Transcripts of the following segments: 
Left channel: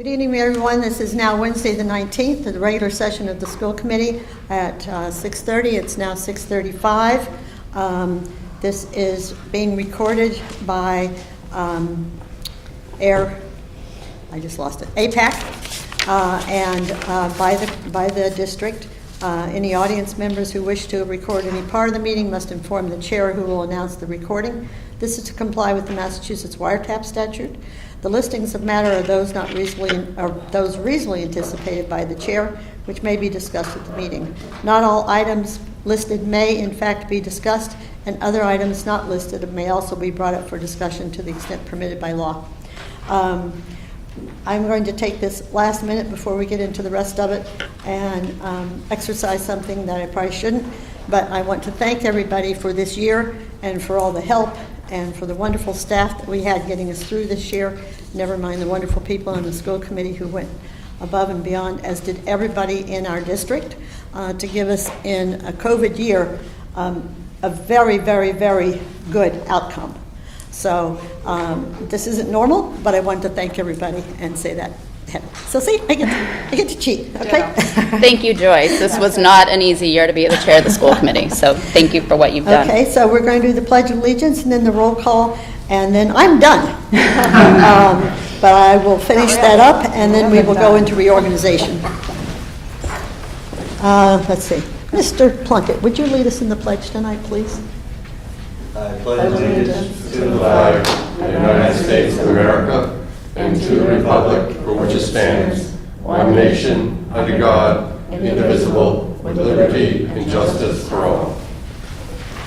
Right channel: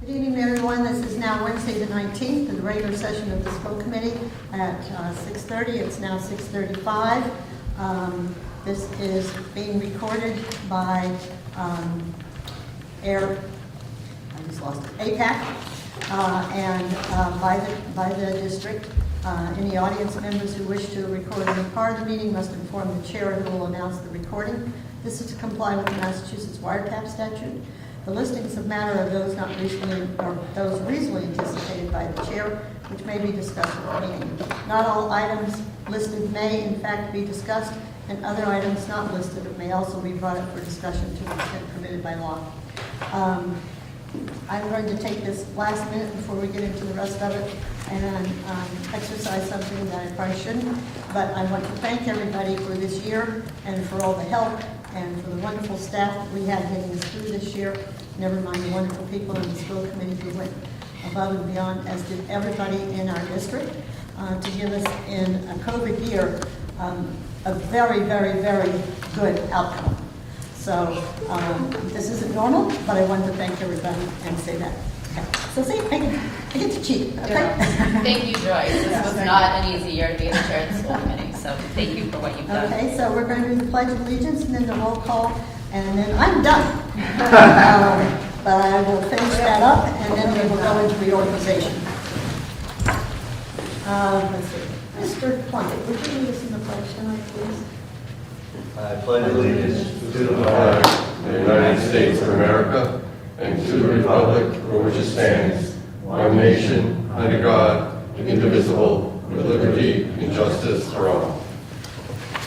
Good evening, everyone. This is now Wednesday the 19th, the regular session of the school committee at 6:30. It's now 6:35. This is being recorded by APAC, and by the district. Any audience members who wish to record any part of the meeting must inform the chair, who will announce the recording. This is to comply with the Massachusetts wiretap statute. The listings of matter are those reasonably anticipated by the chair, which may be discussed at the meeting. Not all items listed may in fact be discussed, and other items not listed may also be brought up for discussion to the extent permitted by law. I'm going to take this last minute before we get into the rest of it and exercise something that I probably shouldn't, but I want to thank everybody for this year and for all the help and for the wonderful staff that we had getting us through this year, never mind the wonderful people in the school committee who went above and beyond, as did everybody in our district, to give us in a COVID year a very, very, very good outcome. So this isn't normal, but I wanted to thank everybody and say that. Yeah. So see, I get to cheat, okay? Yeah. Thank you, Joyce. This was not an easy year to be the chair of the school committee, so thank you for what you've done. Okay, so we're going to do the Pledge of Allegiance and then the roll call, and then I'm done. But I will finish that up, and then we will go into reorganization. Let's see. Mr. Plunkett, would you lead us in the pledge tonight, please? I pledge allegiance to the flag of the United States of America and to the republic for which it stands, one nation, under God, indivisible, with liberty and justice for all.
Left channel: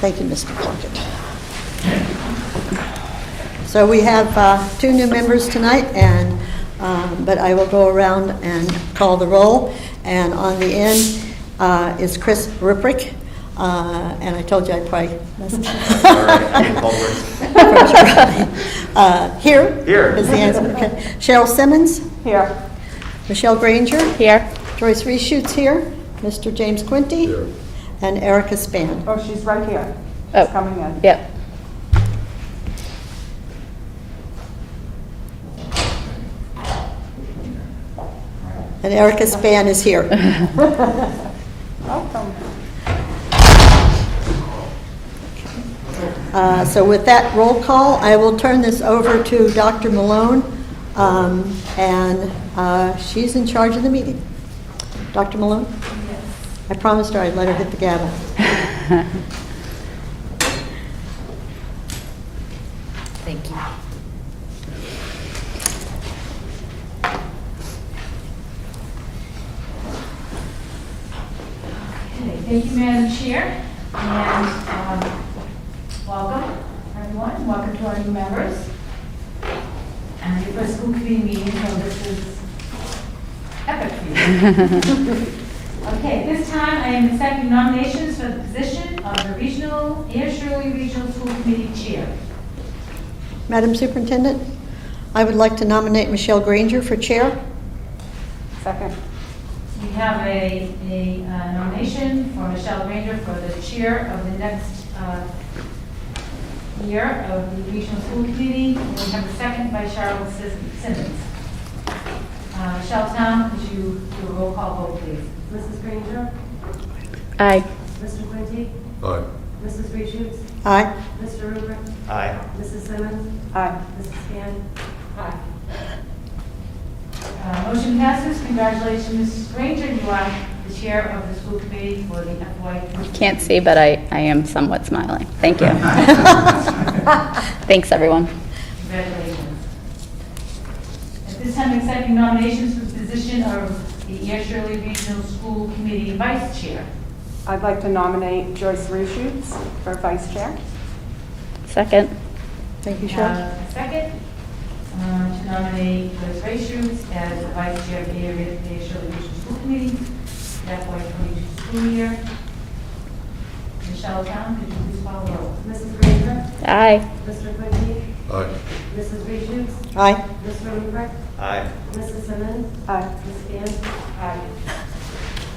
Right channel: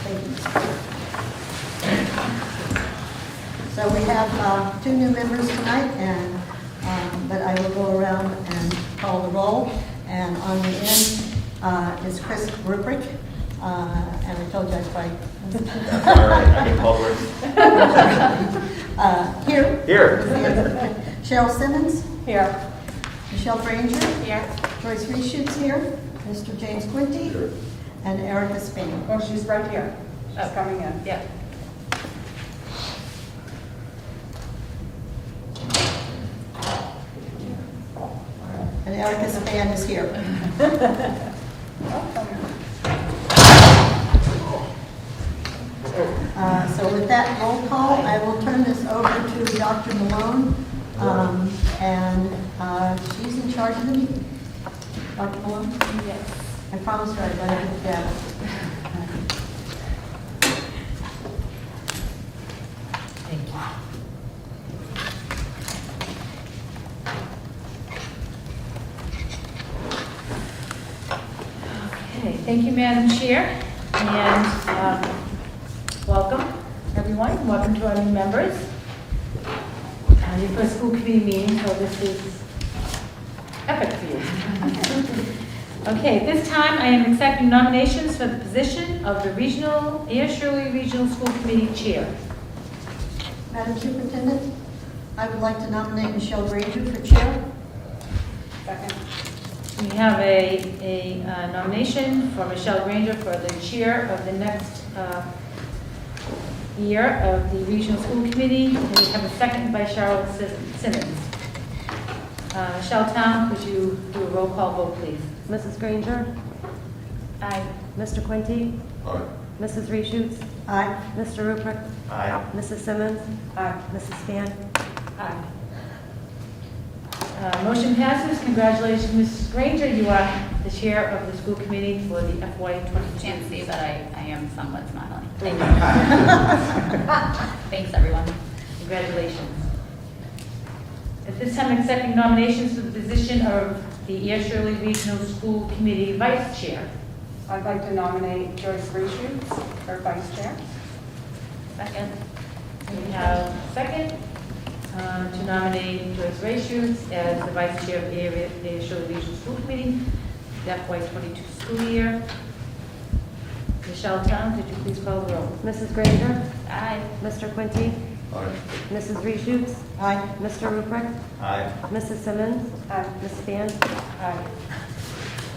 Thank you, Mr. Plunkett. So we have 2 new members tonight, and but I will go around and call the roll. And on the end is Chris Ruprecht. And I told you I'd probably mess it up. Here is the answer. Okay. Cheryl Simmons. Here. Michelle Granger. Here. Joyce Reschutz here. Mr. James Quinty. Here. And Erica Span. Oh, she's right here. She's Oh. coming in. Yep. And Erica Span is here. Welcome. So with that roll call, I will turn this over to Dr. Malone, and she's in charge of the meeting. Dr. Malone? Yes. I promised her I'd let her hit the gavel. Thank you. Okay, thank you, Madam Chair, and welcome, everyone. Welcome to our new members. And your first school committee meeting, so this is epic for you. Okay, this time I am accepting nominations for the position of the ASRSD Regional School Committee Chair. Madam Superintendent, I would like to nominate Michelle Granger for chair. Second. We have a nomination for Michelle Granger for the chair of the next year of the Regional School Committee. And we have a second by Cheryl Simmons. Michelle Town, could you do a roll call vote, please? Mrs. Granger, Aye. Mr. Quinty, Aye. Mrs. Reschutz, Aye. Mr. Ruprecht, Aye. Mrs. Simmons, Aye. Mrs. Span. Aye. Motion passes. Congratulations, Mrs. Granger. You are the chair of the school committee for the FY. Can't see, but I am somewhat smiling. Thank you. Thanks, everyone. Congratulations. At this time, accepting nominations for the position of the ASRSD Regional School Committee Vice Chair. I'd like to nominate Joyce Reschutz for vice chair. Second. Thank you, Cheryl. Second, to nominate Joyce Reschutz as the vice chair of the ASRSD Regional School Committee, the FY22 school year. Michelle Town, could you please call the roll? Mrs. Granger, Aye. Mr. Quinty, Aye. Mrs. Reschutz, Aye. Mr. Ruprecht, Aye. Mrs. Simmons, Aye. Ms. Span. Aye.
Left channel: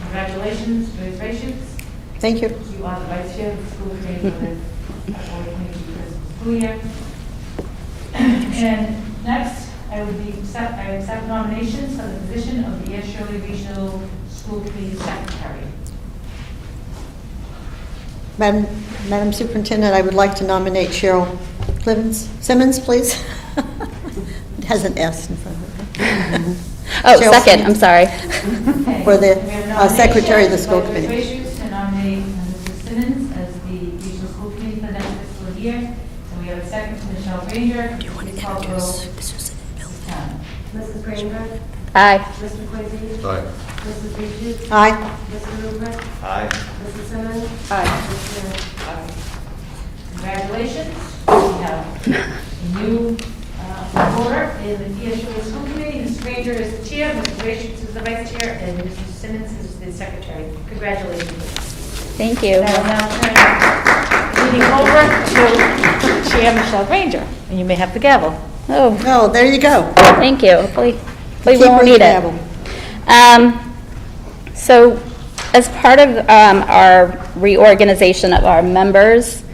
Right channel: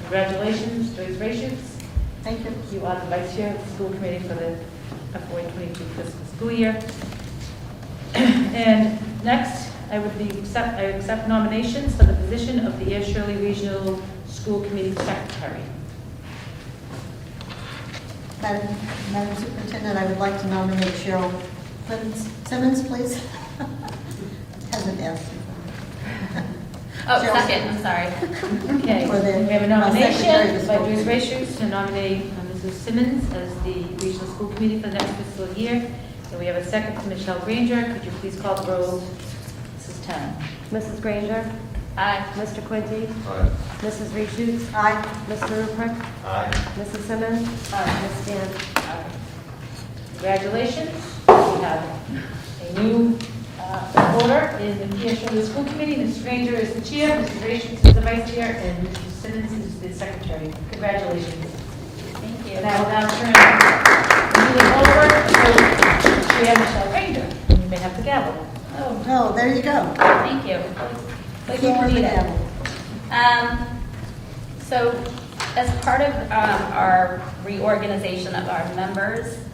Congratulations, Joyce Reschutz. Thank you. You are the vice chair of the school committee for the FY22 fiscal school year. And next, I would accept nominations for the position of the Air Shirley Regional School Committee Secretary. Madam Superintendent, I would like to nominate Cheryl Simmons, please. It has an S in front of it. Oh, Cheryl second, Simmons. I'm sorry. Okay. For the, We have a nomination Secretary of the School by Joyce Committee. Rachels to nominate Mrs. Simmons as the Regional School Committee for the next fiscal year. And we have a second to Michelle Granger. Could you please call the roll, Mrs. Town? Mrs. Granger, Aye. Mr. Quincy, Aye. Mrs. Reed, Aye. Mr. Rupert, Aye. Mrs. Simmons, Mrs. Blair. Congratulations. We have a new voter in the Air Shirley School Committee. Mrs. Granger is the chair, Mrs. Rachels is the vice chair, and Mrs. Simmons is the secretary. Congratulations. Thank you. I will now turn the meeting over to Chair Michelle Granger, and you may have the gavel. Oh, Oh, there you go. thank you. Hopefully we Keep won't ringing need the it. gavel. So as part of our reorganization of our members,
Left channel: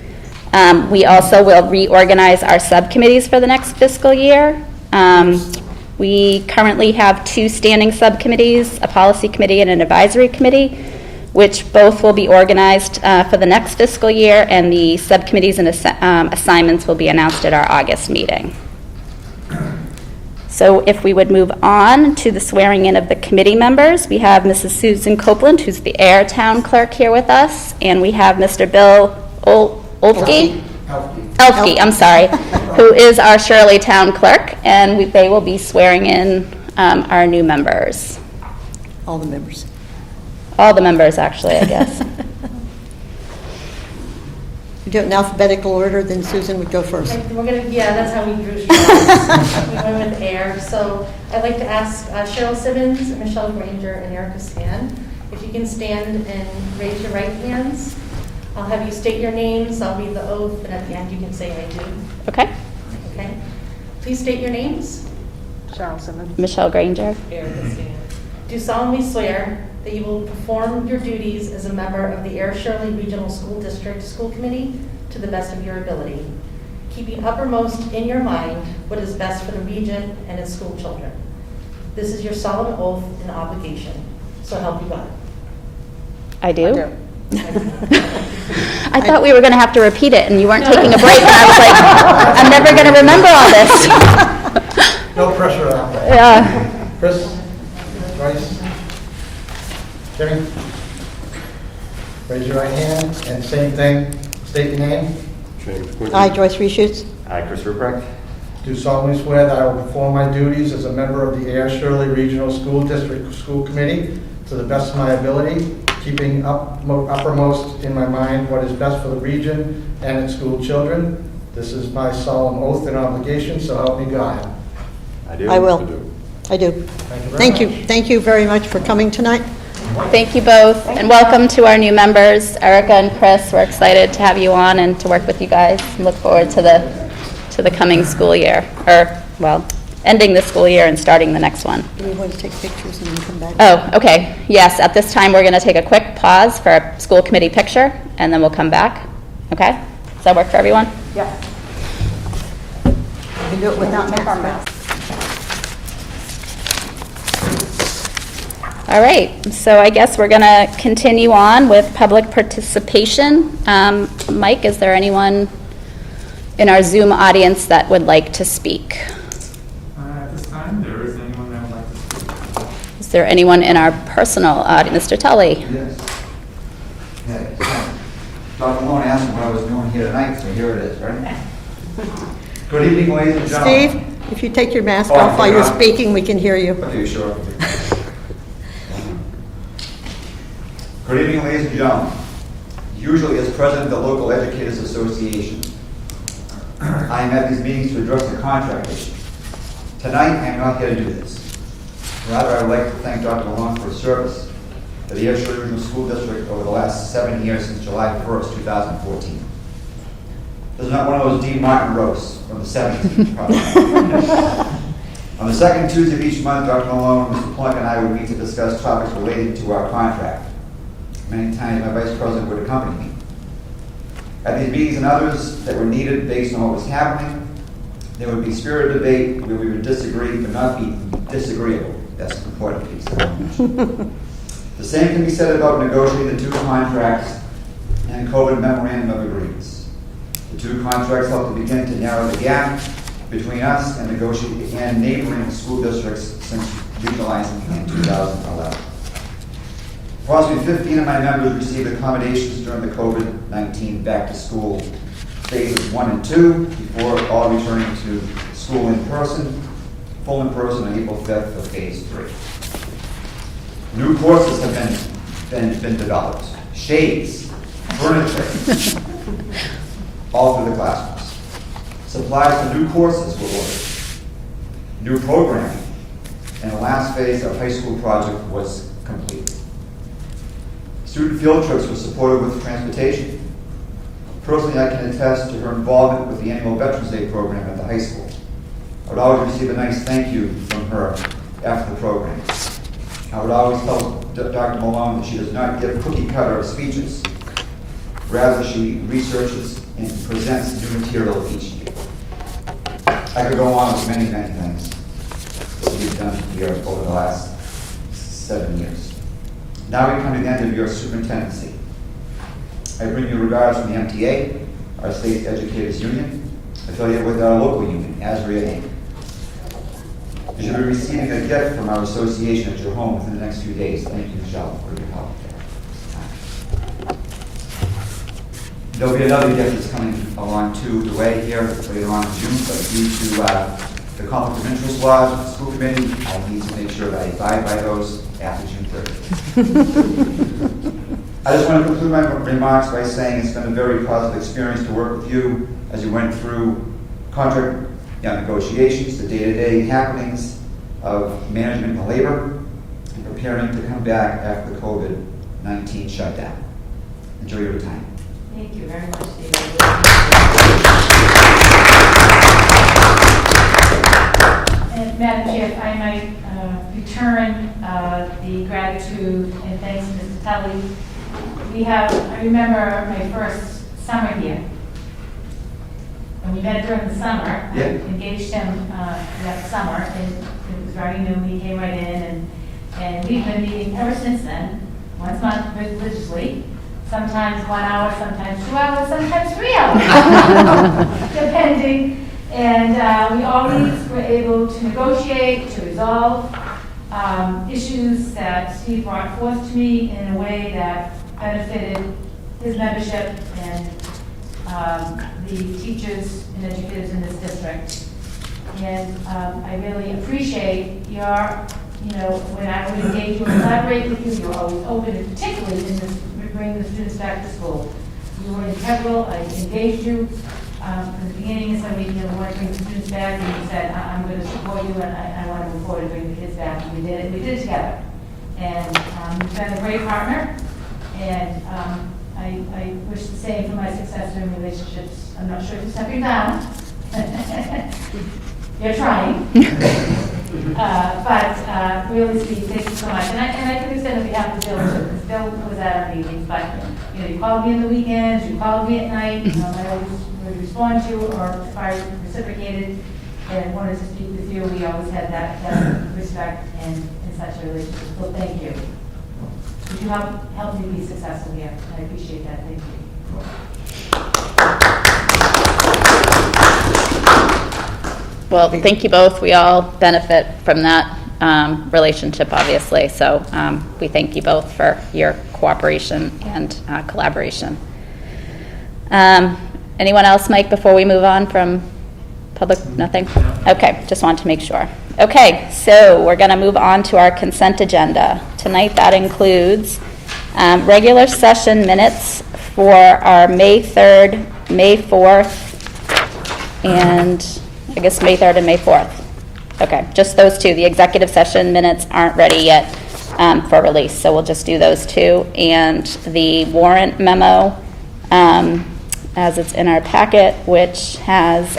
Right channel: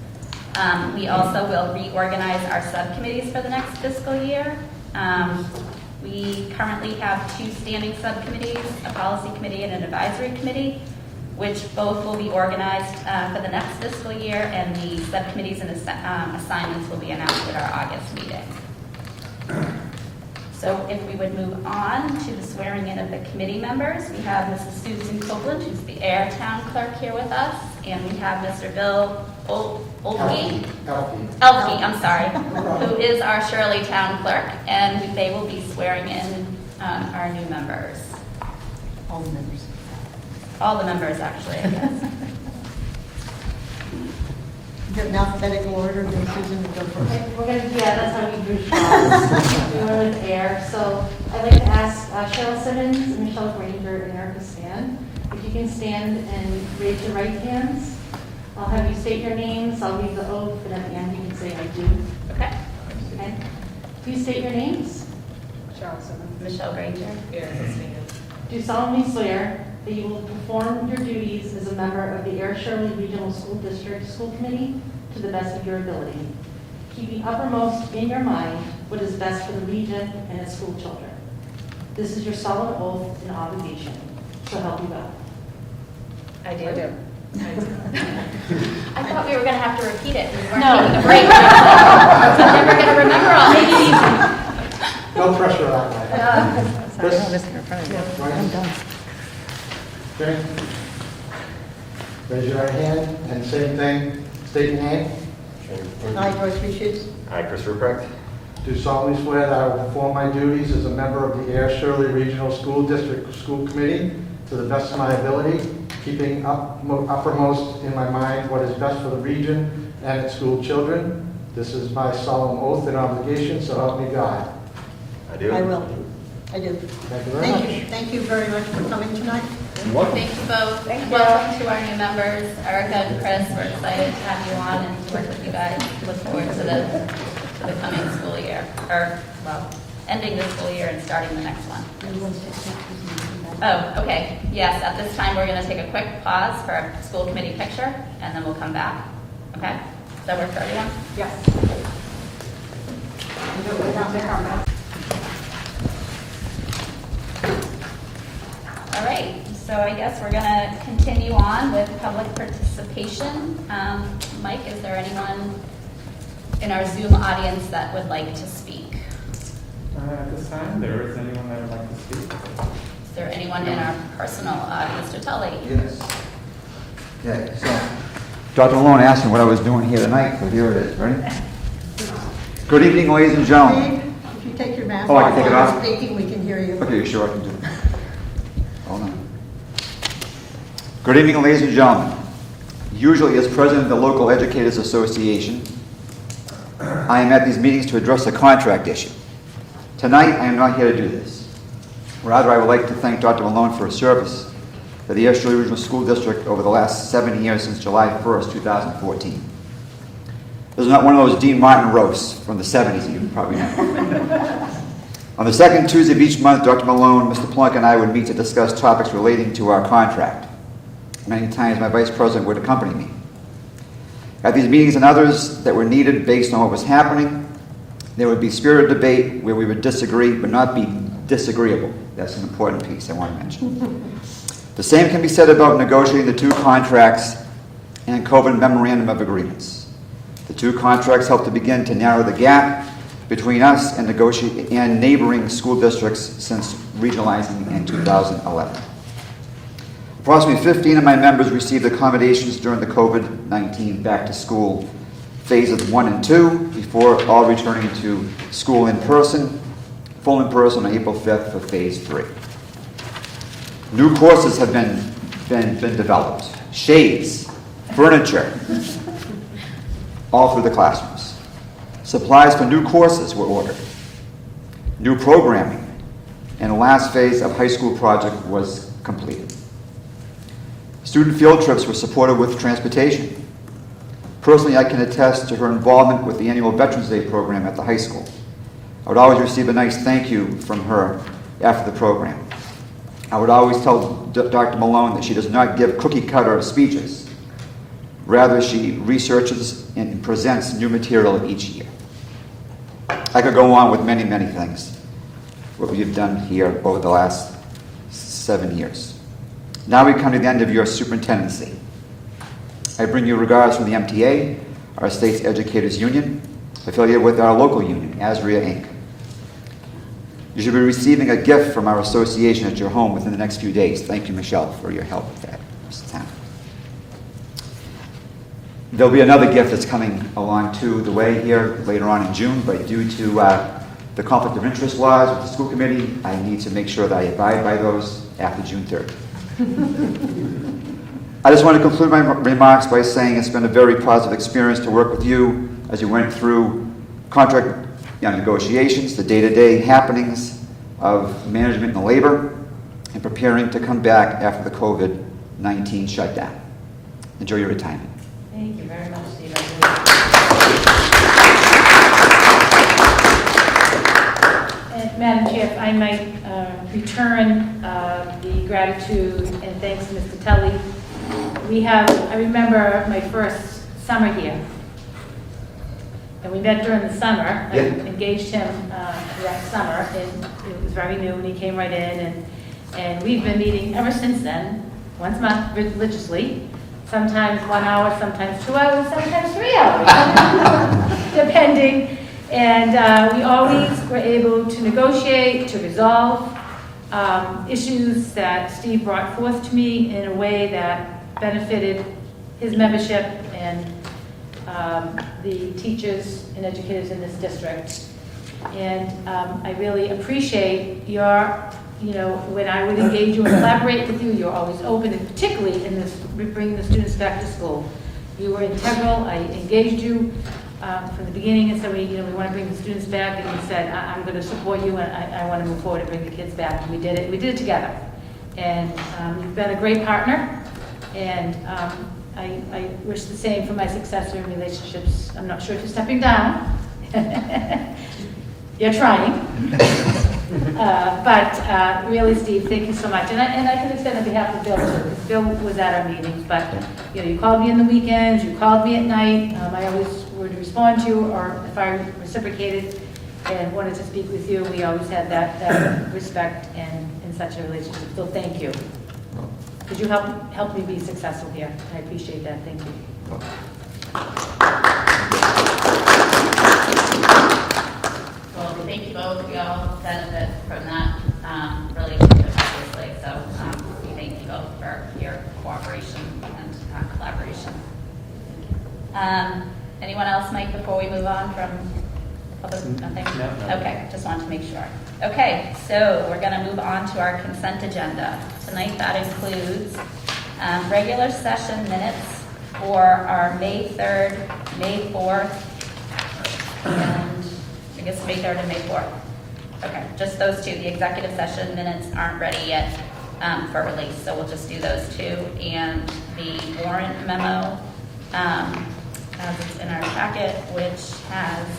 we also will reorganize our subcommittees for the next fiscal year. We currently have 2 standing subcommittees, a policy committee and an advisory committee, which both will be organized for the next fiscal year, and the subcommittees and assignments will be announced at our August meeting. So if we would move on to the swearing in of the committee members, we have Mrs. Susan Copeland, who's the Air Town Clerk, here with us, and we have Mr. Bill Olfke, I'm sorry, who is our Shirley Town Clerk, and they will be swearing in our new members. All the members. All the members, actually, I guess. We do it in alphabetical order, then Susan would go first. We're gonna, yeah, that's how we drew straws. We went with air. So I'd like to ask Cheryl Simmons, Michelle Granger, and Erica Span, if you can stand and raise your right hands. I'll have you state your names, I'll read the oath, and at the end you can say I do. Okay? Okay? Please state your names. Cheryl Simmons. Michelle Granger. Do solemnly swear that you will perform your duties as a member of the Air Shirley Regional School District School Committee to the best of your ability, keeping uppermost in your mind what is best for the region and its school children. This is your solemn oath and obligation, so help you God. I do? I thought we were going to have to repeat it, and you weren't taking a break. I was like, I'm never going to remember all this. No pressure that way. Yeah. Chris? Right? Jimmy? Raise your right hand, and same thing, state your name. I, Joyce Reshoots, Hi, Chris Ruprecht. Do solemnly swear that I will perform my duties as a member of the Air Shirley Regional School District School Committee to the best of my ability, keeping uppermost in my mind what is best for the region and its school children. This is my solemn oath and obligation, so help me God. I do. I will. I do. Thank you very Thank much. you. Thank you very much for coming tonight. Thank you both, and welcome to our new members, Erica and Chris. We're excited to have you on and to work with you guys. Look forward to the coming school year, or, well, ending the school year and starting the next one. Do we want to take pictures and then come back? Oh, okay. Yes, at this time, we're going to take a quick pause for a school committee picture, and then we'll come back. Okay? Does that work for everyone? Yeah. We do it without masks. All right, so I guess we're going to continue on with public participation. Mike, is there anyone in our Zoom audience that would like to speak? At this time, there isn't anyone that would like to speak. Is there anyone in our personal audience? Mr. Tully? Yes. Yeah. Dr. Malone asked me what I was doing here tonight, so here it is, ready? Good evening, ladies and gentlemen. Steve, if you take your mask Oh, off while take it you're off. speaking, we can hear you. Okay, sure. Hold on. Good evening, ladies and gentlemen. Usually, as president of the local educators association, I am at these meetings to address a contract issue. Tonight, I am not here to do this. Rather, I would like to thank Dr. Malone for his service to the Air Shirley Regional School District over the last 7 years since July 1st, 2014. This is not one of those Dean Martin roasts from the 70s. You probably know. On the second Tuesday of each month, Dr. Malone, Mr. Plunk, and I would meet to discuss topics relating to our contract. Many times, my vice president would accompany me. At these meetings and others that were needed based on what was happening, There would be spirited debate where we would disagree but not be disagreeable. That's an important piece I want to mention. The same can be said about negotiating the 2 contracts and COVID memorandum of agreements. The 2 contracts help to begin to narrow the gap between us and neighboring school districts since regionalizing in 2011. Approximately 15 of my members received accommodations during the COVID-19 back-to-school phases 1 and 2 before all returning to school in person, full in person on April 5th for phase 3. New courses have been developed, shades, furniture, all through the classrooms. Supplies for new courses were ordered, new programming, and the last phase of high school project was completed. Student field trips were supported with transportation. Personally, I can attest to her involvement with the annual Veterans Day program at the high school. I would always receive a nice thank you from her after the program. I would always tell Dr. Malone that she does not give cookie-cutter speeches. Rather, she researches and presents new material each year. I could go on with many, many things what you've done here over the last 7 years. Now we come to the end of your superintendency. I bring you regards from the MTA, our state's educators union, affiliated with our local union, ASRSD Inc. You should be receiving a gift from our association at your home within the next few days. Thank you, Michelle, for your help with that. There'll be another gift that's coming along the way here later on in June, but due to the conflict of interest laws with the school committee, I need to make sure that I abide by those after June 30th. I just want to conclude my remarks by saying it's been a very positive experience to work with you as you went through contract negotiations, the day-to-day happenings of management and labor, and preparing to come back after the COVID-19 shutdown. Enjoy your retirement. Thank you very much, David. And Madam Chair, if I might return the gratitude and thanks to Mr. Tully. I remember my first summer here. And we met during the summer. Yeah. I engaged him that summer, and it was very new, and he came right in, and we've been meeting ever since then, once a month religiously, sometimes 1 hour, sometimes 2 hours, sometimes 3 hours, depending. And we always were able to negotiate, to resolve issues that Steve brought forth to me in a way that benefited his membership and the teachers and educators in this district. And I really appreciate your, when I would engage you and collaborate with you, you're always open, and particularly in this, bringing the students back to school. You were integral. I engaged you from the beginning and said, we want to bring the students back, and you said, I'm going to support you, and I want to move forward and bring the kids back. And we did it. We did it together. And you've been a great partner, and I wish the same for my successor in relationships. I'm not sure if you're stepping down. You're trying. But really, Steve, thank you so much. And I can extend on behalf of Bill, too, because Bill was at our meetings. But, you called me on the weekends, you called me at night. I always would respond to you, or if I reciprocated and wanted to speak with you, we always had that respect and such a relationship. So thank you. Could you help me be successful here? I appreciate that. Thank you. Well, thank you both. We all benefit from that relationship, obviously. So we thank you both for your cooperation and collaboration. Anyone else, Mike, before we move on from public? Nothing? Okay, just wanted to make sure. Okay, so we're going to move on to our consent agenda. Tonight that includes regular session minutes for our May 3rd, May 4th, and I guess May 3rd and May 4th. Okay, just those two. The executive session minutes aren't ready yet for release, so we'll just do those two. And the warrant memo, as it's in our packet, which has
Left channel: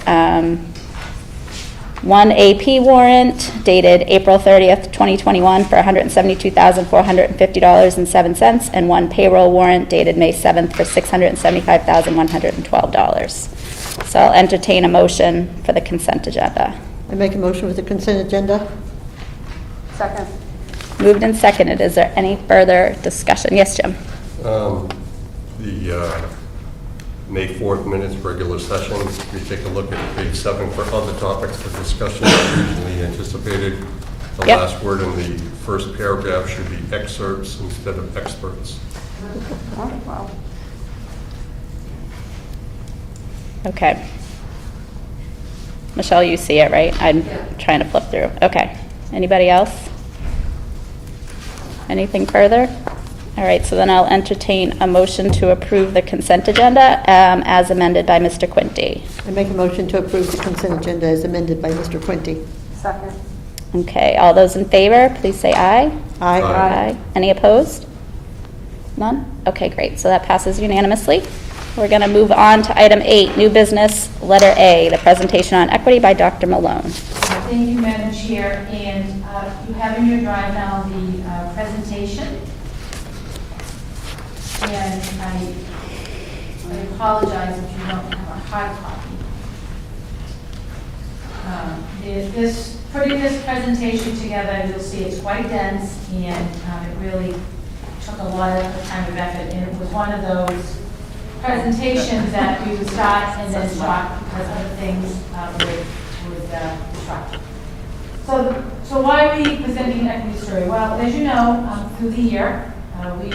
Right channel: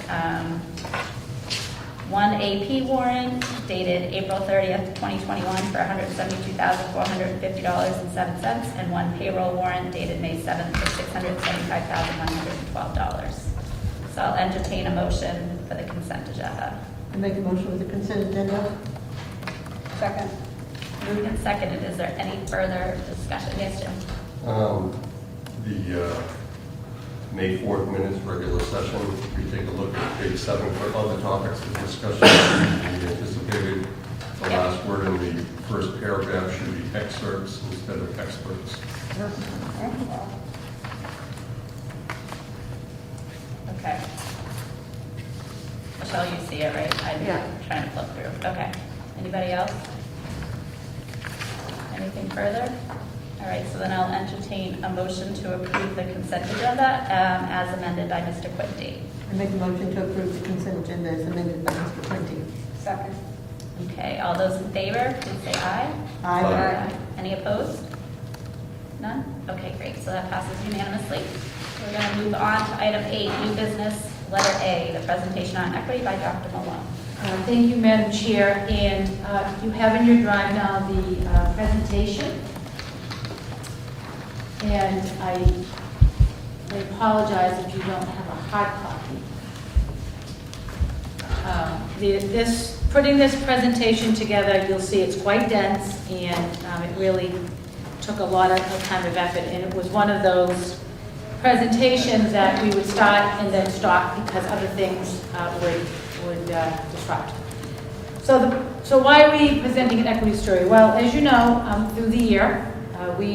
one AP warrant dated April 30th, 2021 for $172,450.07, and one payroll warrant dated May 7th for $675,112. So I'll entertain a motion for the consent agenda. I make a motion with the consent agenda. Second. Moved and seconded. Is there any further discussion? Yes, Jim? The May 4th minutes, regular session, we take a look at page 7 for other topics for discussion usually anticipated. The Yep. last word in the first paragraph should be excerpts instead of experts. Oh, wow. Okay. Michelle, you see it, right? I'm trying to flip through. Okay. Anybody else? Anything further? All right, so then I'll entertain a motion to approve the consent agenda as amended by Mr. Quinty. I make a motion to approve the consent agenda as amended by Mr. Quinty. Second. Okay, all those in favor, please say aye. Aye. Aye. Any opposed? None? Okay, great. So that passes unanimously. We're going to move on to item 8, new business, letter A, the presentation on equity by Dr. Malone. Thank you, Madam Chair, and you have in your drive now the presentation. And I apologize if you don't have a hard copy. Putting this presentation together, you'll see it's quite dense, and it really took a lot of time and effort, and it was one of those presentations that we would start and then stop because other things would disrupt. So why are we presenting an equity story? Well, as you know, through the year, we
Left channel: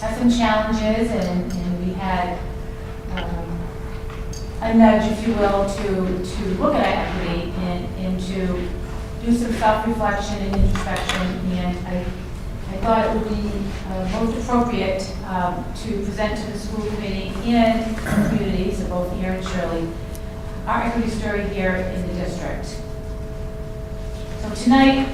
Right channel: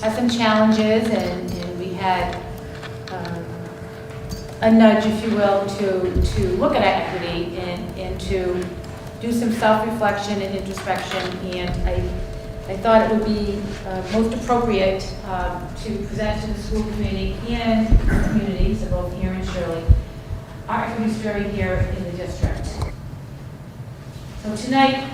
had some challenges, and we had a nudge, if you will, to look at our equity and to do some self-reflection and introspection. And I thought it would be most appropriate to present to the school committee and communities, both here in Shirley, our equity story here in the district. So tonight,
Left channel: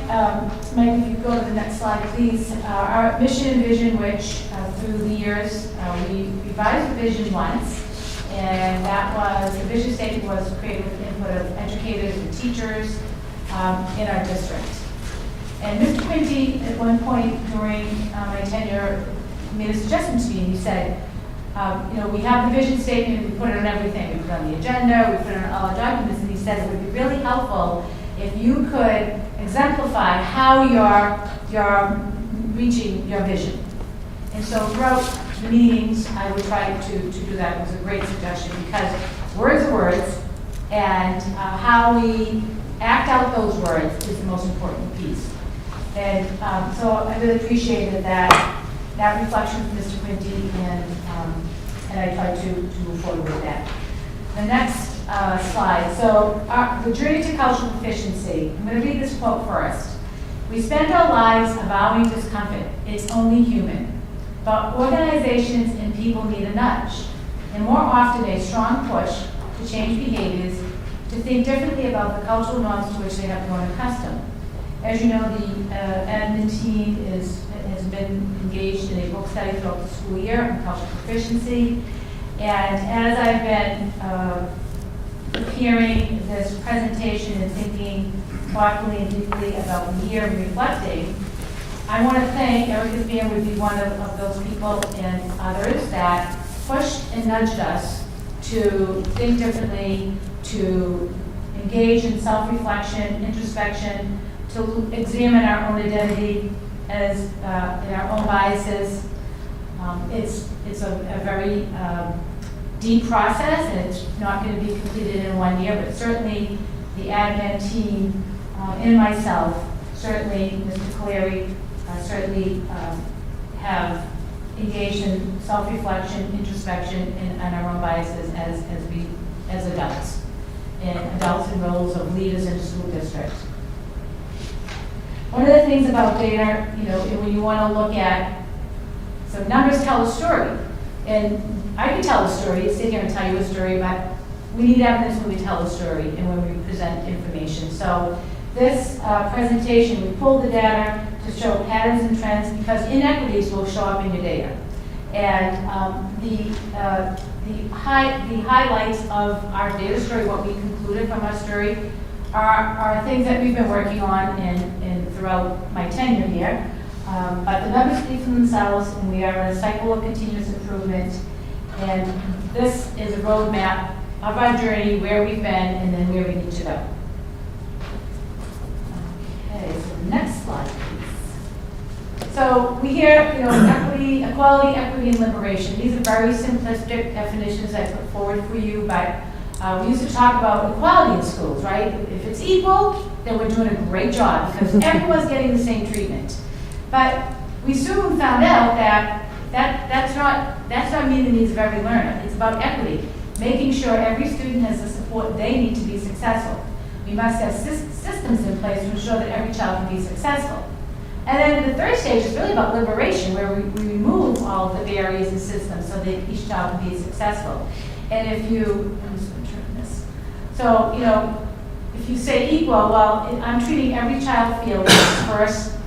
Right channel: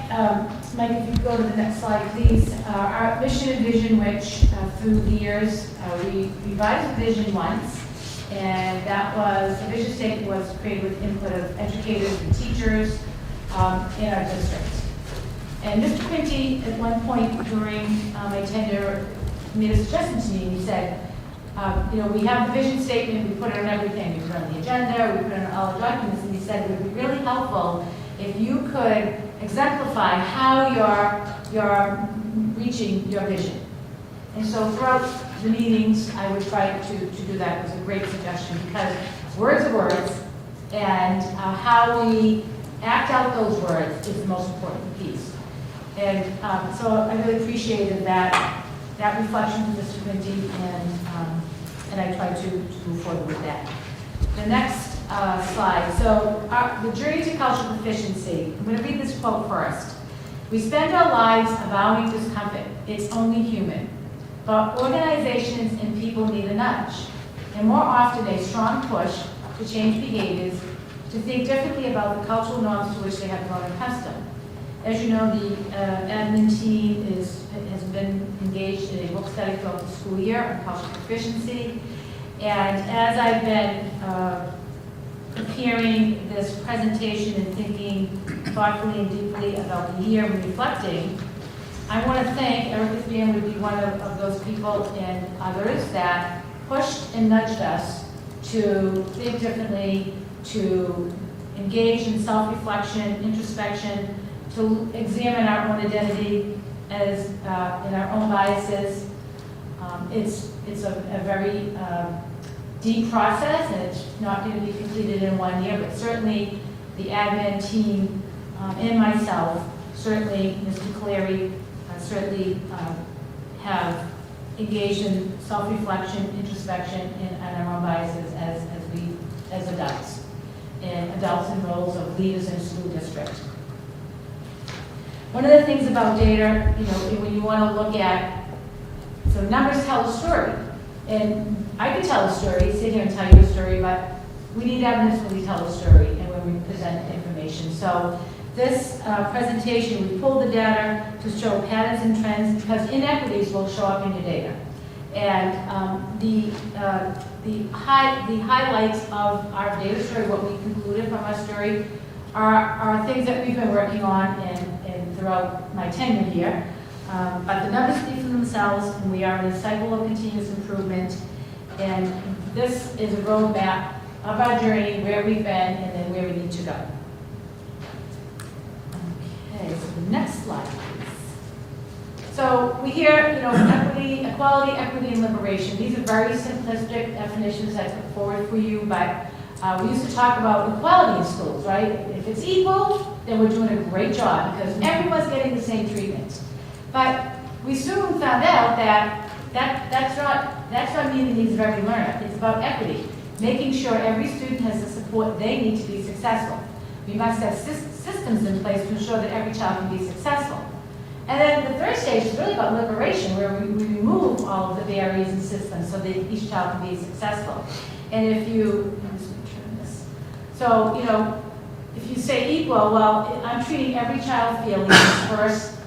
Mike, if you go to the next slide, please. Our mission and vision, which through the years, we revised the vision once, and that was, the vision statement was created with input of educators and teachers in our district. And Mr. Quinty, at one point during my tenure, made a suggestion to me, and he said, we have the vision statement, we put it on everything, we put it on the agenda, we put it on all our documents, and he said it would be really helpful if you could exemplify how you're reaching your vision. And so throughout the meetings, I would try to do that. It was a great suggestion because words are words, and how we act out those words is the most important piece. And so I really appreciated that reflection from Mr. Quinty, and I tried to move forward with that. The next slide. So the journey to cultural proficiency. I'm going to read this quote first. We spend our lives avowing discomfort. It's only human. But organizations and people need a nudge, and more often a strong push to change behaviors, to think differently about the cultural norms to which they have grown accustomed. As you know, the admin team has been engaged in a book study throughout the school year on cultural proficiency. And as I've been preparing this presentation and thinking thoughtfully and deeply about the year and reflecting, I want to thank Erica Fan would be one of those people and others that pushed and nudged us to think differently, to engage in self-reflection, introspection, to examine our own identity as in our own biases. It's a very deep process, and it's not going to be completed in 1 year, but certainly the admin team and myself, certainly Mr. Clary, certainly have engaged in self-reflection, introspection, and our own biases as adults, and adults in roles of leaders in the school district. One of the things about data, when you want to look at, so numbers tell a story, and I can tell a story, sit here and tell you a story, but we need evidence when we tell a story and when we present information. So this presentation, we pulled the data to show patterns and trends because inequities will show up in your data. And the highlights of our data story, what we concluded from our story, are things that we've been working on and throughout my tenure here. But the numbers speak for themselves, and we are in a cycle of continuous improvement. And this is a roadmap of our journey, where we've been, and then where we need to go. Okay, so the next slide, please. So we hear, equity, equality, equity, and liberation. These are very simplistic definitions I put forward for you, but we used to talk about equality in schools, right? If it's equal, then we're doing a great job because everyone's getting the same treatment. But we soon found out that that's not meeting the needs of every learner. It's about equity, making sure every student has the support they need to be successful. We must have systems in place to ensure that every child can be successful. And then the third stage is really about liberation, where we remove all of the barriers and systems so that each child can be successful. And if you, I'm just going to turn this. So, if you say equal, well, I'm treating every child field first,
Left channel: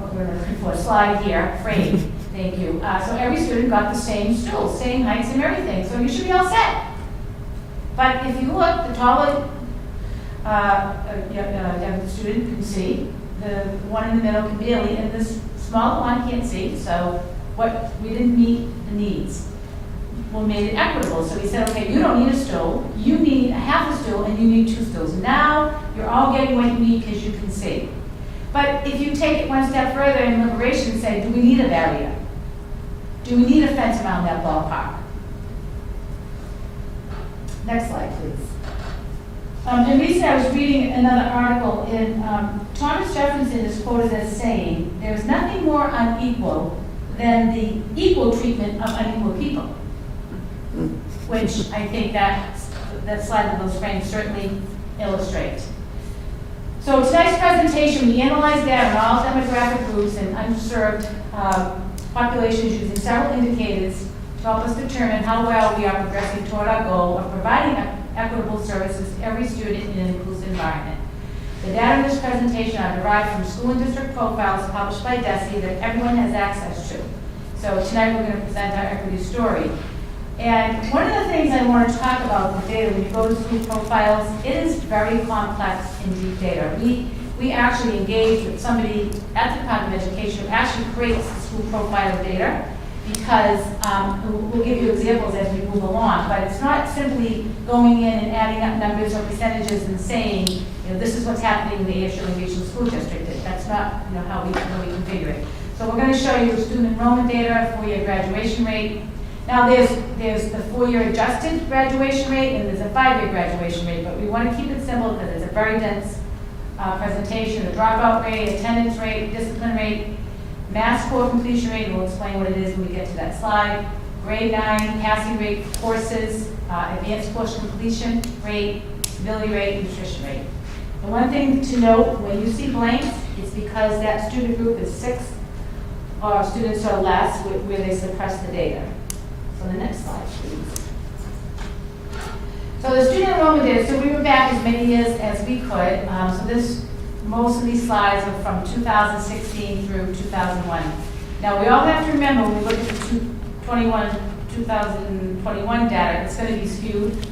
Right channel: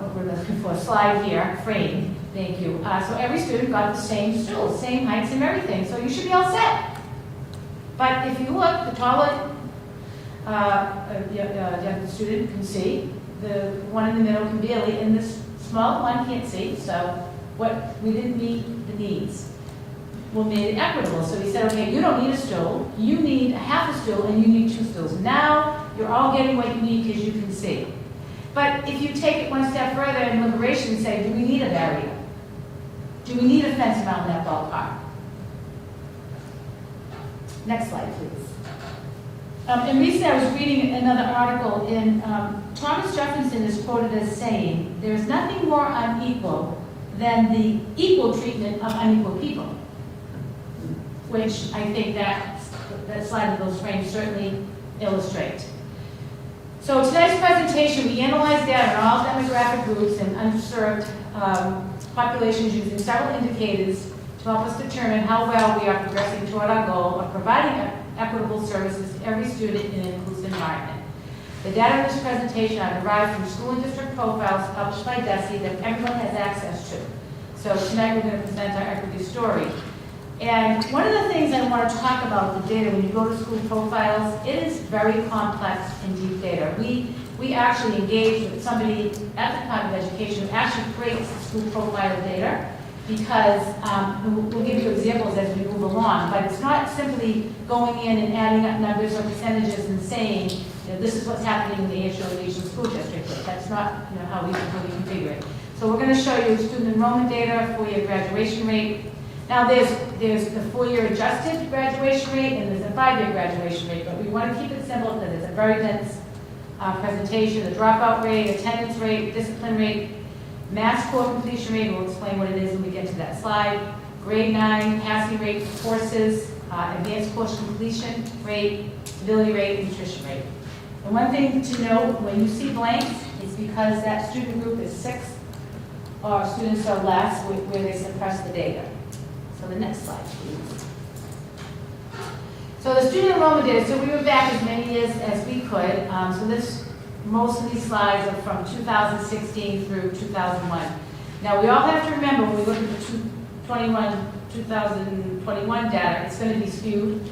what we're looking for, slide here, frame, thank you. So every student got the same stool, same heights and everything, so you should be all set. But if you look, the taller the student can see, the one in the middle can barely, and this small one can't see, so we didn't meet the needs. We made it equitable, so we said, okay, you don't need a stool, you need a half a stool, and you need 2 stools. Now, you're all getting what you need because you can see. But if you take it one step further in liberation and say, do we need a barrier? Do we need a fence around that ballpark? Next slide, please. And recently I was reading another article, and Thomas Jefferson is quoted as saying, there is nothing more unequal than the equal treatment of unequal people. Which I think that slide of those frames certainly illustrate. So tonight's presentation, we analyzed data on all demographic groups and underserved populations using several indicators to help us determine how well we are progressing toward our goal of providing equitable services to every student in an inclusive environment. The data in this presentation are derived from school and district profiles published by DESE that everyone has access to. So tonight we're going to present our equity story. And one of the things I want to talk about with the data, when you go to school profiles, it is very complex and deep data. We actually engage with somebody at the Department of Education who actually creates the school profile data, because we'll give you examples as we move along, but it's not simply going in and adding up numbers or percentages and saying, this is what's happening in the ASRSD Regional School District. That's not how we configure it. So we're going to show you student enrollment data, 4-year graduation rate. Now there's the 4-year adjusted graduation rate and there's a 5-year graduation rate, but we want to keep it simple because there's a very dense presentation. The dropout rate, attendance rate, discipline rate, math score completion rate, we'll explain what it is when we get to that slide, grade 9, passing rate, courses, advanced course completion rate, ability rate, and nutrition rate. And one thing to note, when you see blanks, it's because that student group is 6 students or less where they suppress the data. So the next slide, please. So the student enrollment data, so we went back as many years as we could. Most of these slides are from 2016 through 2001. Now we all have to remember when we look at the 2021 data, it's going to be skewed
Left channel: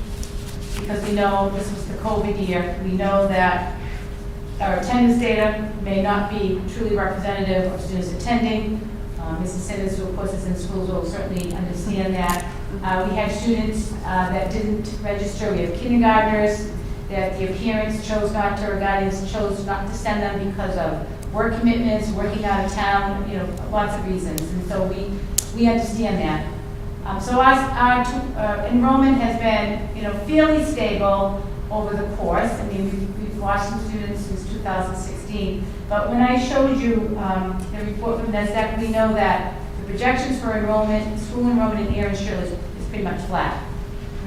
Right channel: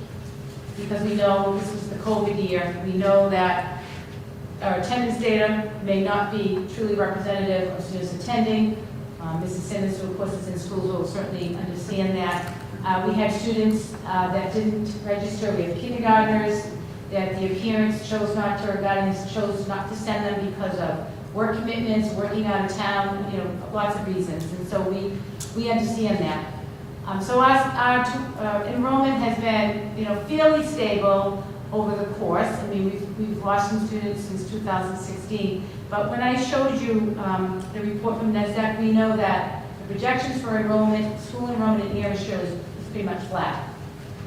because we know this was the COVID year. We know that our attendance data may not be truly representative of students attending. Mrs. Simmons, who of course is in schools, will certainly understand that. We had students that didn't register. We have kindergartners that their parents chose not to, or guardians chose not to send them because of work commitments, working out of town, lots of reasons. And so we understand that. So our enrollment has been, fairly stable over the course. I mean, we've lost some students since 2016. But when I showed you the report from NESDEC, we know that the projections for enrollment, school enrollment in Air Shirley is pretty much flat.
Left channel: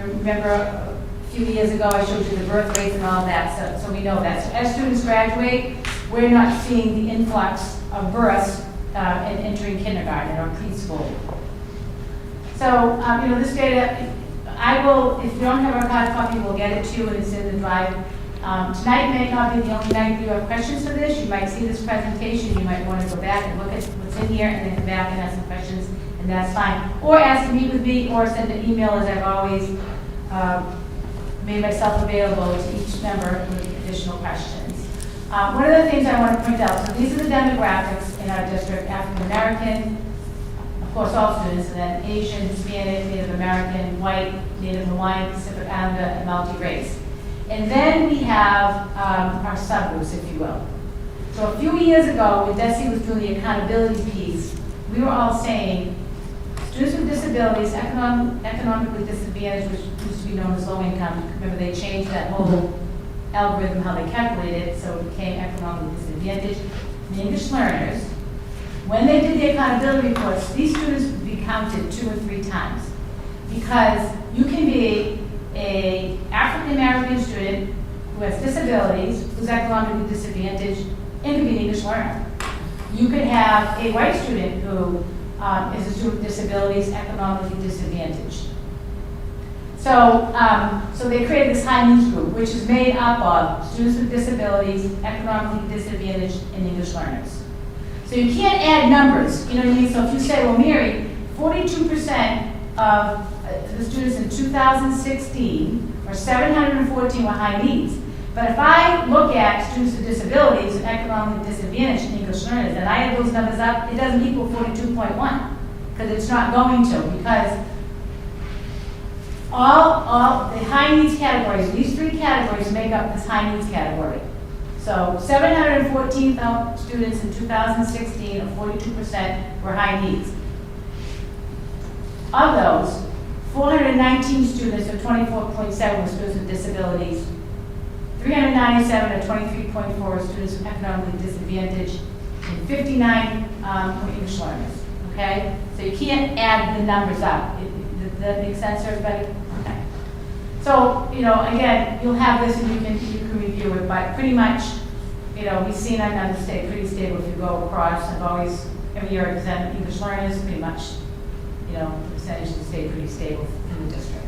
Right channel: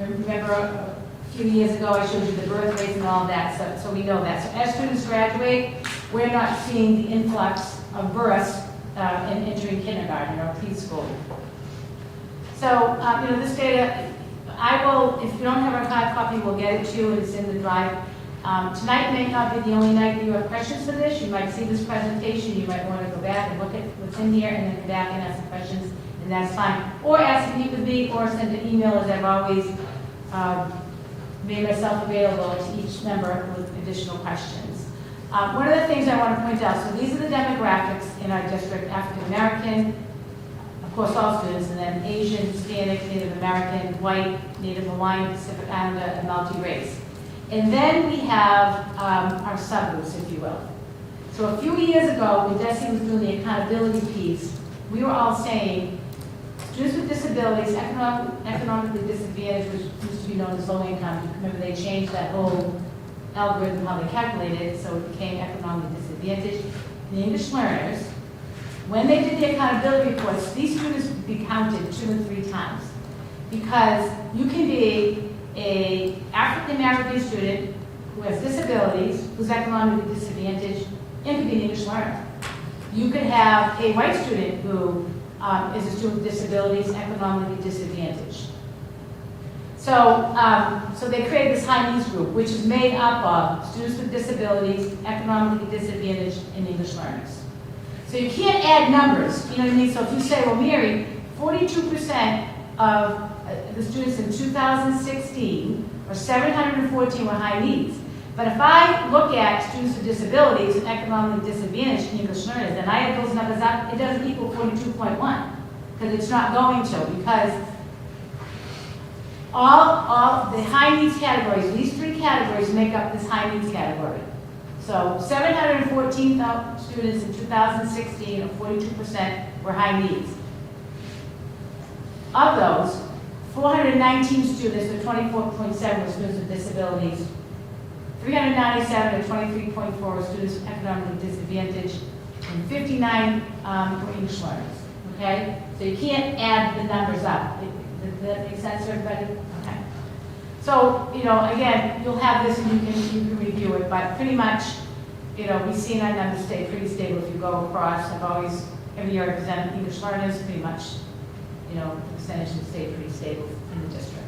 Remember a few years ago I showed you the birth rates and all that, so we know that. So as students graduate, we're not seeing the influx of births in entering kindergarten or preschool. So, this data, I will, if you don't have our hard copy, we'll get it to you, and it's in the drive. Tonight may not be the only night you have questions for this. You might see this presentation, you might want to go back and look at what's in here, and then come back and ask some questions, and that's fine. Or ask to meet with me, or send an email, as I've always made myself available to each member with additional questions. One of the things I want to point out, so these are the demographics in our district: African American, of course, all students, and then Asian, Hispanic, Native American, White, Native Hawaiian, Pacific Islander, and multi-race. And then we have our subgroups, if you will. So a few years ago, when Desi was doing the accountability piece, we were all saying, students with disabilities, economically disadvantaged, which used to be known as low income. Remember, they changed that whole algorithm, how they calculated it, so it became economically disadvantaged. And English learners, when they did the accountability reports, these students would be counted 2 and 3 times. Because you can be an African American student who has disabilities, who's economically disadvantaged, and could be an English learner. You could have a white student who is a student with disabilities, economically disadvantaged. So they created this high needs group, which is made up of students with disabilities, economically disadvantaged, and English learners. So you can't add numbers, you know what I mean? So if you say, well, Mary, 42% of the students in 2016, or 714 were high needs. But if I look at students with disabilities and economically disadvantaged and English learners, and I add those numbers up, it doesn't equal 42.1, because it's not going to, because all the high needs categories, these 3 categories make up this high needs category. So 714 students in 2016, or 42%, were high needs. Of those, 419 students, or 24.7, were students with disabilities. 397, or 23.4, were students economically disadvantaged, and 59 were English learners. Okay? So you can't add the numbers up. Does that make sense to everybody? Okay. So, you know, again, you'll have this and you can review it, but pretty much, you know, we've seen our numbers stay pretty stable if you go across. I've always, every year, examined English learners, pretty much, you know, percentages stay pretty stable in the district.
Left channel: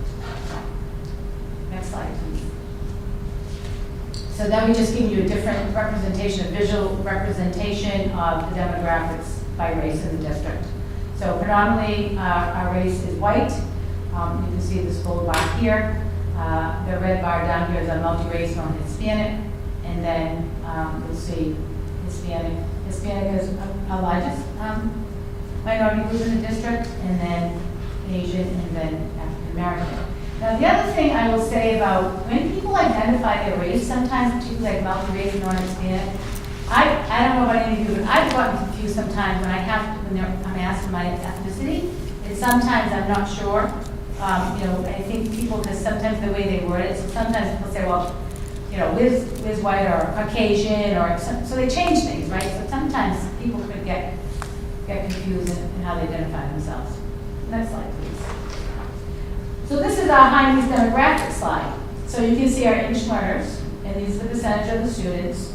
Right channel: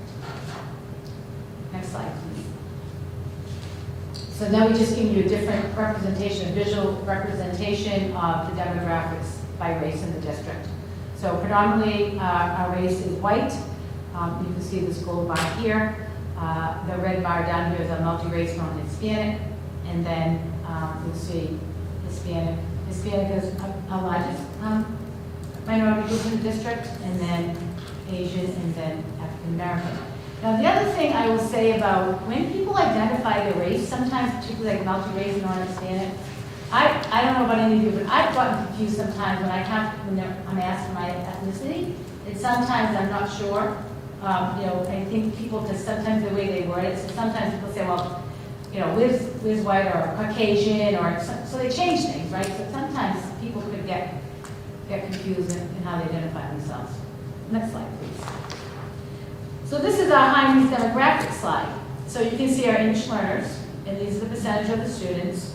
Next slide, please. So then we just give you a different representation, a visual representation of the demographics by race in the district. So predominantly, our race is white. You can see this gold bar here. The red bar down here is a multi-race known as Hispanic. And then you'll see Hispanic. Hispanic is our largest minority group in the district, and then Asian, and then African American. Now, the other thing I will say about when people identify their race, sometimes particularly like multi-race and non-Hispanic, I don't know about any of you, but I've gotten confused sometimes when I'm asked my ethnicity, and sometimes I'm not sure. You know, I think people, because sometimes the way they word it, so sometimes people say, well, you know, Liz white or Caucasian, or so they change things, right? So sometimes people could get confused in how they identify themselves. Next slide, please. So this is our high needs demographic slide. So you can see our English learners, and these are the percentage of the students.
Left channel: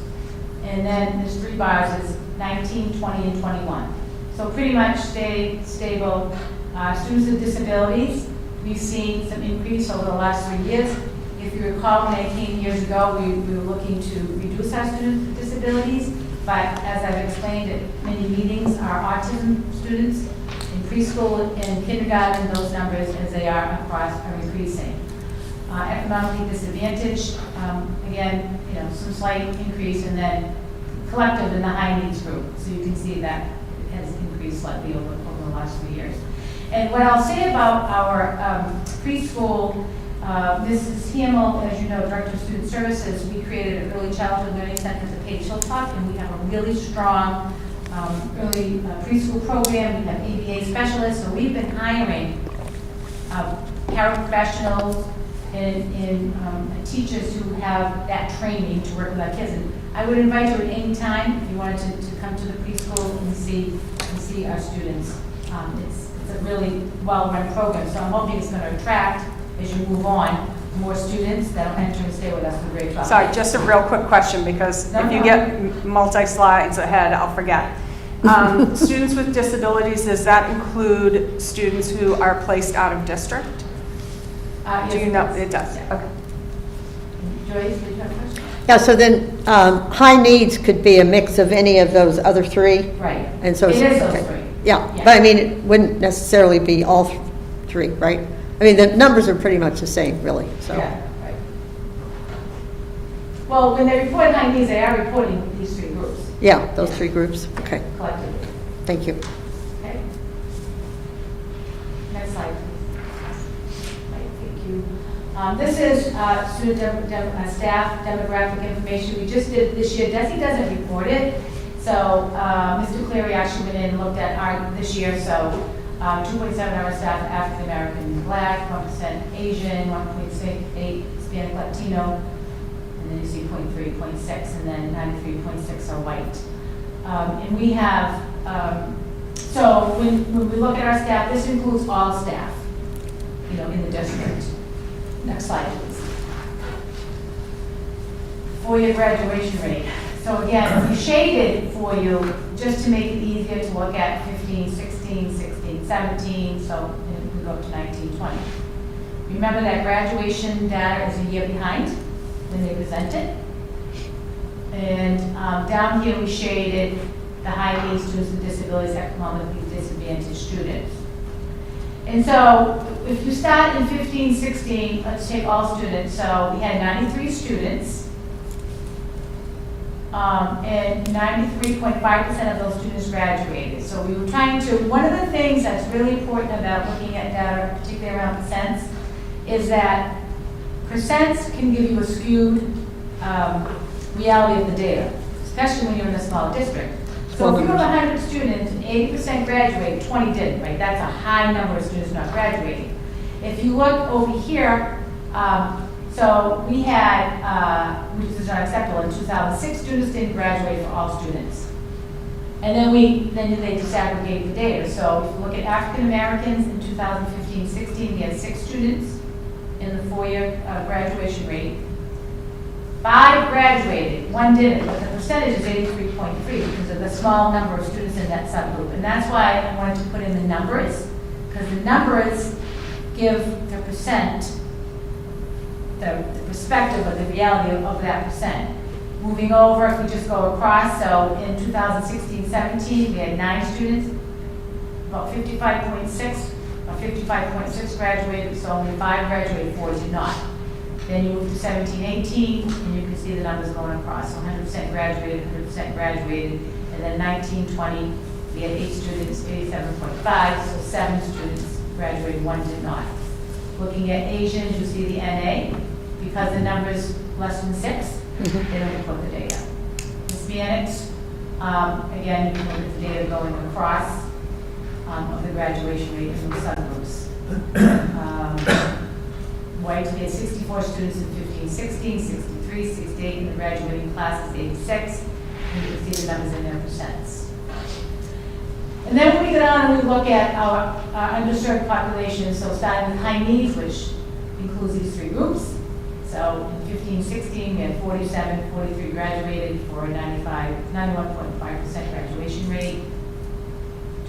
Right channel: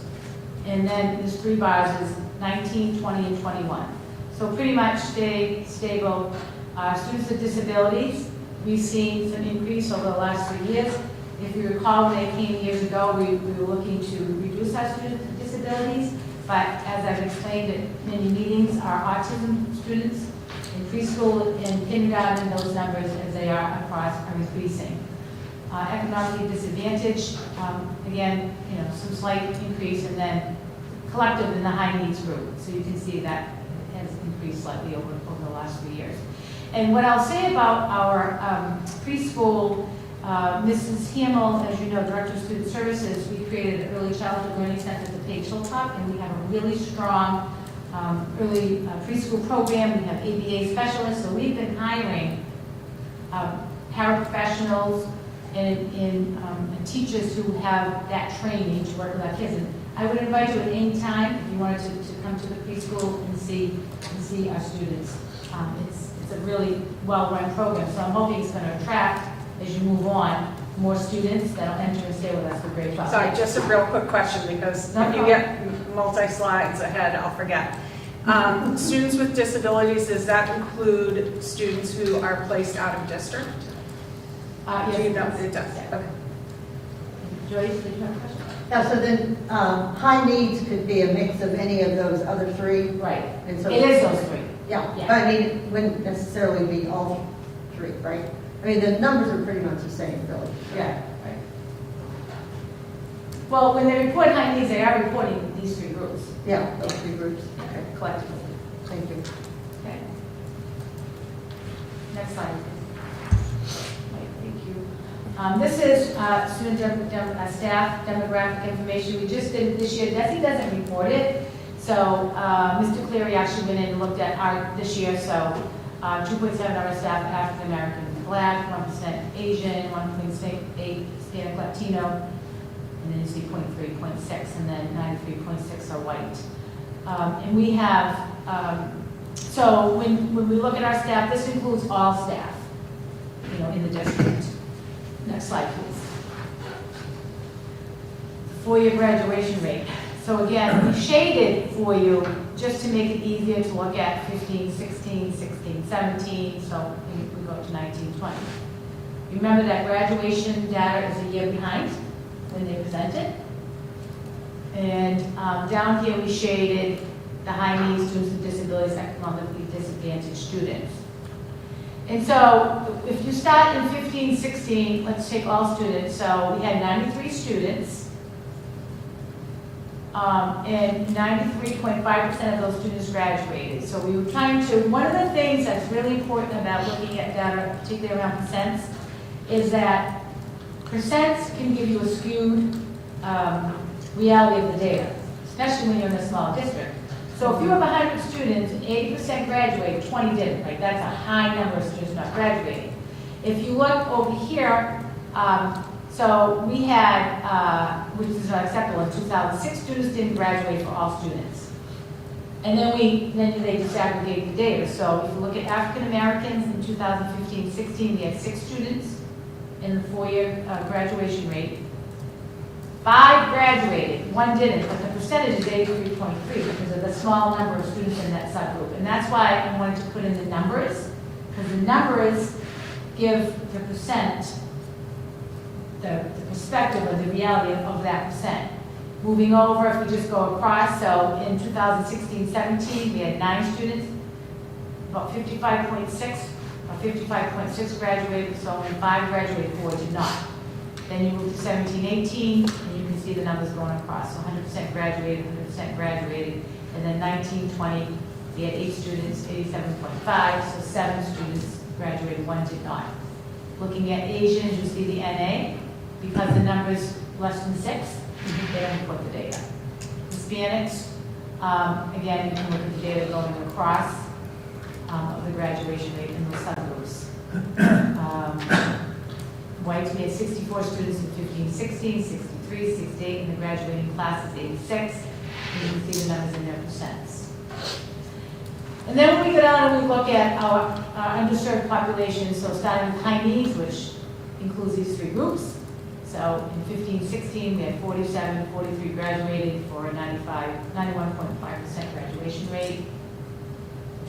And then there's 3 bars, is 19, 20, and 21. So pretty much stay stable. Students with disabilities, we've seen some increase over the last 3 years. If you recall, when I came years ago, we were looking to reduce our student disabilities. But as I've explained at many meetings, our autism students in preschool and kindergarten, those numbers, as they are across, are increasing. Economically disadvantaged, again, you know, some slight increase, and then collective in the high needs group. So you can see that it has increased slightly over the last 3 years. And what I'll say about our preschool, Mrs. Hamill, as you know, Director of Student Services, we created an early childhood learning center at Page Hilltop, and we have a really strong early preschool program. We have ABA specialists, so we've been hiring paraprofessionals and teachers who have that training to work with our kids. And I would invite you at any time if you wanted to come to the preschool and see our students. It's a really well-run program, so I'm hoping it's going to attract, as you move on, more students that'll enter and stay with us for grade 12. Sorry, just a real quick question, because if you get multi-slides ahead, I'll forget. Students with disabilities, does that include students who are placed out of district? Yes, Do you know? does. It does. Yeah. Okay. Joyce, did you have a question? Yeah, so then high needs could be a mix of any of those other 3? Right. And so It is those okay. 3. Yeah, Yeah. but I mean, it wouldn't necessarily be all 3, right? I mean, the numbers are pretty much the same, really, so. Yeah, right. Well, when they report high needs, they are reporting these 3 groups Yeah, those 3 groups, okay, collectively. thank you. Okay. slide, please. Right, thank you. This is staff demographic information we just did this year. Desi doesn't report it, so Mr. Cleary actually went in and looked at our this year. So 2.7 of our staff African American, Black, 1% Asian, 1.8 Hispanic Latino, and then you see 0.3, 0.6, and then 93.6 are white. And we have so when we look at our staff, this includes all staff, in the district. Next slide, please. Four-year graduation rate. So again, we shaded for you just to make it easier to look at 15, 16, 16, 17, so we go up to 19, 20. Remember that graduation data is a year behind when they present it. And down here we shaded the high needs students with disabilities, economically disadvantaged students. And so if you start in 15, 16, let's take all students. So we had 93 students, and 93.5% of those students graduated. So we were trying to, one of the things that's really important about looking at data, particularly around percents, is that percents can give you a skewed reality of the data, especially when you're in a small district. So if you have 100 students and 80% graduate, 20 didn't, right? That's a high number of students not graduating. If you look over here, so we had, which is not acceptable, in 2006 students didn't graduate for all students. And then they disaggregate the data. So if you look at African Americans in 2015-16, we had 6 students in the 4-year graduation rate. 5 graduated, 1 didn't, but the percentage is 83.3 because of the small number of students in that subgroup. And that's why I wanted to put in the numbers, because the numbers give the percent, the perspective of the reality of that percent. Moving over, if we just go across, so in 2016-17, we had 9 students, about 55.6, or 55.6 graduated, so only 5 graduated, 4 did not. Then you move to 17-18, and you can see the numbers going across. So 100% graduated, 100% graduated. And then 19-20, we had 8 students, 87.5, so 7 students graduated, 1 did not. Looking at Asians, you see the NA, because the number's less than 6, they don't put the data. Hispanics, again, you can look at the data going across of the graduation rate in those subgroups. White, we had 64 students in 15-16, 63, 68 in the graduating class is 86. You can see the numbers in their percents. And then when we go on and we look at our underserved population, so starting with high needs, which includes these 3 groups. So in 15-16, we had 47, 43 graduated for a 91.5% graduation rate.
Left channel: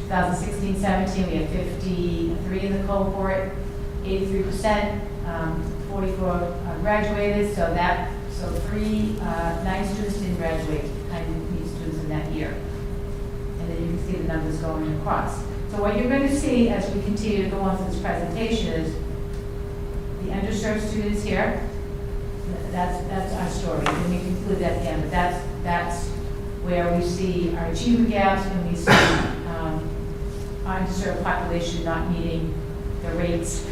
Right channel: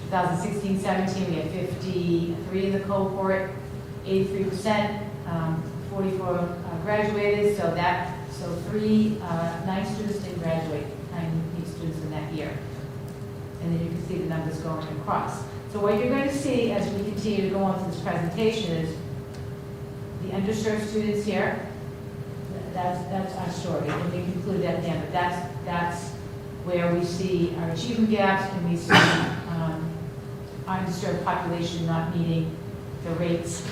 2016-17, we had 53 in the cohort, 83%. 44 graduated, so 9 students didn't graduate, 9 students in that year. And then you can see the numbers going across. So what you're going to see as we continue to go on through this presentation is the underserved students here. That's our story. And we conclude at the end, but that's where we see our achievement gaps and we see our underserved population not meeting the rates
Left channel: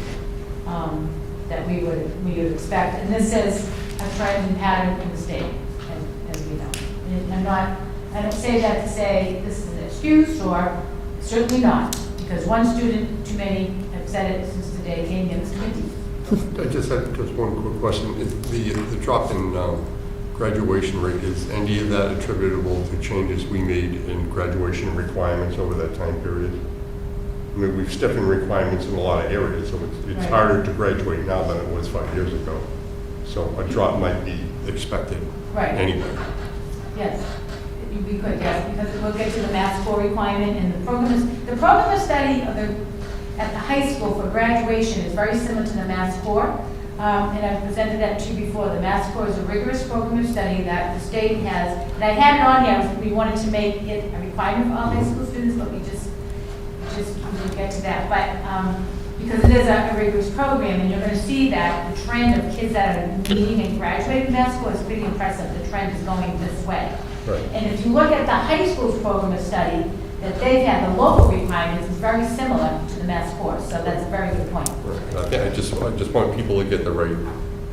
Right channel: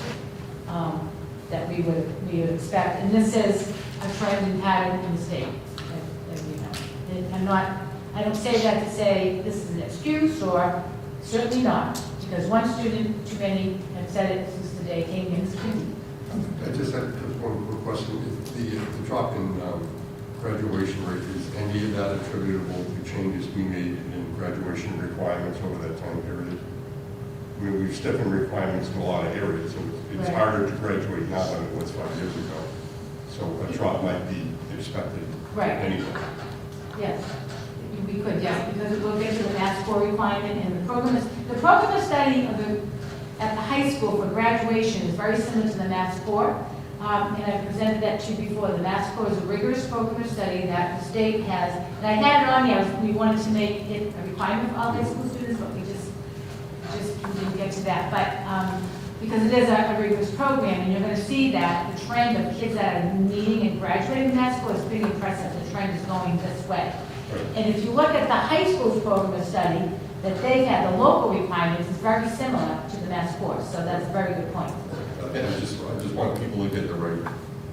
that we would expect. And this is a trend and pattern in the state, as we know. And I don't say that to say this is an excuse, or certainly not, because one student too many have said it since the day it came in. I just had just one quick question. The drop in graduation rate, is any of that attributable to changes we made in graduation requirements over that time period? I mean, we've stiffened requirements in a lot of areas, so it's Right. harder to graduate now than it was 5 years ago. So a drop might be expected Right. anyway. Yes, we could, yes, because we'll get to the math score requirement and the program of study of at the high school for graduation is very similar to the math score. And I presented that to you before. The math score is a rigorous program of study that the state has, and I had it on here, we wanted to make it a requirement for all high school students, but we just we'll get to that. But because it is a rigorous program, and you're going to see that the trend of kids that are meeting and graduating math score is pretty impressive. The trend is going this way. Right. And if you look at the high school's program of study, that they've had, the local requirements is very similar to the Mass course, so that's a very good point. I just want people to get the right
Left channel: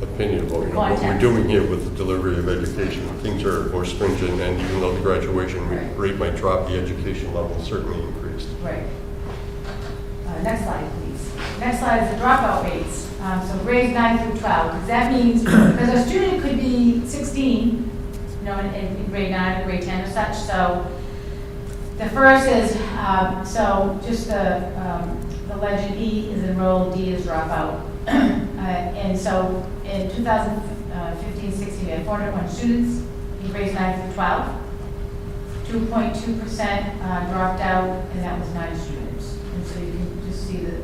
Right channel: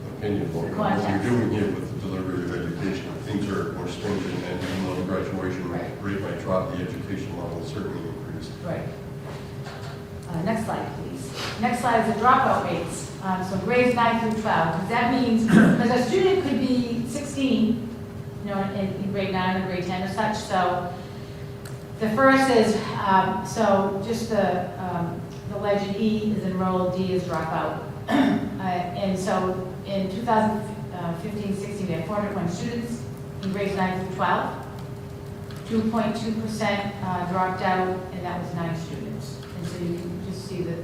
opinion of what we're Context. doing here with the delivery of education. Things are more stringent, and even though the graduation Right. rate might drop, the education level certainly increased. Right. Next slide, please. Next slide is the dropout rates. So grades 9 through 12. That means, because a student could be 16, you know, in grade 9 or grade 10 or such. So the first is, so just the legend E is enrolled, D is dropout. And so in 2015-16, we had 401 students in grades 9 through 12. 2.2% dropped out, and that was 9 students. And so you can just see the,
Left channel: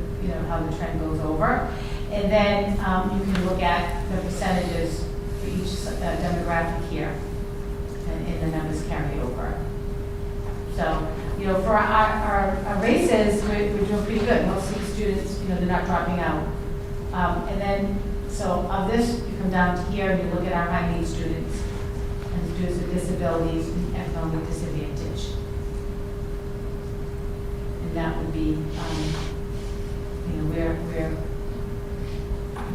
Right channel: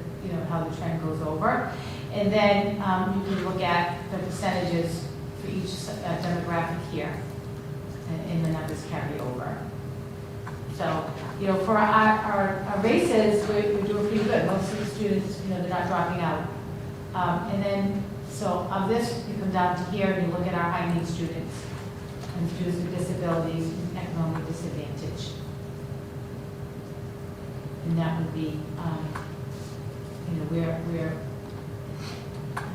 how the trend goes over. And then you can look at the percentages for each demographic here, and the numbers carried over. So, for our races, we're doing pretty good. Most of the students, they're not dropping out. And then, so of this, you come down to here and you look at our high need students and students with disabilities and economic disadvantage. And that would be, where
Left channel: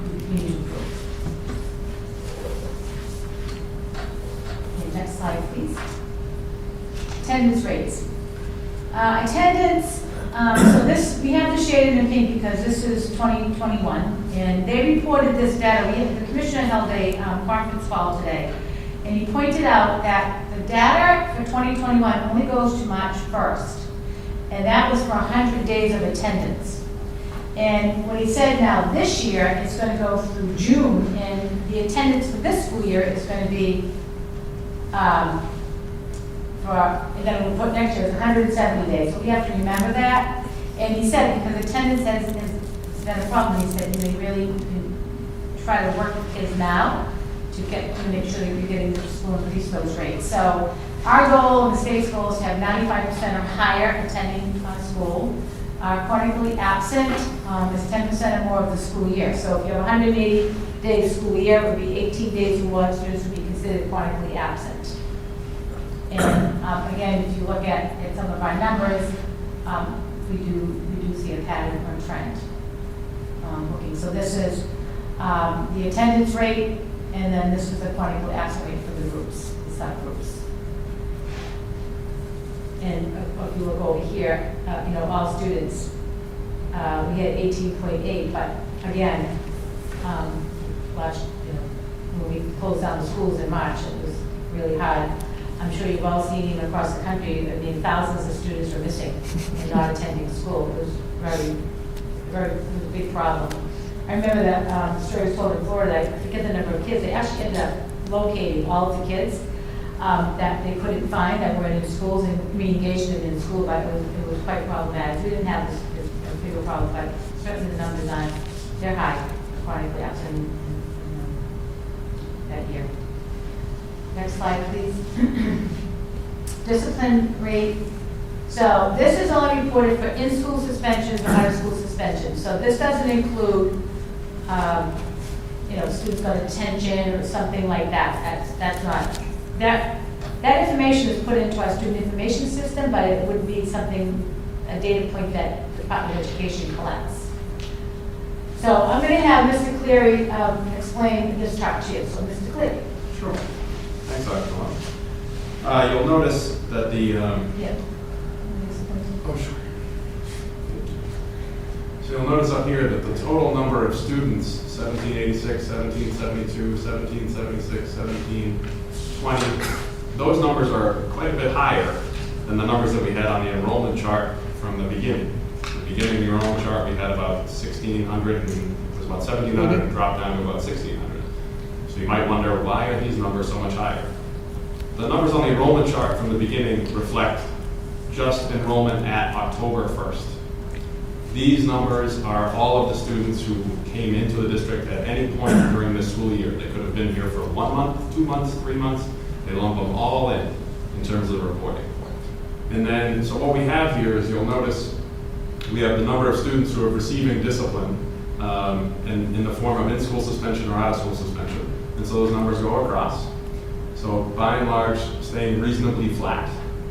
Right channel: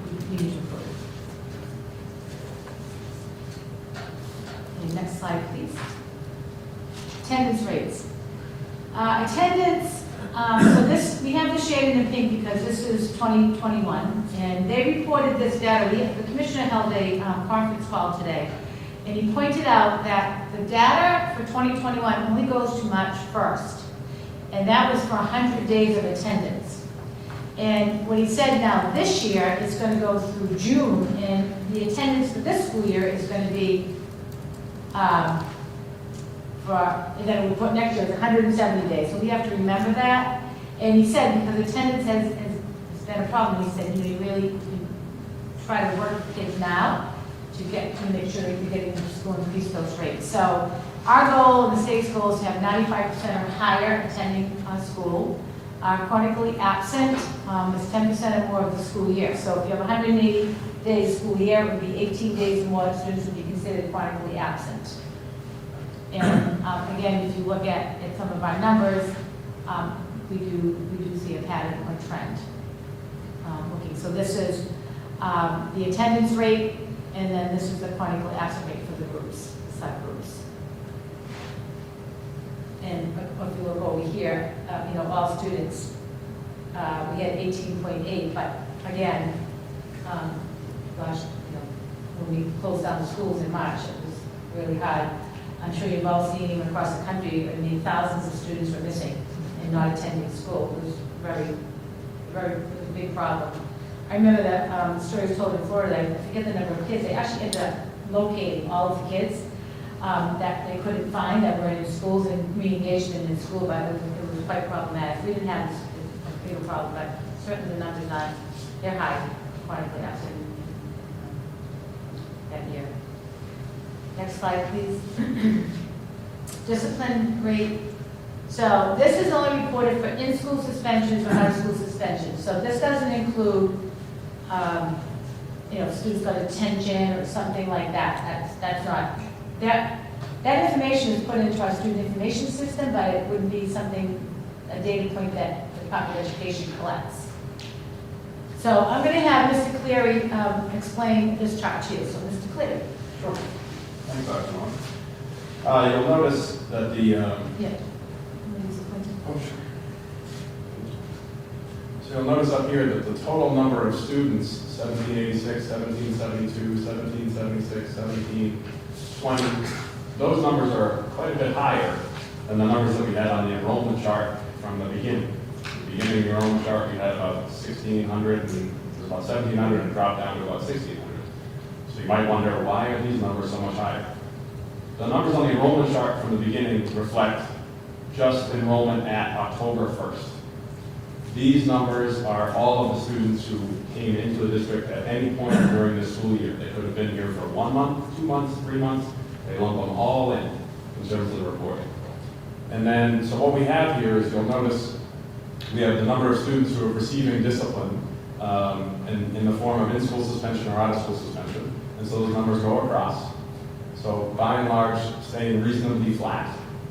we need to improve. Okay, next slide, please. Attendance rates. Attendance, so this, we have this shaded in pink because this is 2021, and they reported this data. The commissioner held a conference call today, and he pointed out that the data for 2021 only goes to March 1st, and that was for 100 days of attendance. And what he said now this year, it's going to go through June, and the attendance for this school year is going to be, next year is 170 days. So we have to remember that. And he said, because attendance has been a problem, he said, they really try to work with kids now to make sure you're getting to school and increase those rates. So our goal, and the state's goal, is to have 95% or higher attending school. Chronically absent is 10% or more of the school year. So if you have 180 days school year, it would be 18 days or more students would be considered chronically absent. And again, if you look at some of our numbers, we do see a pattern or trend. Looking, so this is the attendance rate, and then this is the chronically absent rate for the groups, the subgroups. And if you look over here, all students, we had 18.8, but again, when we closed down the schools in March, it was really hard. I'm sure you've all seen even across the country, thousands of students were missing and not attending school. It was it was a big problem. I remember that the story was told in Florida, I forget the number of kids, they actually ended up locating all of the kids that they couldn't find that were in schools and communication in school, but it was quite problematic. We didn't have this bigger problem, but certainly the numbers on, they're high, chronically absent that year. Next slide, please. Discipline rate. So this is only reported for in-school suspensions or out-of-school suspensions. So this doesn't include, students got a detention or something like that. That's not. That information is put into our student information system, but it wouldn't be something, a data point that the Department of Education collects. So I'm going to have Mr. Cleary explain this chart to you. So Mr. Cleary. Sure. Thanks, Dr. Long. You'll notice that the... Yeah. Oh, sure. So you'll notice up here that the total number of students, 1786, 1772, 1776, 1720, those numbers are quite a bit higher than the numbers that we had on the enrollment chart from the beginning. At the beginning of the enrollment chart, we had about 1,600, and it was about 1,700, and dropped down to about 1,600. So you might wonder, why are these numbers so much higher? The numbers on the enrollment chart from the beginning reflect just enrollment at October 1st. These numbers are all of the students who came into the district at any point during this school year. They could have been here for 1 month, 2 months, 3 months. They lump them all in terms of the reporting. And then, so what we have here is, you'll notice we have the number of students who are receiving discipline in the form of in-school suspension or out-of-school suspension. And so those numbers go across. So by and large, staying reasonably flat.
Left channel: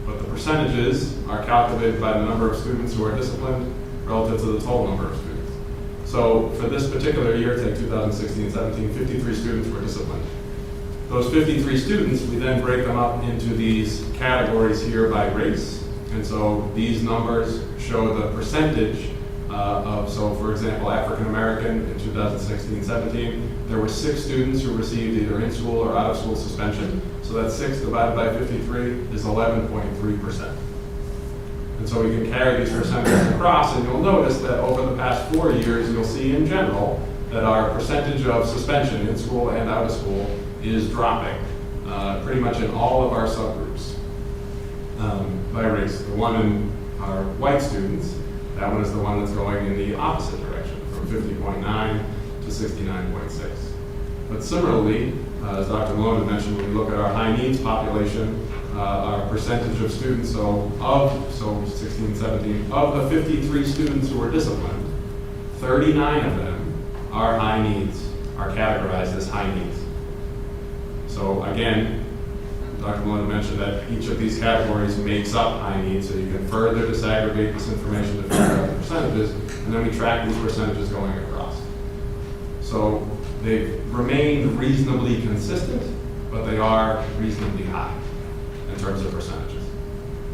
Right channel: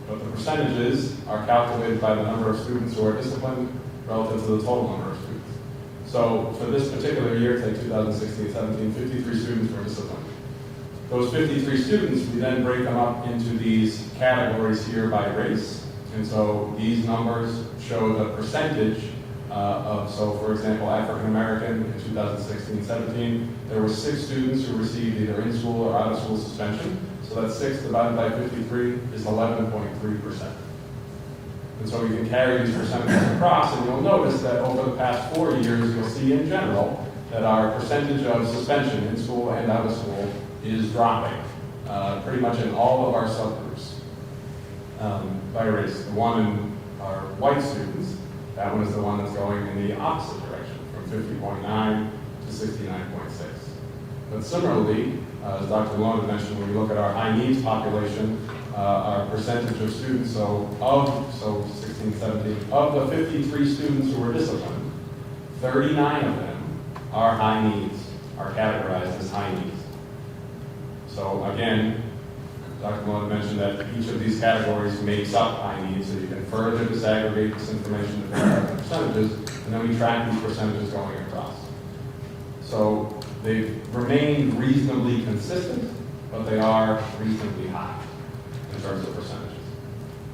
But the percentages are calculated by the number of students who are disciplined relative to the total number of students. So for this particular year, take 2016-17, 53 students were disciplined. Those 53 students, we then break them up into these categories here by race. And so these numbers show the percentage so for example, African American in 2016-17, there were 6 students who received either in-school or out-of-school suspension. So that 6 divided by 53 is 11.3%. And so we can carry these percentages across, and you'll notice that over the past 4 years, you'll see in general that our percentage of suspension in school and out of school is dropping pretty much in all of our subgroups by race. The one in our white students, that one is the one that's going in the opposite direction, from 50.9 to 69.6. But similarly, as Dr. Malone mentioned, when we look at our high needs population, our percentage of students, so 16, 17, of the 53 students who were disciplined, 39 of them are high needs, are categorized as high needs. So again, Dr. Malone mentioned that each of these categories makes up high needs, so you can further disaggregate this information to figure out the percentages, and then we track these percentages going across. So they've remained reasonably consistent, but they are reasonably high in terms of percentages.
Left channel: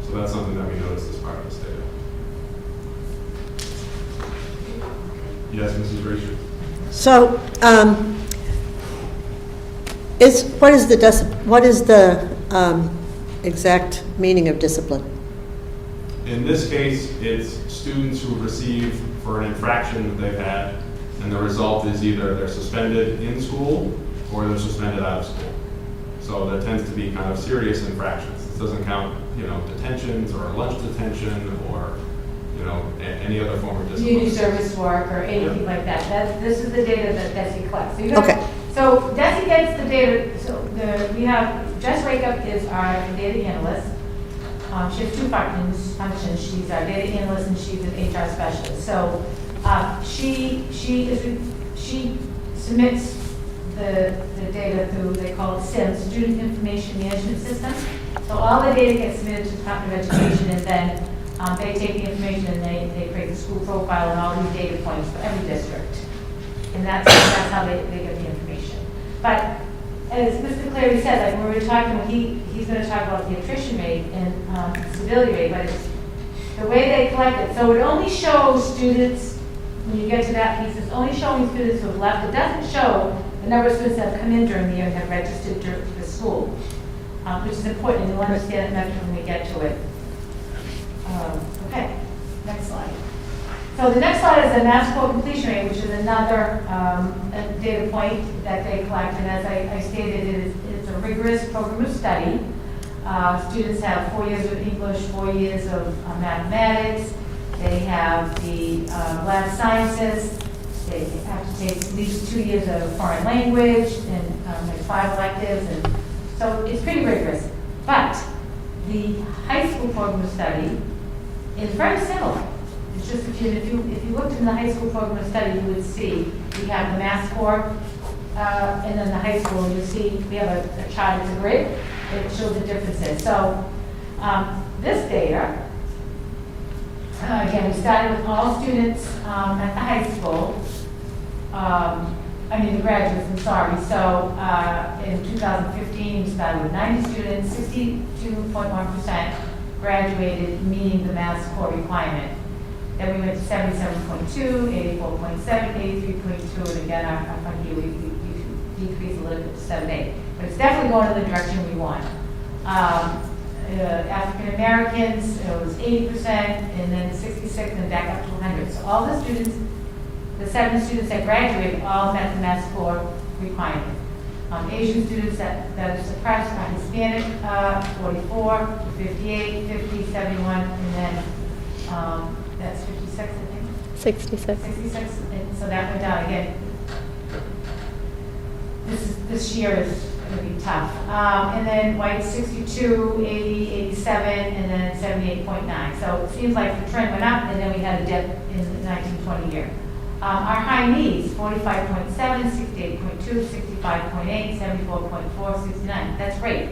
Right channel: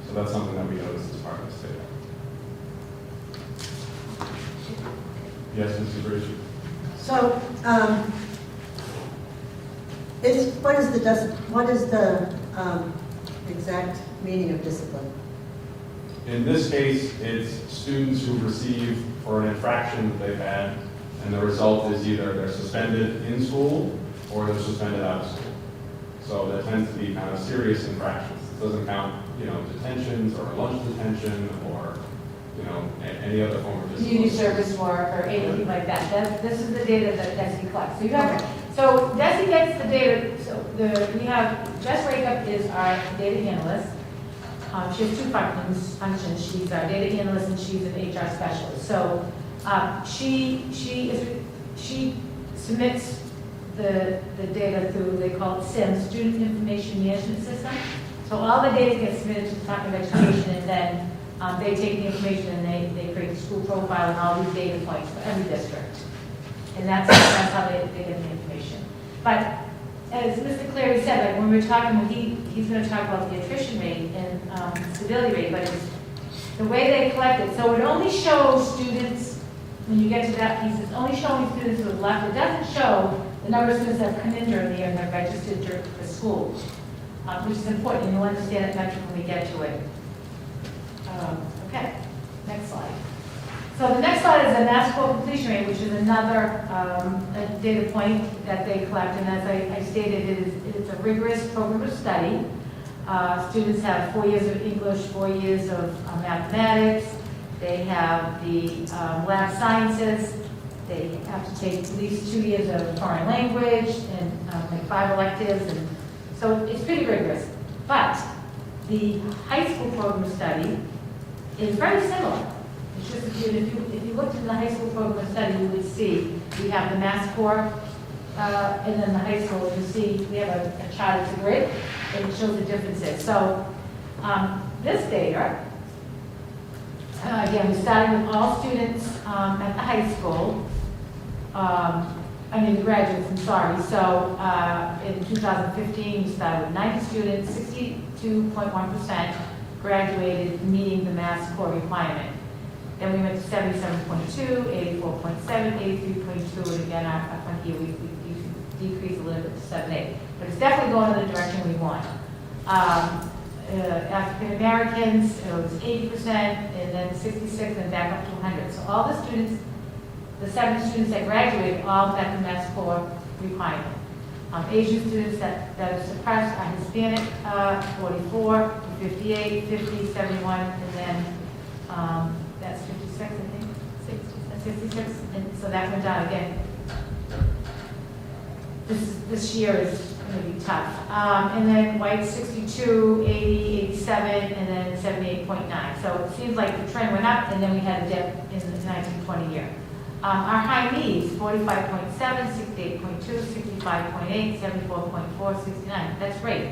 So that's something that we noticed as part of this data. Yes, Mrs. Brady? So, what is the exact meaning of discipline? In this case, it's students who receive for an infraction that they've had, and the result is either they're suspended in school or they're suspended out of school. So there tends to be kind of serious infractions. This doesn't count, detentions or lunch detention or, any other form of discipline. Community service work or anything like that. This is the data that DESI collects. Okay. So DESI gets the data, we have, Jess Rakeup is our data analyst. She has 2 functions. She's our data analyst and she's an HR specialist. So she submits the data through, they call it SIM, Student Information Management System. So all the data gets submitted to the Department of Education, and then they take the information and they create the school profile and all the data points for every district. And that's how they get the information. But as Mr. Clary said, like when we were talking, he's going to talk about the attrition rate and stability rate, but it's the way they collect it. So it only shows students, when you get to that piece, it's only showing students who have left. It doesn't show the number of students that have come in during the year and have registered to the school, which is important, and you'll understand it better when we get to it. Okay, next slide. So the next slide is the mass core completion rate, which is another data point that they collect. And as I stated, it's a rigorous program of study. Students have 4 years of English, 4 years of mathematics. They have the lab sciences. They have to take at least 2 years of foreign language and like 5 electives. And so it's pretty rigorous. But the high school program of study is very similar. It's just that if you looked in the high school program of study, you would see we have the mass core, and then the high school, you'll see we have a chart, it's a grid, and it shows the differences. So this data, again, we started with all students at the high school, the graduates, I'm sorry. So in 2015, we started with 90 students, 62.1% graduated, meeting the mass core requirement. Then we went to 77.2, 84.7, 83.2, and again, our fund year, we decreased a little bit to 78. But it's definitely going in the direction we want. African Americans, it was 80%, and then 66, and back up to 100. So all the students, the 7 students that graduated, all met the mass core requirement. Asian students that are suppressed are Hispanic, 44, 58, 50, 71, and then that's 56, I think. 66. 66, and so that went down again. This year is going to be tough. And then white 62, 80, 87, and then 78.9. So it seems like the trend went up, and then we had a dip in the 1920 year. Our high needs, 45.7, 68.2, 65.8, 74.4, 69. That's great.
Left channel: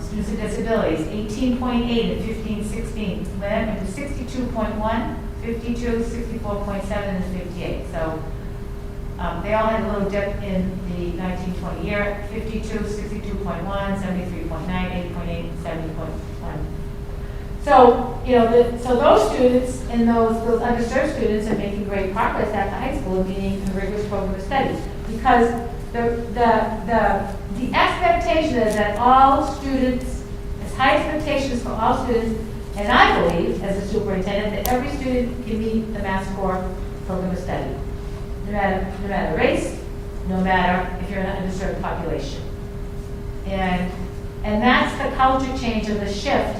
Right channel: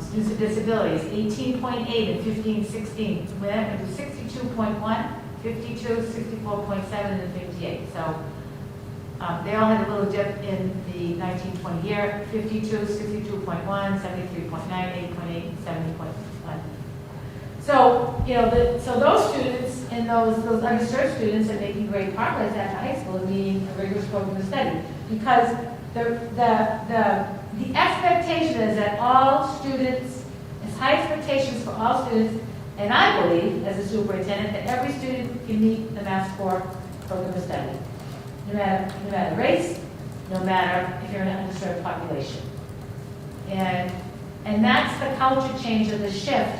Students with disabilities, 18.8 and 15-16. When that went to 62.1, 52, 64.7, and 58. So they all had a little dip in the 1920 year, 52, 62.1, 73.9, 8.8, 70.1. So, you know, so those students and those underserved students are making great progress at the high school, meaning a rigorous program of study. Because the expectation is that all students, as high expectations for all students, and I believe, as a superintendent, that every student can meet the Mass Core program of study. No matter race, no matter if you're an underserved population. And that's the culture change and the shift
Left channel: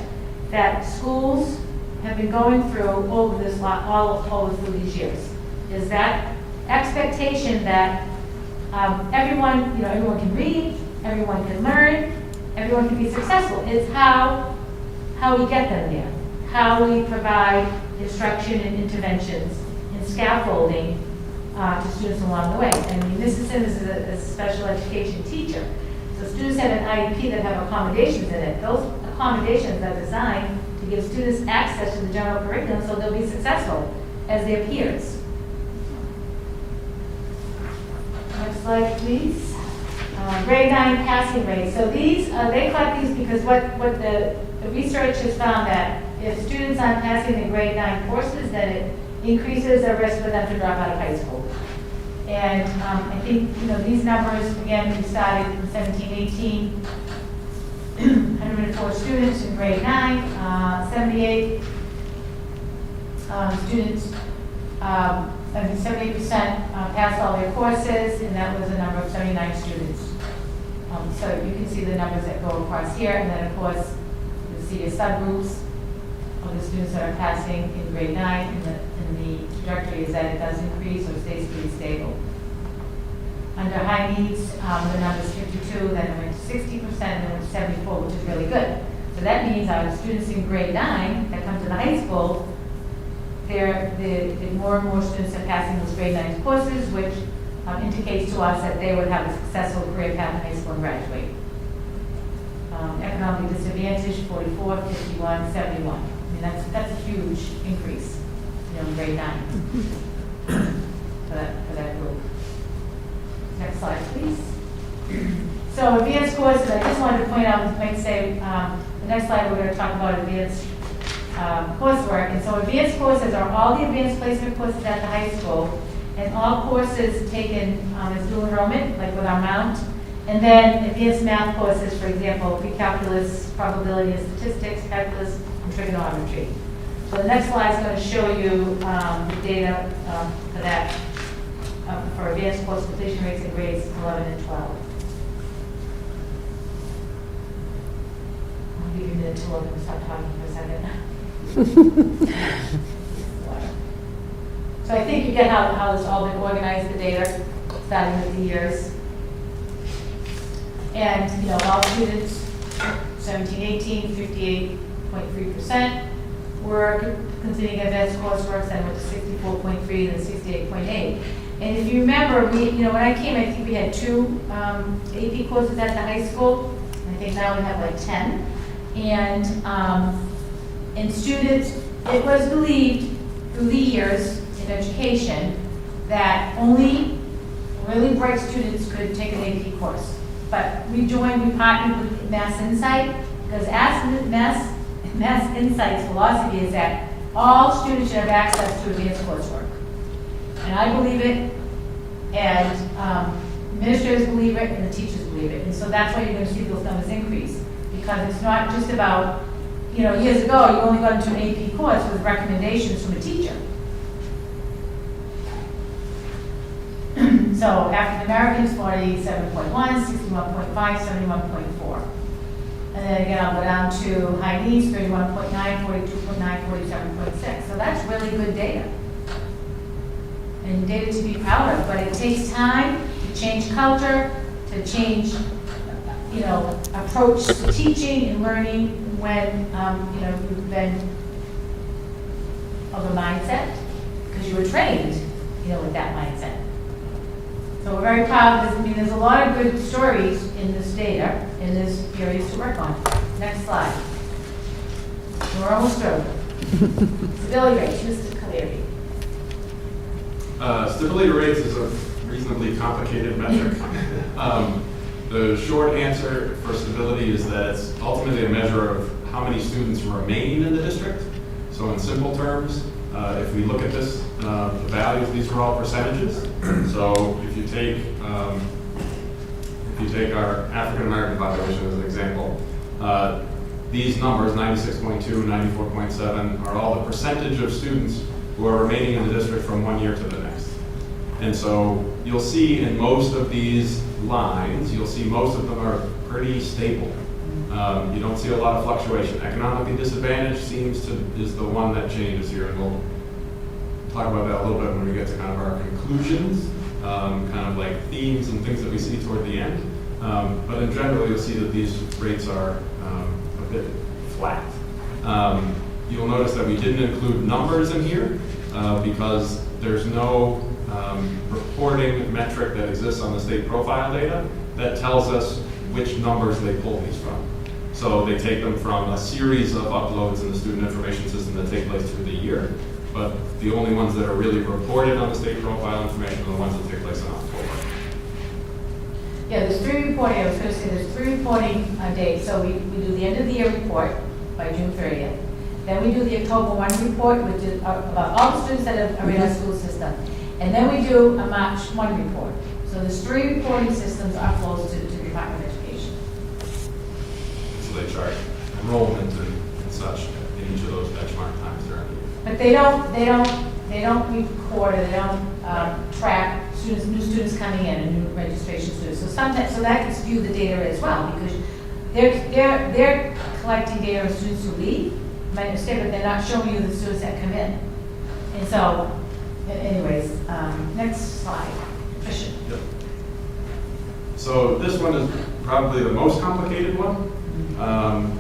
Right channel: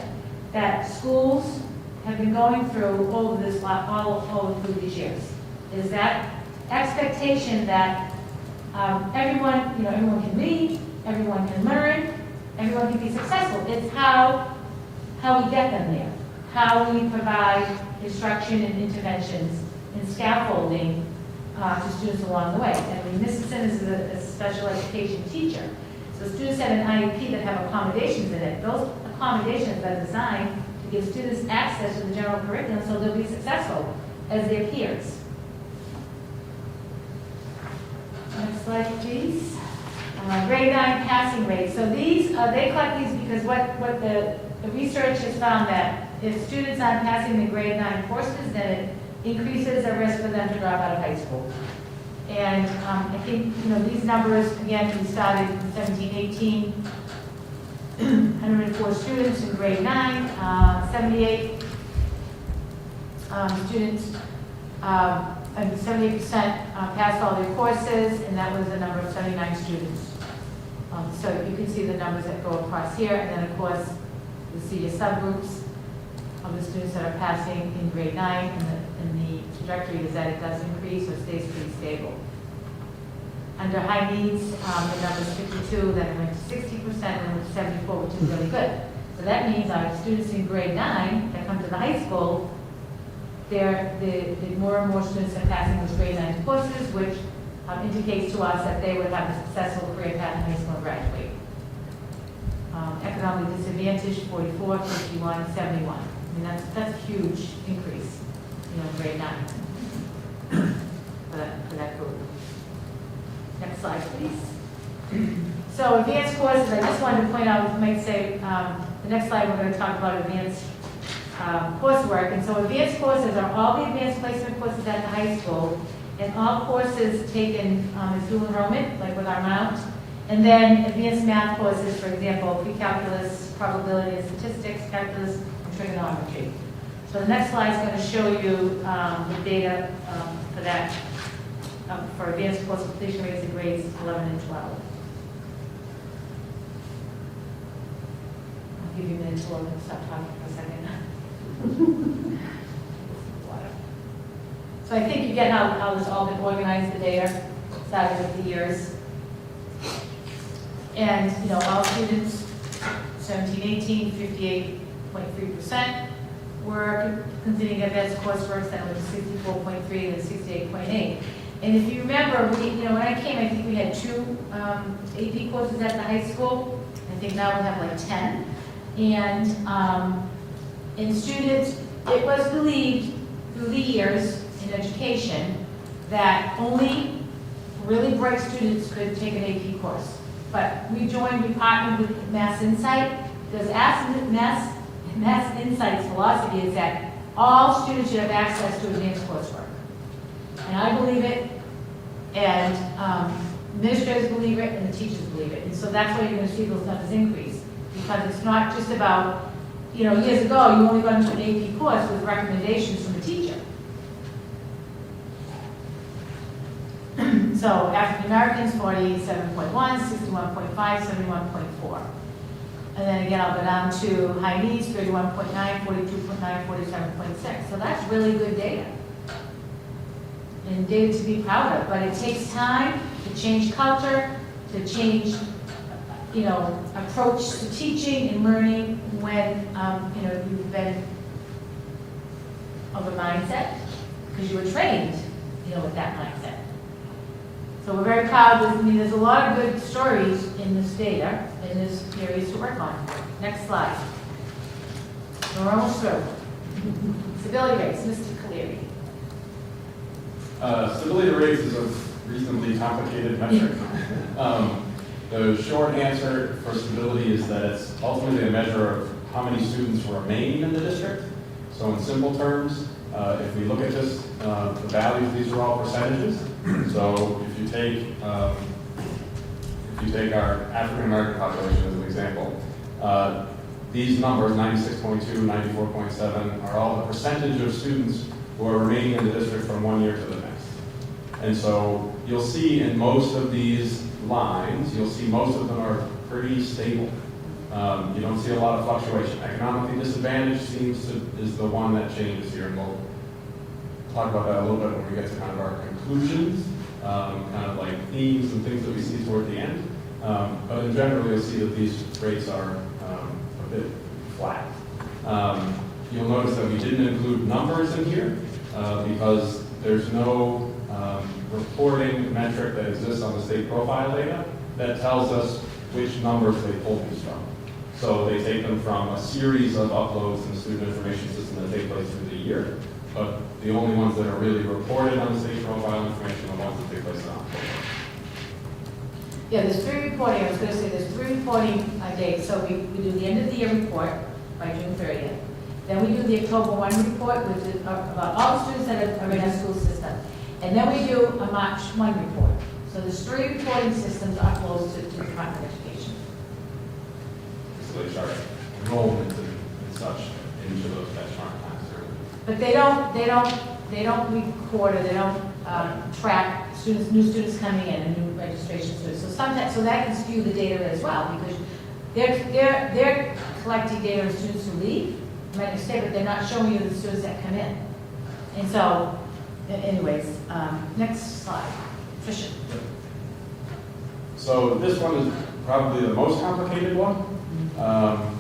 that schools have been going through all over these years. Is that expectation that everyone can read, everyone can learn, everyone can be successful. It's how we get them there, how we provide instruction and interventions and scaffolding to students along the way. I mean, Mrs. Simmons is a special education teacher. So students have an IEP that have accommodations in it. Those accommodations are designed to give students access to the general curriculum so they'll be successful as their peers. Next slide, please. Grade 9 passing rate. So these, they collect these because what the research has found that if students aren't passing the grade 9 courses, then it increases the risk for them to drop out of high school. And I think, these numbers, again, we started in 17-18, 104 students in grade 9, 78 students, 78% passed all their courses, and that was a number of 79 students. So you can see the numbers that go across here, and then of course, you see your subgroups of the students that are passing in grade 9, and the trajectory is that it does increase or stays pretty stable. Under high needs, the number's 52, then went to 60%, and went to 74, which is really good. So that means our students in grade 9 that come to the high school, the more and more students are passing those grade 9 courses, which indicates to us that they would have a successful career path in high school and graduate. Economically disadvantaged, 44, 51, 71. I mean, that's a huge increase, in grade 9 for that group. Next slide, please. So advanced courses, I just wanted to point out, might say, the next slide we're going to talk about advanced coursework. And so advanced courses are all the advanced placement courses at the high school, and all courses taken as dual enrollment, like with our Mount. And then advanced math courses, for example, pre-calculus, probability and statistics, calculus, and trigonometry. So the next slide is going to show you the data for that, for advanced course completion rates in grades 11 and 12. I'll give you a minute to look and stop talking for a second. So I think you get how this all been organized, the data, starting with the years. And, all students, 17, 18, 58.3% were completing advanced coursework, then it was 64.3 and 68.8. And if you remember, when I came, I think we had 2 AP courses at the high school. I think now we have like 10. And students, it was believed through the years in education that only really bright students could take an AP course. But we partnered with Mass Insight, because Mass Insight's philosophy is that all students should have access to advanced coursework. And I believe it, and administrators believe it, and the teachers believe it. And so that's why you're going to see those numbers increase. Because it's not just about, years ago, you only got into an AP course with recommendations from a teacher. So African Americans, 47.1, 61.5, 71.4. And then again, I'll go down to high needs, 31.9, 42.9, 47.6. So that's really good data. And data to be proud of, but it takes time to change culture, to change, approach to teaching and learning when, you've been of a mindset, because you were trained, with that mindset. So we're very proud of this. I mean, there's a lot of good stories in this data, it is areas to work on. Next slide. We're almost through. Stability rates, Mr. Cleary. Stability rates is a reasonably complicated metric. The short answer for stability is that it's ultimately a measure of how many students remain in the district. So in simple terms, if we look at this, the values, these are all percentages. So if you take our African American population as an example, these numbers, 96.2, 94.7, are all the percentage of students who are remaining in the district from one year to the next. And so you'll see in most of these lines, you'll see most of them are pretty stable. You don't see a lot of fluctuation. Economically disadvantaged is the one that changes here, and we'll talk about that a little bit when we get to kind of our conclusions, kind of like themes and things that we see toward the end. But in general, you'll see that these rates are a bit flat. You'll notice that we didn't include numbers in here because there's no reporting metric that exists on the state profile data that tells us which numbers they pull these from. So they take them from a series of uploads in the student information system that take place through the year, but the only ones that are really reported on the state profile information are the ones that take place in October. Yeah, there's 3 reporting, I was going to say there's 3 reporting dates. So we do the end of the year report by June 30th. Then we do the October 1 report, which is about all the students that are in our school system. And then we do a March 1 report. So there's 3 reporting systems are closed to the Department of Education. So they chart enrollment and such in each of those benchmark times there. But they don't record or they don't track students, new students coming in and new registration students. So sometimes, so that can skew the data as well because they're collecting data on students who leave, but they're not showing you the students that come in. And so, anyways, next slide. Tricia. Yep. So this one is probably the most complicated one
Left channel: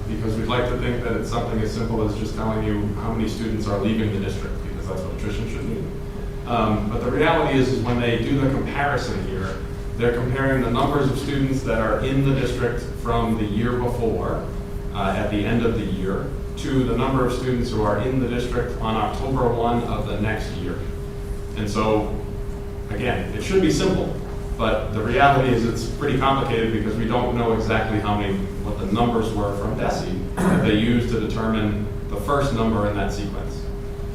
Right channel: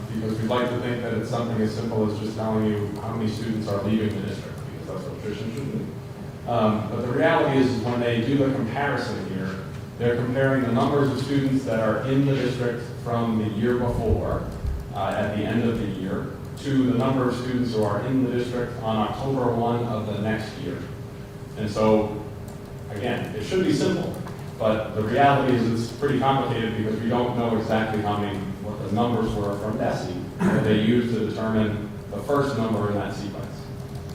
because we'd like to think that it's something as simple as just telling you how many students are leaving the district because that's what attrition should be. But the reality is when they do the comparison here, they're comparing the numbers of students that are in the district from the year before at the end of the year to the number of students who are in the district on October 1 of the next year. And so, again, it should be simple, but the reality is it's pretty complicated because we don't know exactly what the numbers were from DESE that they used to determine the first number in that sequence.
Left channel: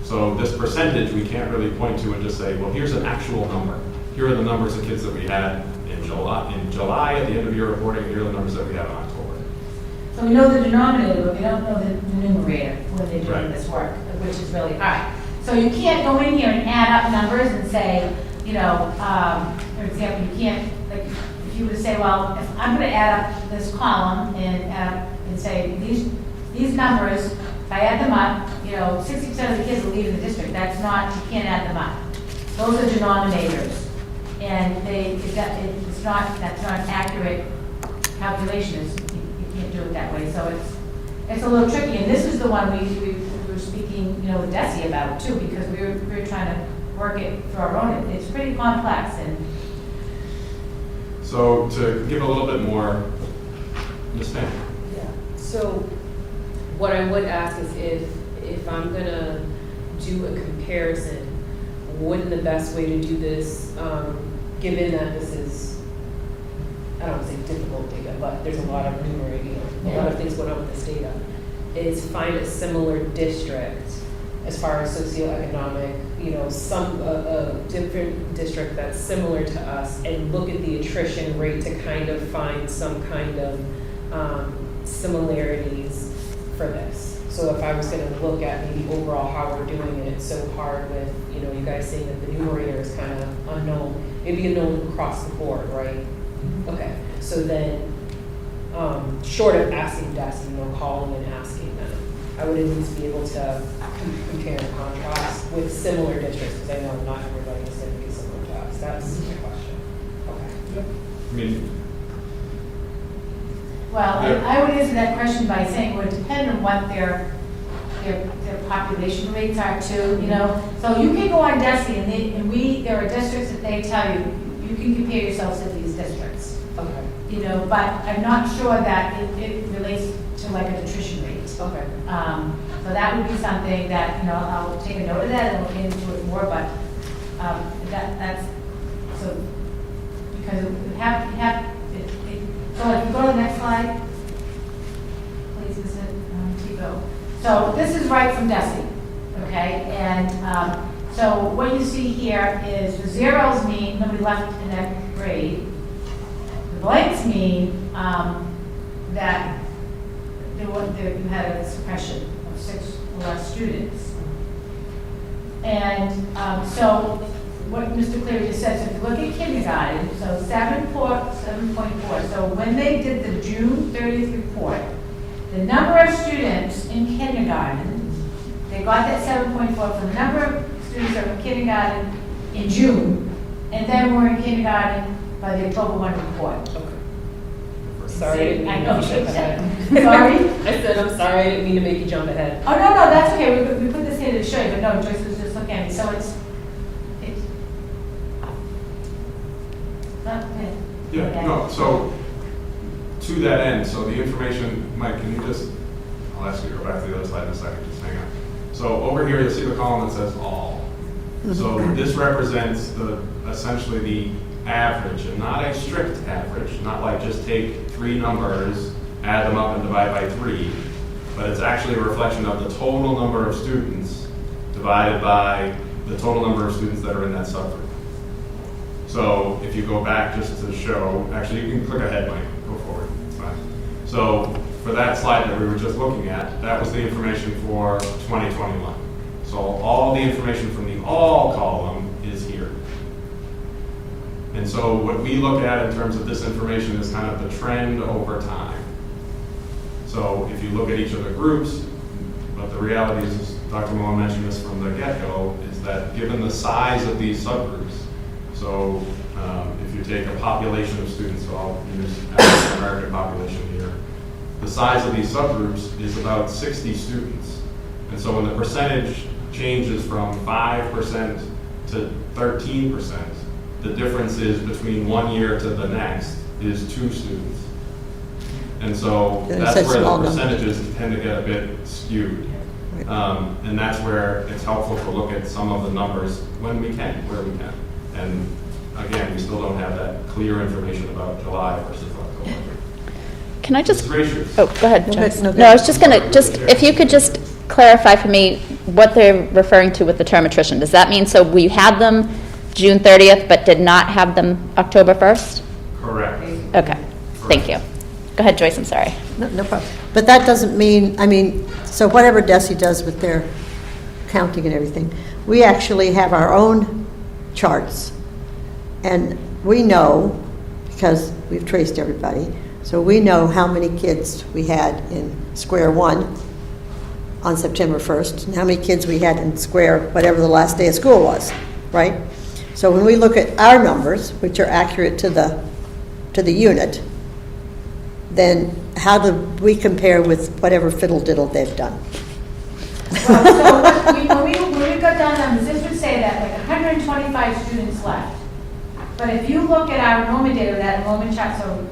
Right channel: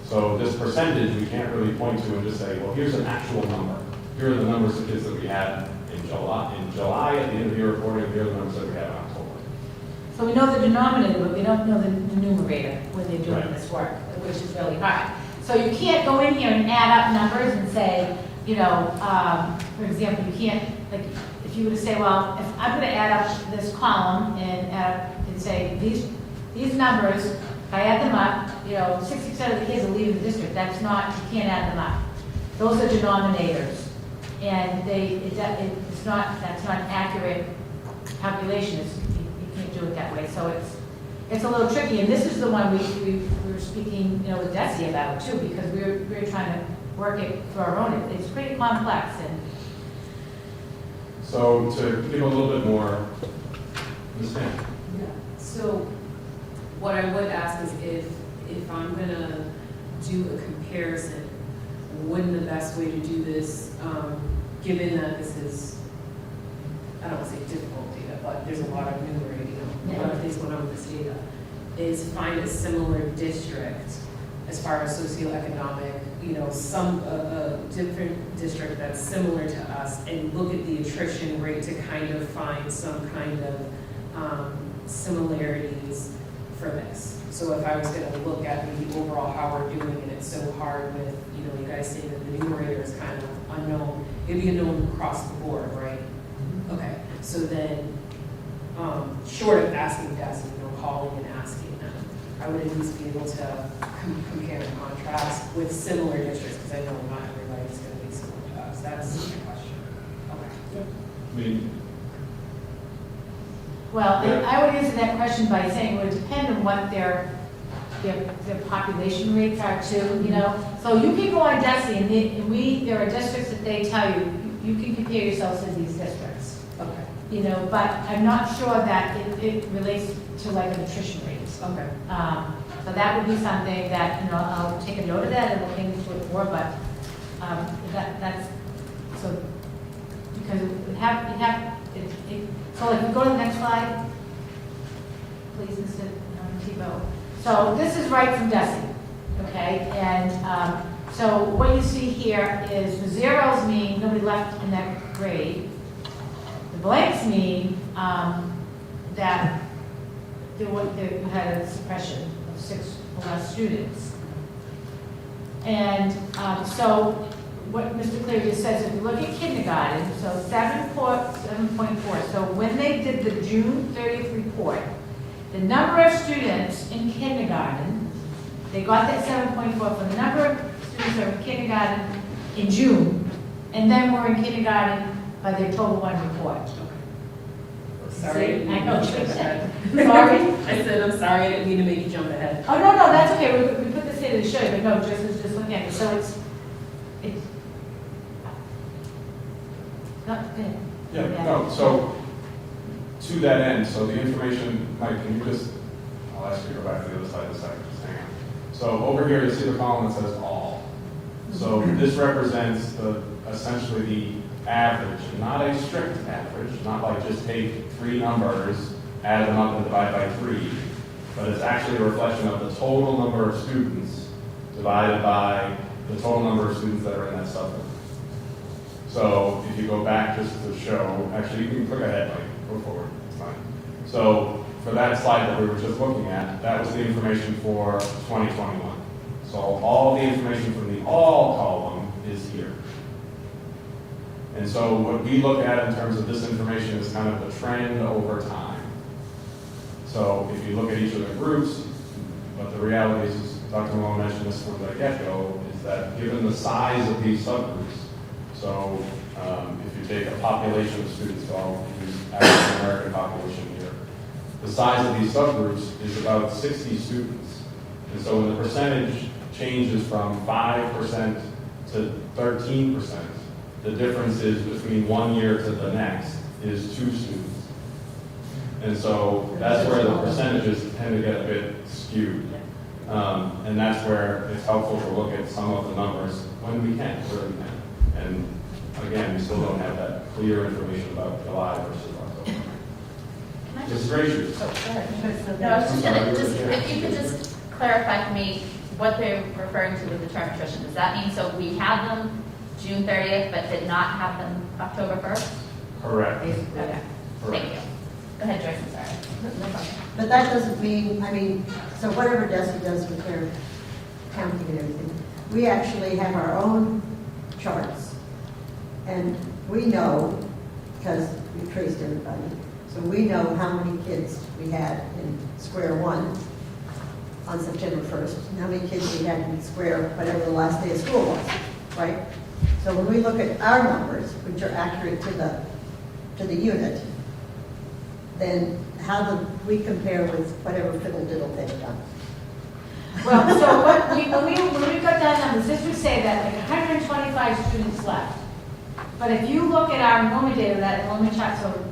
So this percentage we can't really point to and just say, well, here's an actual number. Here are the numbers of kids that we had in July at the end of year reporting. Here are the numbers that we have in October. So we know the denominator, but we don't know the numerator when they're doing Right. this work, which is really hard. So you can't go in here and add up numbers and say, you know, for example, you can't, like, if you were to say, well, if I'm going to add up this column and say these numbers, if I add them up, you know, 60% of the kids are leaving the district. That's not, you can't add them up. Those are denominators, and that's not an accurate calculation. You can't do it that way. So it's a little tricky, and this is the one we were speaking, you know, with DESE about too, because we were trying to work it through our own. It's pretty complex. And So to give a little bit more, understand. Yeah, so what I would ask is if I'm gonna do a comparison, wouldn't the best way to do this, given that this is, I don't say difficult data, but there's a lot of numeracy, a lot of things going on with this data, is find a similar district as far as socioeconomic, you know, some different district that's similar to us, and look at the attrition rate to kind of find some kind of similarities for this. So if I was going to look at maybe overall how we're doing it, it's so hard with, you know, you guys saying that the numerator is kind of unknown. It'd be unknown across the board, right? Okay, so then, short of asking DESE, you know, calling and asking them, I would at least be able to compare and contrast with similar districts, because I know not everybody's going to be similar to us. That's my question. Okay. I mean, well, I would answer that question by saying it would depend on what their population rates are too, you know. So you can go on DESE and there are districts that they tell you, you can compare yourselves to these districts. Okay. you know, but I'm not sure that it relates to like an attrition rate. Okay. So that would be something that, you know, I'll take a note of that and look into it more, but that's, so, because you have, so like, you go to the next slide, please, Mr. Tebow. So this is right from Desi, okay? And so what you see here is the zeros mean nobody left in that grade. The blanks mean that they had a suppression of 6 or less students. And so what Mr. Cleary just said, so if you look at kindergarten, so 7.4, so when they did the June 30th report, the number of students in kindergarten, they got that 7.4 for the number of students that were in kindergarten in June, and then were in kindergarten by the October 1 report. Sorry. I know. Sorry. Sorry? I said, I'm sorry, I didn't mean to make you jump ahead. Oh, no, that's okay, we put this here to show you, but no, Joyce was just looking at me, so it's not good. Yeah, no, so to that end, so the information, Mike, can you just, I'll ask you to go back to the other slide in a second, just hang on. So over here, you'll see the column that says all. So this represents essentially the average, and not a strict average, not like just take 3 numbers, add them up and divide by 3, but it's actually a reflection of the total number of students divided by the total number of students that are in that subgroup. So if you go back just to show, actually you can click ahead, Mike, go forward, it's fine. So for that slide that we were just looking at, that was the information for 2021. So all the information from the all column is here. And so what we look at in terms of this information is kind of the trend over time. So if you look at each of the groups, but the reality is, Dr. Malone mentioned this from the get-go, is that given the size of these subgroups, so if you take a population of students, so I'll use African American population here, the size of these subgroups is about 60 students. And so when the percentage changes from 5% to 13%, the difference is between 1 year to the next is 2 students. And so that's where the percentages tend to get a bit skewed. And that's where it's helpful to look at some of the numbers when we can, where we can. And again, we still don't have that clear information about July versus October. Can I just, Ms. Gracious. oh, go ahead, No, Joyce. no, No, I was just gonna, if you could just clarify for me what they're referring to with the term attrition. Does that mean, so we had them June 30th, but did not have them October 1st? Correct. Okay, thank you. Go ahead, Joyce, I'm sorry. No problem. But that doesn't mean, I mean, so whatever DESI does with their counting and everything, we actually have our own charts. And we know, because we've traced everybody, so we know how many kids we had in square 1 on September 1st, and how many kids we had in square whatever the last day of school was, right? So when we look at our numbers, which are accurate to the unit, then how do we compare with whatever fiddle-diddle they've done? Well, so when we got down numbers, this would say that like 125 students left. But if you look at our enrollment data, that enrollment chart, so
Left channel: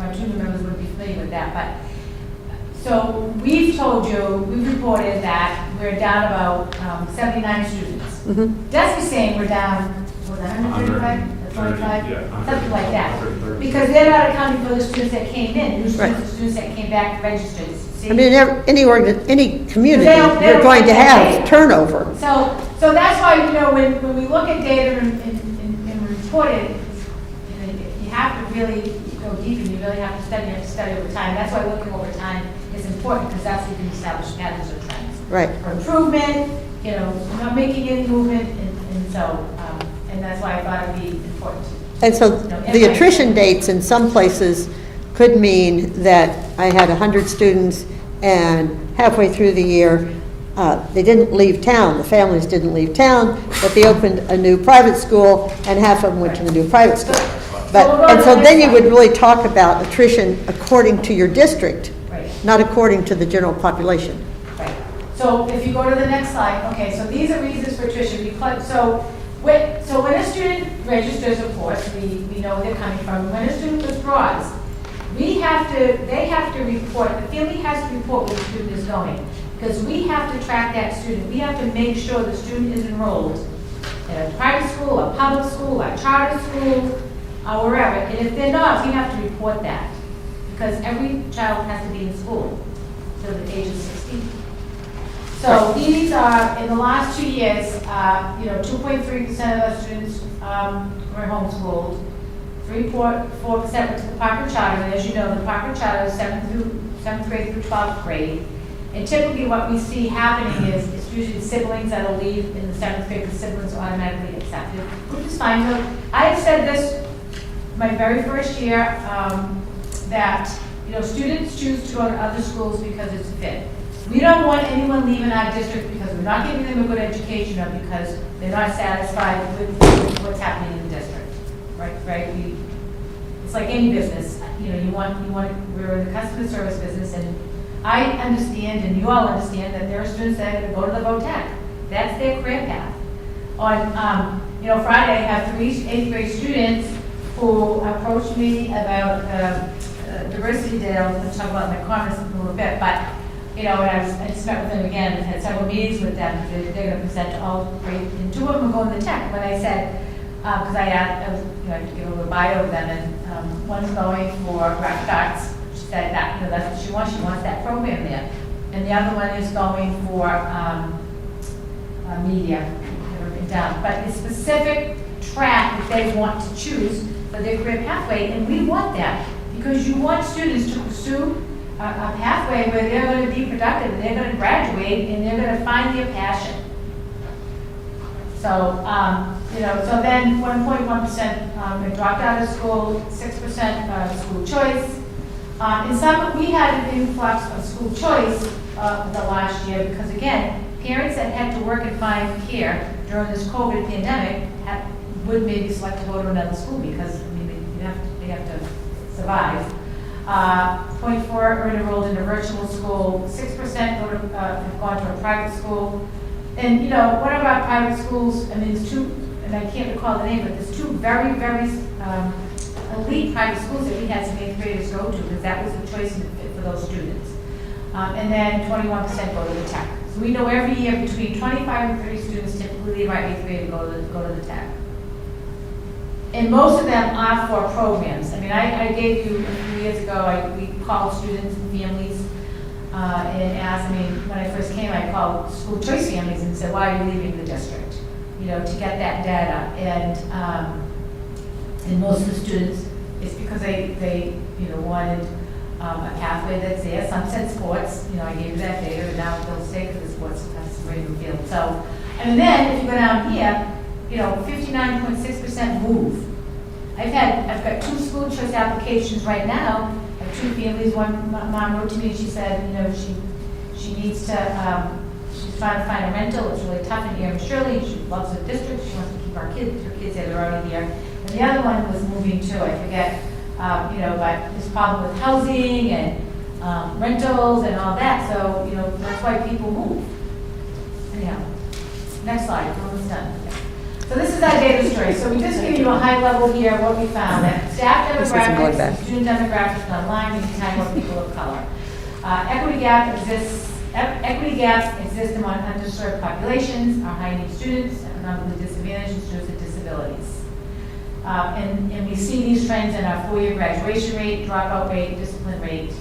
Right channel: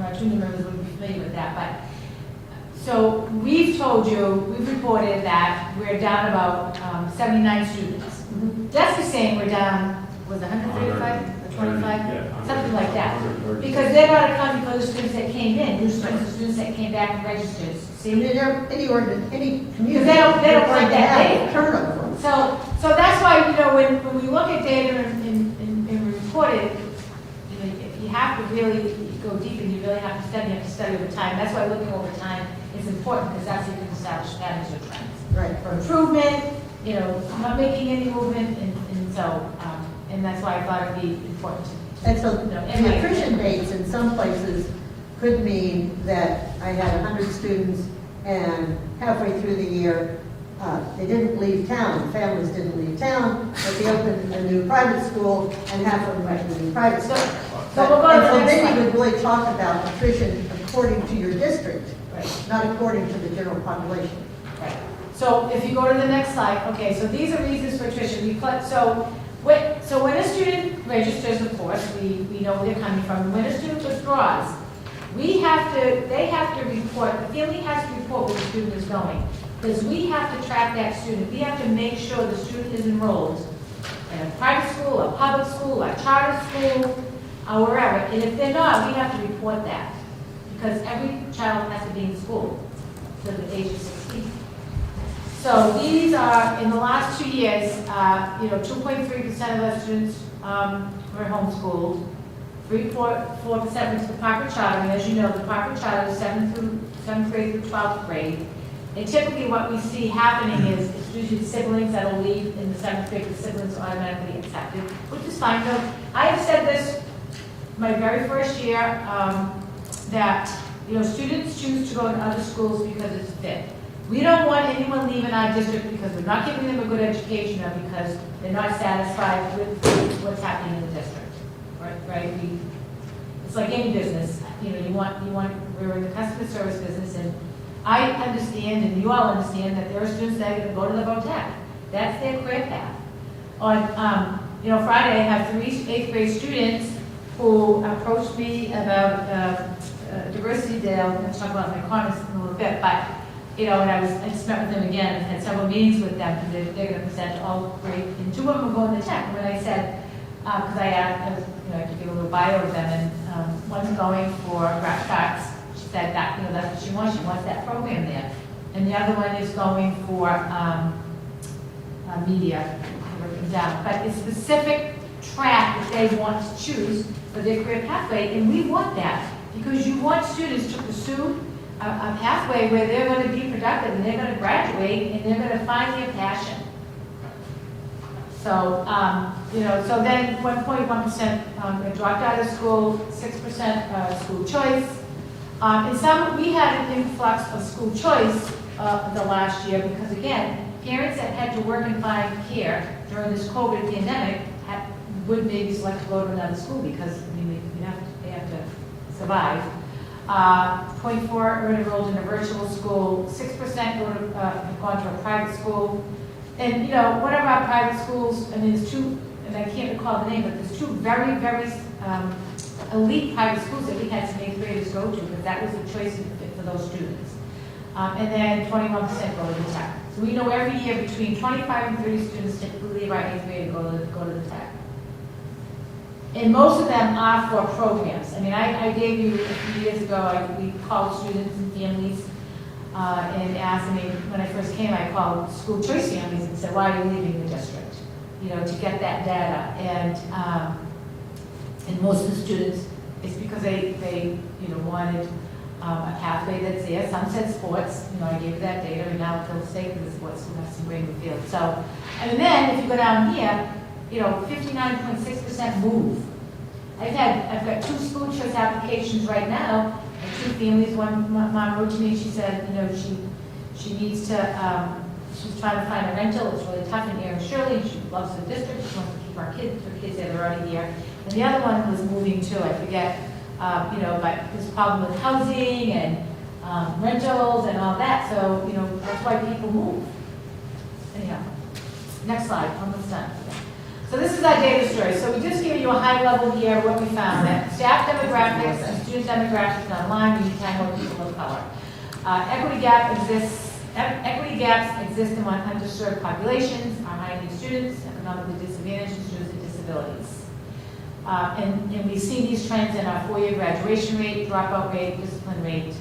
our junior members would be familiar with that, but so we've told you, we've reported that we're down about 79 students. Mhm. Desi's saying we're down, was it 135, 25, Yeah, something like that. 130. Because they're not accounting for the students that came in, new Right. students, students that came back and registered. See? I mean, any community, They don't you're going to get that have data. turnover. So that's why, you know, when we look at data and report it, you know, you have to really go deep and you really have to study over time. That's why looking over time is important, because that's when you can establish patterns or trends. Right. For improvement, you know, not making any movement, and so, and that's why I thought it'd be important. And so the attrition dates in some places could mean that I had 100 students and halfway through the year, they didn't leave town, the families didn't leave town, but they opened a new private school and half of them went to the new private school. And so then you would really talk about attrition according to your district, Right. not according to the general population. Right. So if you go to the next slide, okay, so these are reasons for attrition. So when a student registers, of course, we know where they're coming from. When a student withdraws, they have to report, the family has to report where the student is going. Because we have to track that student. We have to make sure the student is enrolled in a private school, a public school, a charter school, or wherever. And if they're not, we have to report that. Because every child has to be in school until the age of 16. So these are, in the last 2 years, 2.3% of the students were homeschooled. 3.4% went to the Parker Charter. And as you know, the Parker Charter is 7th grade through 12th grade. And typically what we see happening is it's usually the siblings that'll leave in the 7th grade, the siblings are automatically accepted, which is fine. So I have said this my very first year, that students choose to go to other schools because it's a fit. We don't want anyone leaving our district because we're not giving them a good education or because they're not satisfied with what's happening in the district, right? It's like any business, we're in the customer service business, and I understand, and you all understand, that there are students that are going to go to the VOTEC. That's their career path. On, Friday, I have 3 8th grade students who approached me about diversity day. I'm going to talk about my comments in a little bit, but, and I just met with them again and had several meetings with them because they're going to present to all grade, and 2 of them are going to tech. When I said, because I had to give a little bio of them, and one's going for graphic arts. That that's what she wants. She wants that program there. And the other one is going for media. But it's specific track that they want to choose for their career pathway, and we want that because you want students to pursue a pathway where they're going to be productive and they're going to graduate and they're going to find their passion. So, so then 1.1% dropped out of school, 6% school choice. We had an influx of school choice the last year because, again, parents that had to work and find care during this COVID pandemic would maybe select to go to another school because they have to survive. 0.4 are enrolled in a virtual school. 6% have gone to a private school. And, one of our private schools, there's 2, and I can't recall the name, but there's 2 very, very elite private schools that we had some 8th graders go to because that was the choice and fit for those students. And then 21% go to the tech. So we know every year between 25 and 30 students typically leave our 8th grade and go to the tech. And most of them are for programs. I gave you a few years ago, we called students and families and asked, when I first came, I called school choice families and said, why are you leaving the district? To get that data. And most of the students, it's because they wanted a pathway that's there. Some said sports. I gave you that data, and now they'll stay with the sports and have some Rainbow Field. So, and then if you go down here, 59.6% move. I've got 2 school choice applications right now. 2 families. One mom wrote to me and she said, she needs to. She's trying to find a rental. It's really tough in here. Shirley, she loves the district. She wants to keep her kids there. They're already here. And the other one was moving too. I forget, but there's problem with housing and rentals and all that. So, that's why people move. Anyhow, next slide. Almost done. So this is our data story. So we just give you a high level here of what we found. That staff demographics, student demographics online, we define more people of color. Equity gaps exist among underserved populations, our high-need students, economically disadvantaged, and students with disabilities. And we see these trends in our 4-year graduation rate, dropout rate, discipline rate,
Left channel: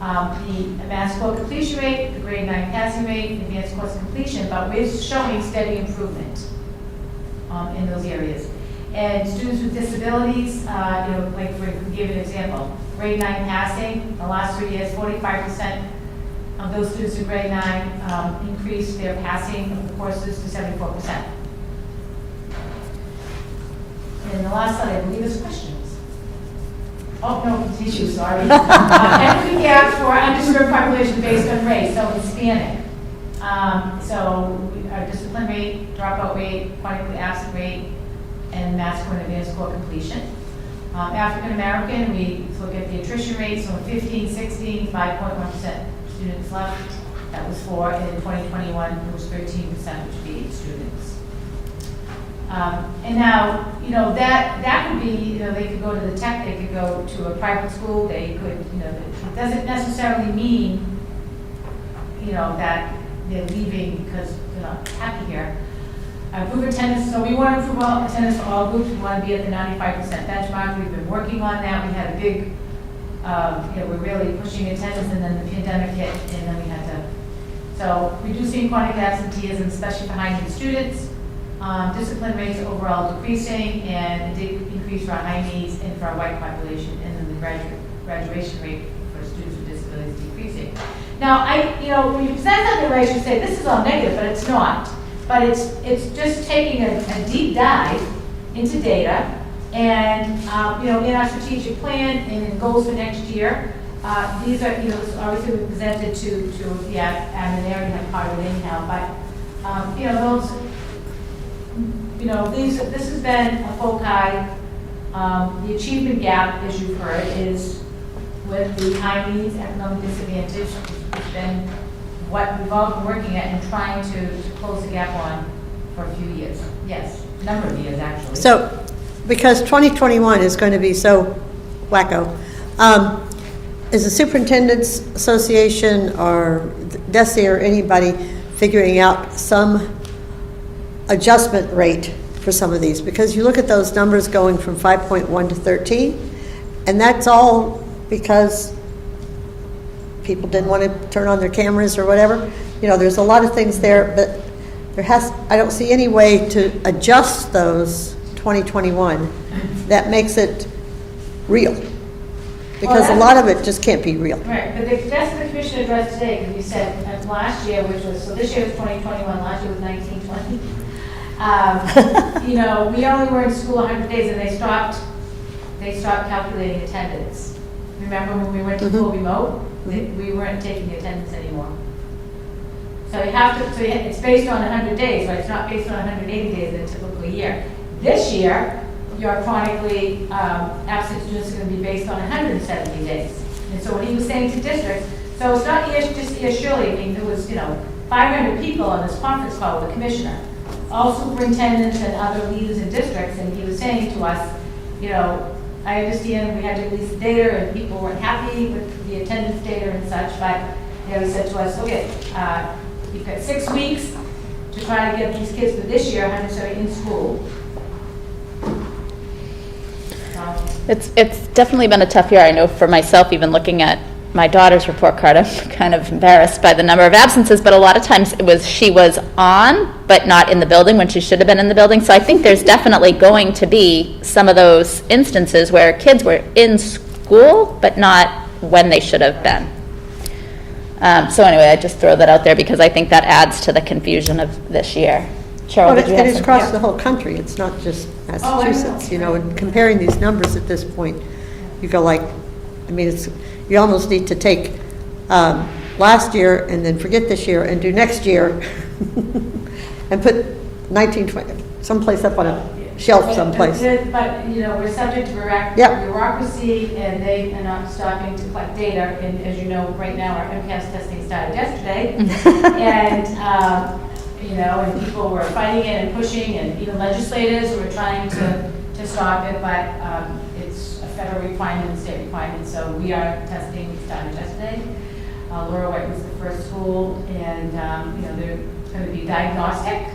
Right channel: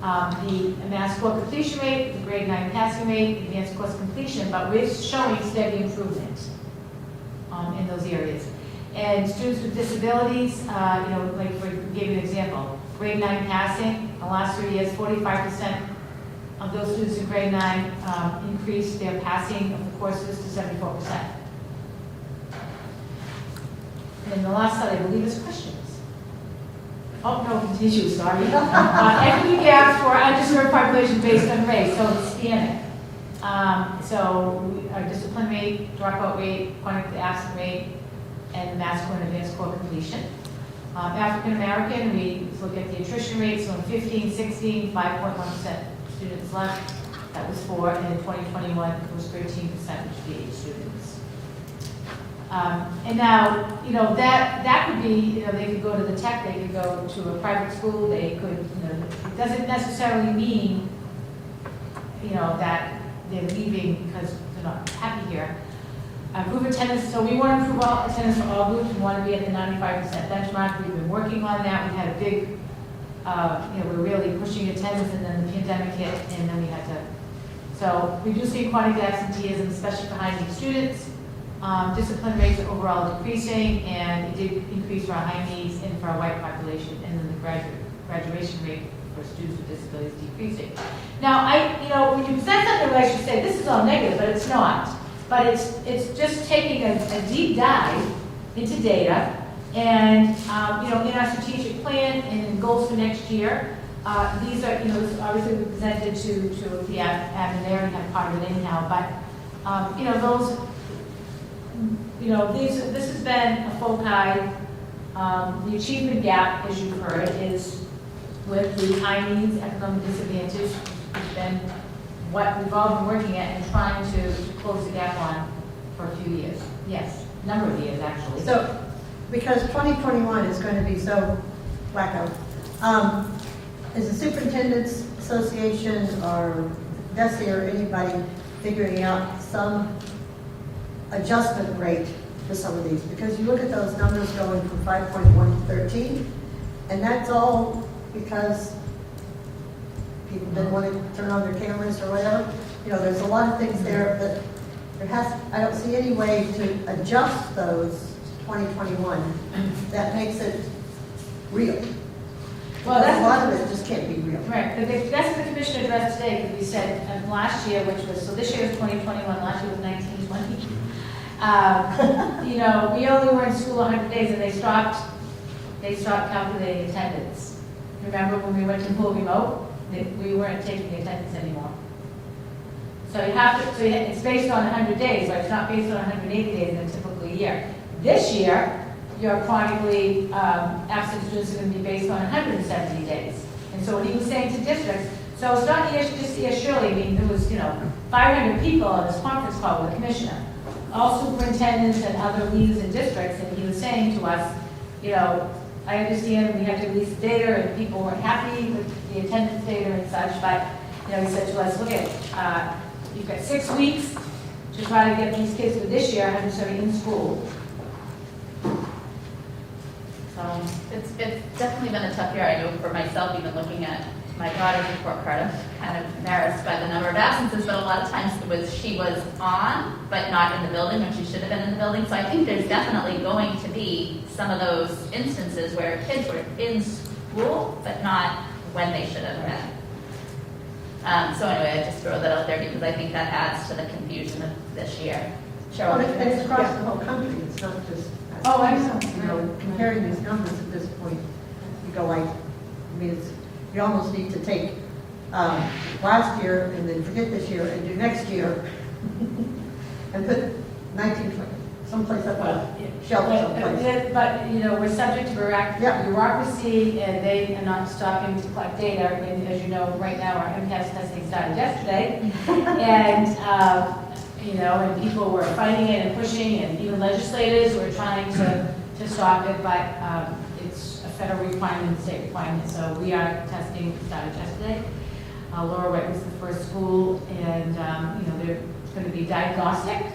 the math score completion rate, the grade 9 passing rate, advanced course completion, but we're showing steady improvement in those areas. And students with disabilities, like for give you an example, grade 9 passing, the last 3 years, 45% of those students in grade 9 increased their passing of the courses to 74%. And the last slide, I believe, is questions. Oh, no, tissue, sorry. Equity gap for underserved population based on race, so Hispanic. Our discipline rate, dropout rate, chronically absent rate, and math score and advanced score completion. African American, we look at the attrition rate, so in 15, 16, 5.1% students left. That was 4, and in 2021, it was 13%, which would be 8 students. And now, you know, that could be, you know, they could go to the tech, they could go to a private school, they could, you know, it doesn't necessarily mean, you know, that they're leaving because they're not happy here. Group attendance, so we want to improve all attendance for all groups, we want to be at the 95% benchmark, we've been working on that, we had a big, you know, we're really pushing attendance, and then the pandemic hit, and then we had to, so reducing chronic absenteeism, especially for high-need students, discipline rates overall decreasing, and it did increase for our high needs and for our white population, and then the graduation rate for students with disabilities decreasing. Now, you know, when you present something like, you say, this is all negative, but it's not. But it's just taking a deep dive into data, and you know, in our strategic plan and in goals for next year, these are, you know, this obviously we presented to the admin, they already have part of it anyhow, but you know, those, you know, this has been a foci. The achievement gap, as you've heard, is with the high needs, economic disadvantage, has been what we've all been working at and trying to close the gap on for a few years. Yes, a number of years, actually. So, because 2021 is going to be so wacko, is the Superintendent's Association or DESE or anybody figuring out some adjustment rate for some of these? Because you look at those numbers going from 5.1 to 13, and that's all because people didn't want to turn on their cameras or whatever. You know, there's a lot of things there, but I don't see any way to adjust those 2021 that makes it real. Because a lot of it just can't be real. Right, but that's what the commission addressed today, because we said last year, which was, so this year was 2021, last year was 1920. You know, we only were in school 100 days, and they stopped calculating attendance. Remember when we went to full remote? We weren't taking attendance anymore. So you have to, so it's based on 100 days, right? It's not based on 180 days in a typical year. This year, your chronically absent students are going to be based on 170 days. And so what he was saying to districts, so it's not just Shirley, I mean, there was, you know, 500 people on this conference call with the commissioner, all superintendents and other leaders in districts, and he was saying to us, you know, I understand we had to release data and people weren't happy with the attendance data and such, but you know, he said to us, okay, you've got 6 weeks to try to get these kids for this year, 170 in school. It's definitely been a tough year. I know for myself, even looking at my daughter's report card, I'm kind of embarrassed by the number of absences, but a lot of times she was on, but not in the building when she should have been in the building. So I think there's definitely going to be some of those instances where kids were in school, but not when they should have been. So anyway, I just throw that out there because I think that adds to the confusion of this year. Cheryl, did you have it's something? across the whole country, it's not just Massachusetts, you know, and comparing these numbers at this point, you go like, I mean, you almost need to take last year and then forget this year and do next year and put 1920 someplace up on a shelf someplace. But, you know, we're subject to bureaucracy, and they are not stopping to collect data. And as you know, right now, our MCAS testing started yesterday. And, you know, and people were fighting it and pushing, and even legislators were trying to stop it, but it's a federal requirement, state requirement, so we are testing. We started yesterday. Laura White was the first school, and, you know, they're going to be diagnostic,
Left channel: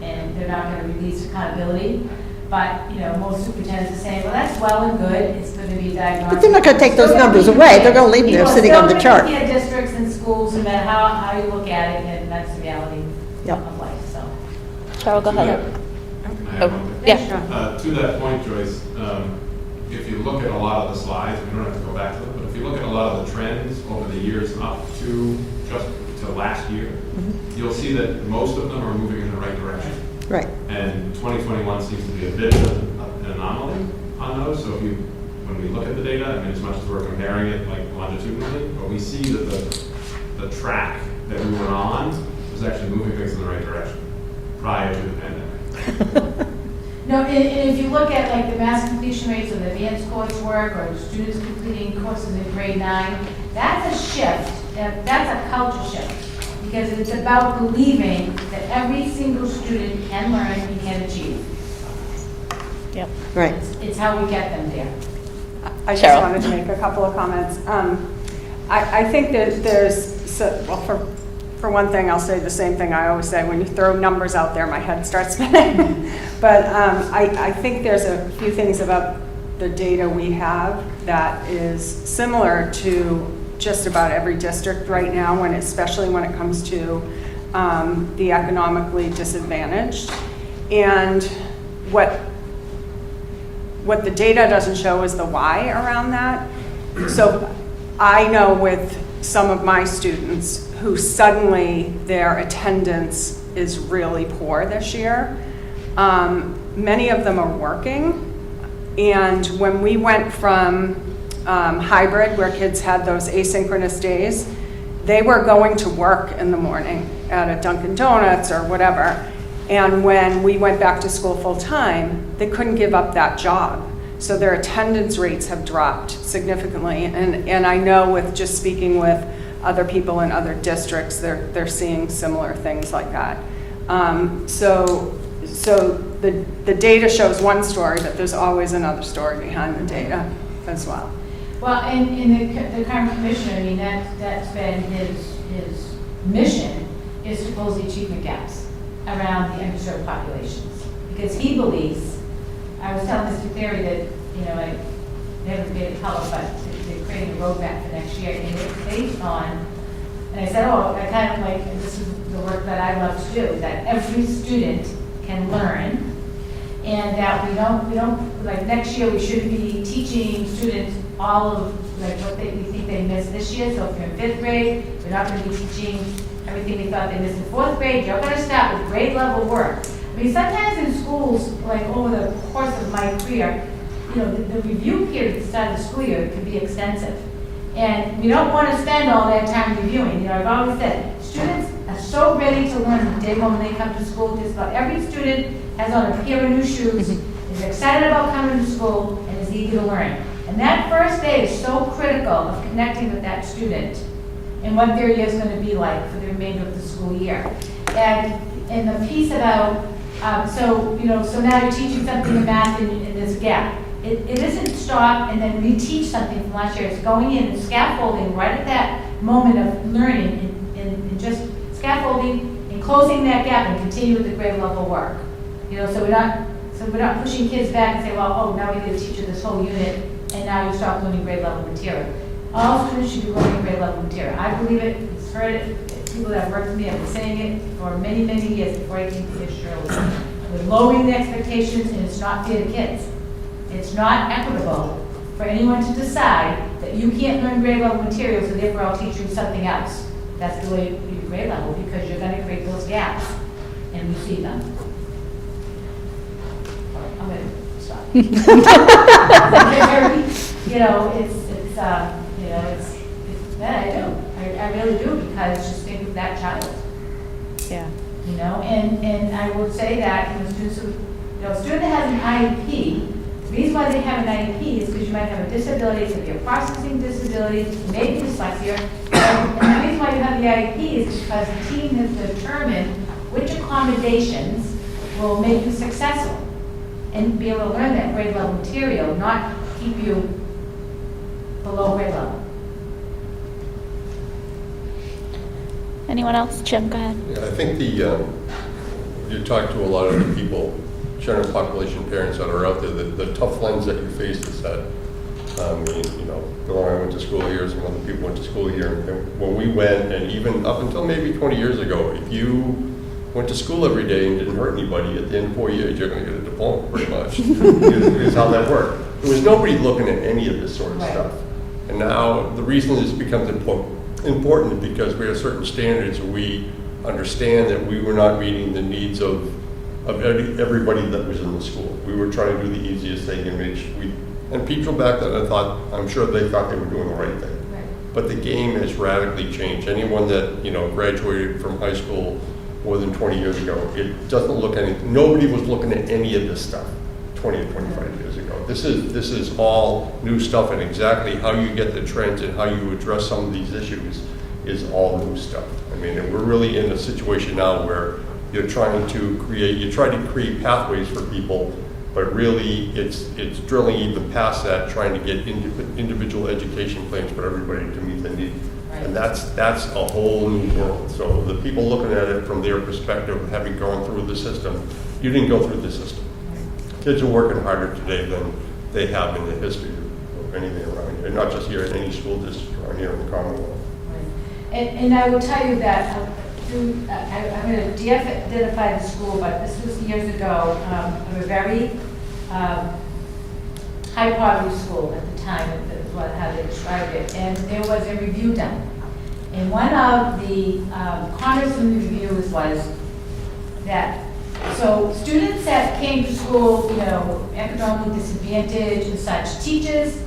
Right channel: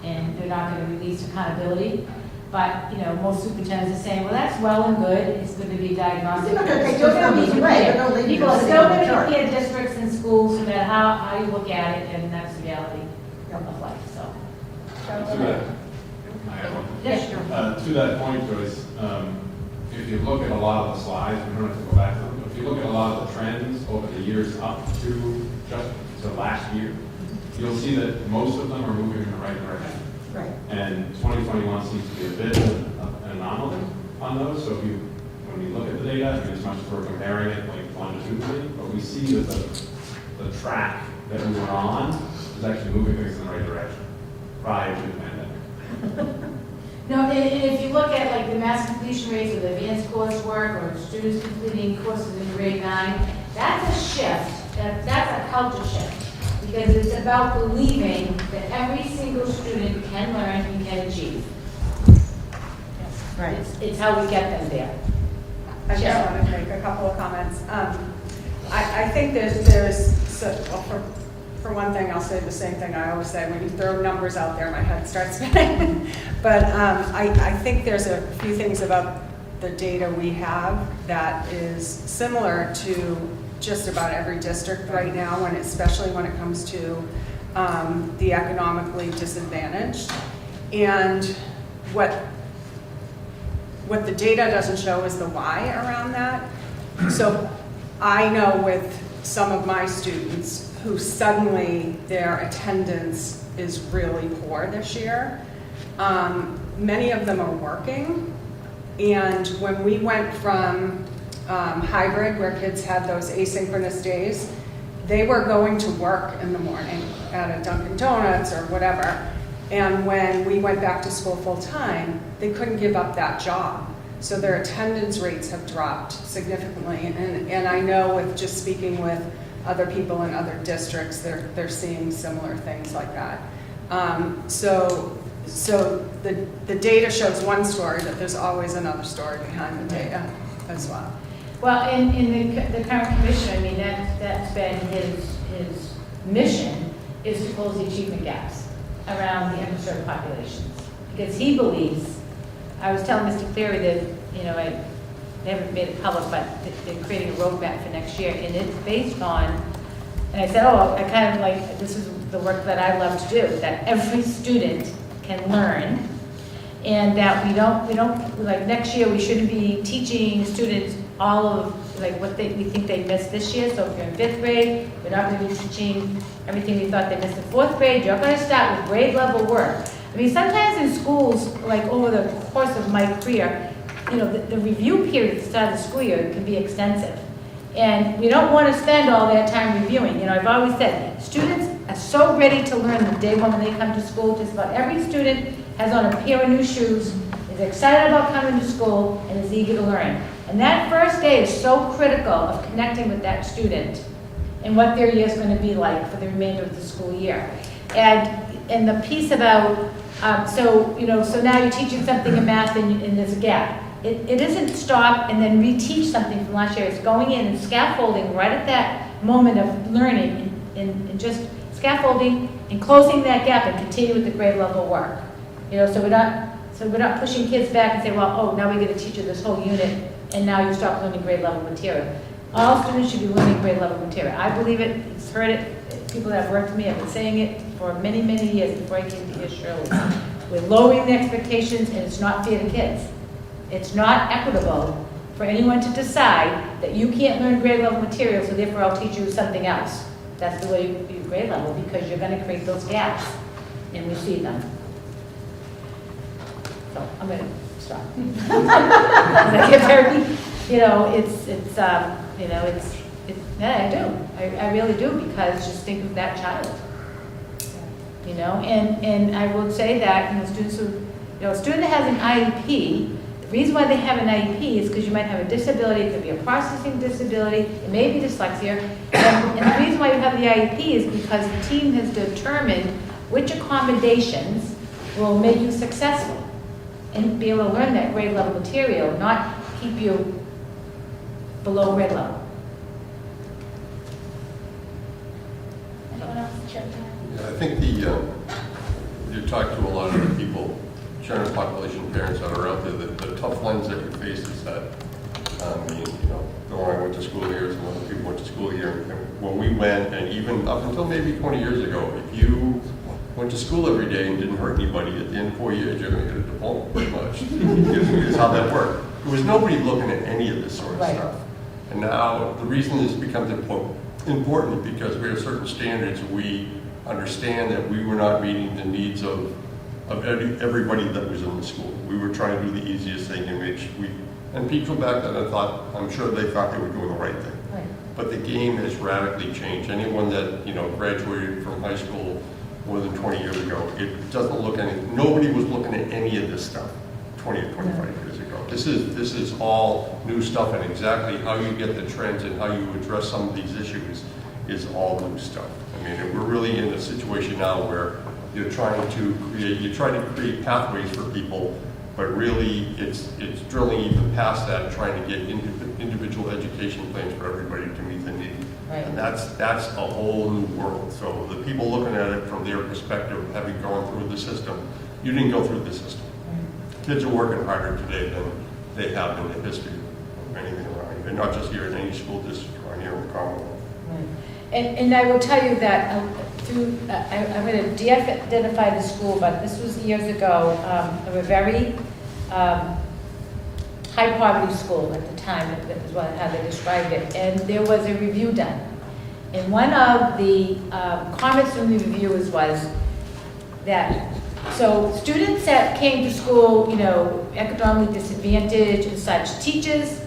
and they're not going to release accountability. But, you know, most superintendents are saying, well, that's well and good, it's going to be diagnostic. But they're not going to take those numbers away, they're going to leave them sitting on the chart. People still look at districts and schools, no matter how you look at it, and that's the reality of life, so. Cheryl, go ahead. Oh, yeah. To that point, Joyce, if you look at a lot of the slides, you don't have to go back to them, but if you look at a lot of the trends over the years up to just to last year, you'll see that most of them are moving in the right direction. Right. And 2021 seems to be a bit of an anomaly on those. So when we look at the data, I mean, as much as we're comparing it like longitudinally, but we see that the track that we were on was actually moving things in the right direction prior to the pandemic. No, and if you look at like the mass completion rates of the advanced coursework or students completing courses in grade 9, that's a shift. That's a culture shift. Because it's about believing that every single student can learn and can achieve. Right. It's how we get them there. I just Cheryl. wanted to make a couple of comments. I think that there's, well, for one thing, I'll say the same thing I always say, when you throw numbers out there, my head starts spinning. But I think there's a few things about the data we have that is similar to just about every district right now, especially when it comes to the economically disadvantaged. And what the data doesn't show is the why around that. So I know with some of my students who suddenly their attendance is really poor this year. Many of them are working. And when we went from hybrid, where kids had those asynchronous days, they were going to work in the morning at a Dunkin' Donuts or whatever. And when we went back to school full-time, they couldn't give up that job. So their attendance rates have dropped significantly. And I know with just speaking with other people in other districts, they're seeing similar things like that. So the data shows one story, but there's always another story behind the data as well. Well, in the current commissioner, I mean, that's been his mission, is to close the achievement gaps around the underserved populations. Because he believes, I was telling Mr. Cleary that, I haven't made it public, but they're creating a roadmap for next year, and it's based on, and I said, I kind of like, this is the work that I love to do, that every student can learn, and that we don't, like next year, we shouldn't be teaching students all of like what we think they missed this year. So if you're in 5th grade, you're not going to be teaching everything you thought they missed in 4th grade. You're going to start with grade level work. I mean, sometimes in schools, like over the course of my career, the review period at the start of the school year can be extensive. And we don't want to spend all that time reviewing. I've always said, students are so ready to learn from day one when they come to school. Just about every student has on a pair of new shoes, is excited about coming to school, and is eager to learn. And that first day is so critical of connecting with that student and what their year is going to be like for the remainder of the school year. And the piece about, so now you're teaching something in math and there's a gap. It isn't stop and then reteach something from last year. It's going in and scaffolding right at that moment of learning and just scaffolding and closing that gap and continue with the grade level work. So we're not pushing kids back and say, well, now we get to teach you this whole unit and now you stop learning grade level material. All students should be learning grade level material. I believe it, it's heard it, people that have worked with me have been saying it for many, many years before I came to here, Shirley. We're lowering the expectations and it's not fair to kids. It's not equitable for anyone to decide that you can't learn grade level material, so therefore I'll teach you something else. That's the way you do grade level, because you're going to create those gaps, and we'll see them. So I'm going to stop. Yeah, I do. I really do, because just think of that child. Yeah. And I would say that, students who, a student that has an IEP, the reason why they have an IEP is because you might have a disability, it could be a processing disability, maybe dyslexia, and the reason why you have the IEP is because the team has determined which accommodations will make you successful and be able to learn that grade level material, not keep you below grade level. Anyone else? Jim, go ahead. Yeah, I think you talk to a lot of the people, general population parents that are out there, the tough lens that you face is that, Bill and I went to school here, some other people went to school here, and when we went, and even up until maybe 20 years ago, if you went to school every day and didn't hurt anybody, at the end of 4 years, you're going to get a diploma, pretty much, is how that worked. There was nobody looking at any of this sort of stuff. And now, the reason this becomes important because we have certain standards, we understand that we were not meeting the needs of everybody that was in the school. We were trying to do the easiest thing and make sure and people back then, I'm sure they thought they were doing the right thing. Right. But the game has radically changed. Anyone that, graduated from high school more than 20 years ago, it doesn't look nobody was looking at any of this stuff 20 or 25 years ago. This is all new stuff, and exactly how you get the trends and how you address some of these issues is all new stuff. I mean, we're really in a situation now where you're trying to create pathways for people, but really it's drilling even past that, trying to get individual education plans for everybody to meet the need. Right. And that's a whole new world. So the people looking at it from their perspective, having gone through the system, you didn't go through the system. Kids are working harder today than they have in the history of anything around here, not just here in any school district around here in the Commonwealth. And I will tell you that I'm going to de-identify the school, but this was years ago, of a very high poverty school at the time, that was how they described it, and there was a review done. And one of the comments in the reviews was that, so students that came to school, economically disadvantaged and such, teachers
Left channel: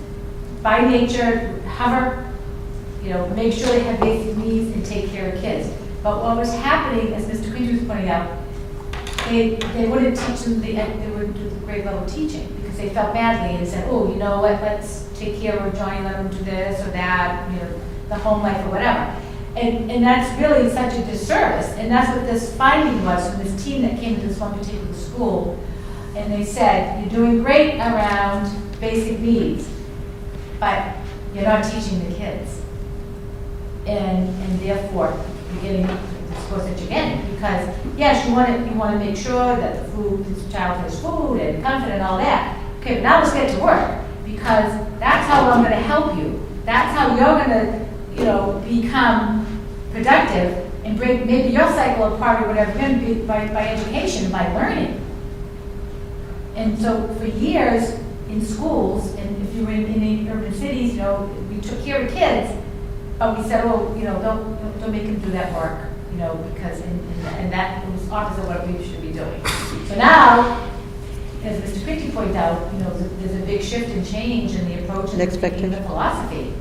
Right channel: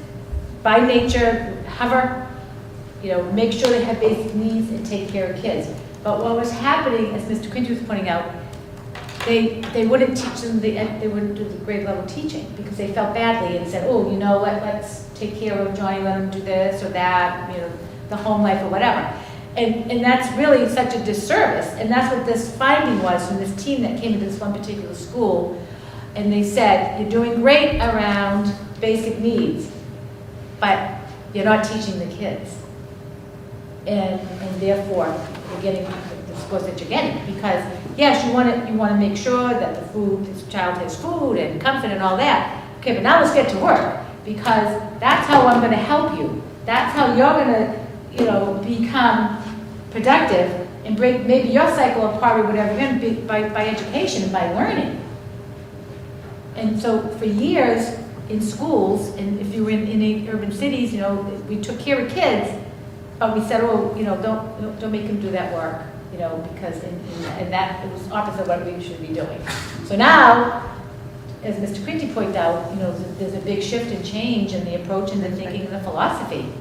by nature hover, make sure they have basic needs and take care of kids. But what was happening, as Mr. Quincy was pointing out, they wouldn't teach them, they wouldn't do the grade level teaching because they felt badly and said, oh, you know what, let's take care of Johnny, let him do this or that, the home life or whatever. And that's really such a disservice. And that's what this finding was from this team that came to this one particular school. And they said, you're doing great around basic needs, but you're not teaching the kids. And therefore, you're getting the scores that you're getting. Because, yes, you want to make sure that this child has food and comfort and all that. Okay, but now let's get to work. Because that's how I'm going to help you. That's how you're going to become productive and break maybe your cycle apart or whatever, you're going to be by education, by learning. And so for years in schools, and if you were in urban cities, we took care of kids, but we said, oh, don't make them do that work, because, and that was opposite of what we should be doing. So now, as Mr. Quinty pointed out, there's a big shift and change in the approach and the thinking of the philosophy